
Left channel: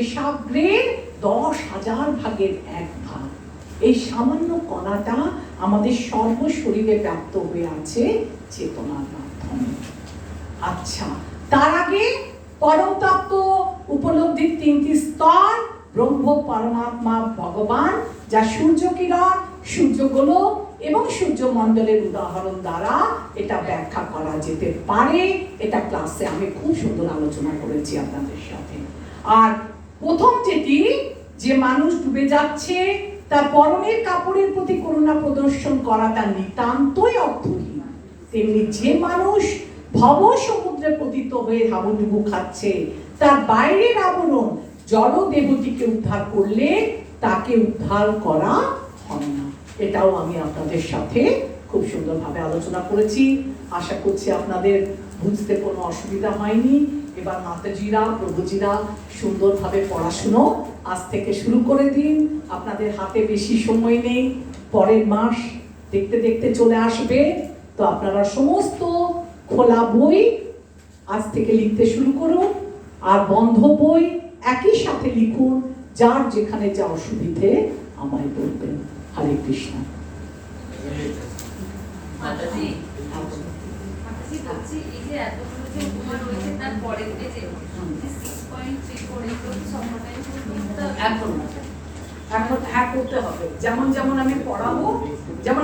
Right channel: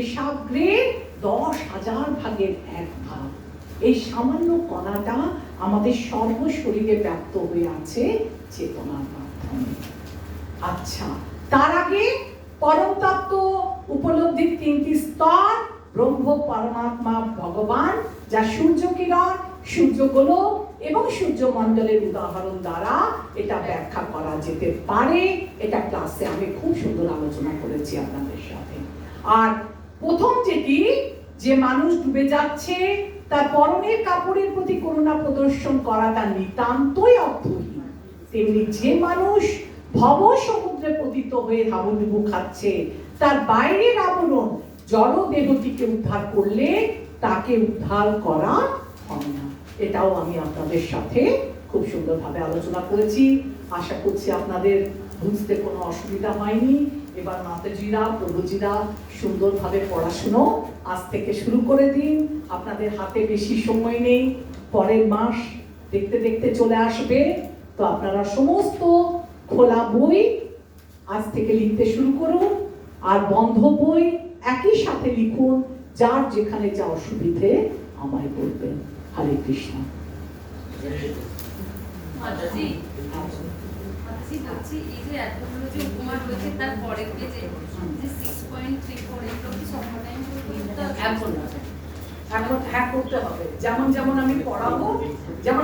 শেষাগ্রের 10,000 ভাগের 1 ভাগ। এই সামান্য কণাটা আমাদের সর্বশরীরে ব্যাপ্ত হয়ে আছে চেতনার মাধ্যমে। আচ্ছা, তার আগে পরম তত্ত্ব উপলব্ধির 3টি স্তর, ব্রহ্ম, পরমাত্মা, ভগবান, যা সূর্য কিরণ, সূর্যগোলক এবং সূর্যমণ্ডলের উদাহরণ দ্বারা এটা ব্যাখ্যা করা যেতে পারে। এটা ক্লাসে আমি খুব সুন্দর আলোচনা করেছি আপনাদের সাথে। আর প্রথম যেটি, যে মানুষ ডুবে যাচ্ছে তার পরনের কাপড়ের প্রতি করুণা প্রদর্শন করাটা নিতান্তই অর্থহীন, তেমনি যে মানুষ ভব সমুদ্রে পতিত হয়ে হাবুডুবু খাচ্ছে তার বাইরের আবরণ জড় দেহটিকে উদ্ধার করলে তাকে উদ্ধার করা হয় না। এটাও আমি আপনাদের সাথে খুব সুন্দরভাবে আলোচনা করেছি। আশা করছি আপনাদের বুঝতে কোনো অসুবিধা হয়নি। এবার মাতাজিরা, প্রভুজিরা সুন্দরভাবে পড়াশুনো আজ থেকে শুরু করে দিন। আপনাদের হাতে বেশি সময় নেই, পরের মাস দেখতে দেখতে চলে আসবে। তো আপনারা সমস্ত খোলা বই আজ থেকে লিখতে শুরু করুন, আর বন্ধ বই একই সাথে লিখুন। যার যেখানে যা অসুবিধে আমায় বলবেন। হরে কৃষ্ণ। মাতাজি, মাতাজি বলছি, এই যে এতগুলো যে উপমা রয়েছে তার পরের পেজে 6.34 এগুলো কি সম্পূর্ণ করতে হবে? এখন হ্যাঁ করতে হবে, যেমন যেমন আমি পড়াবো, যেমন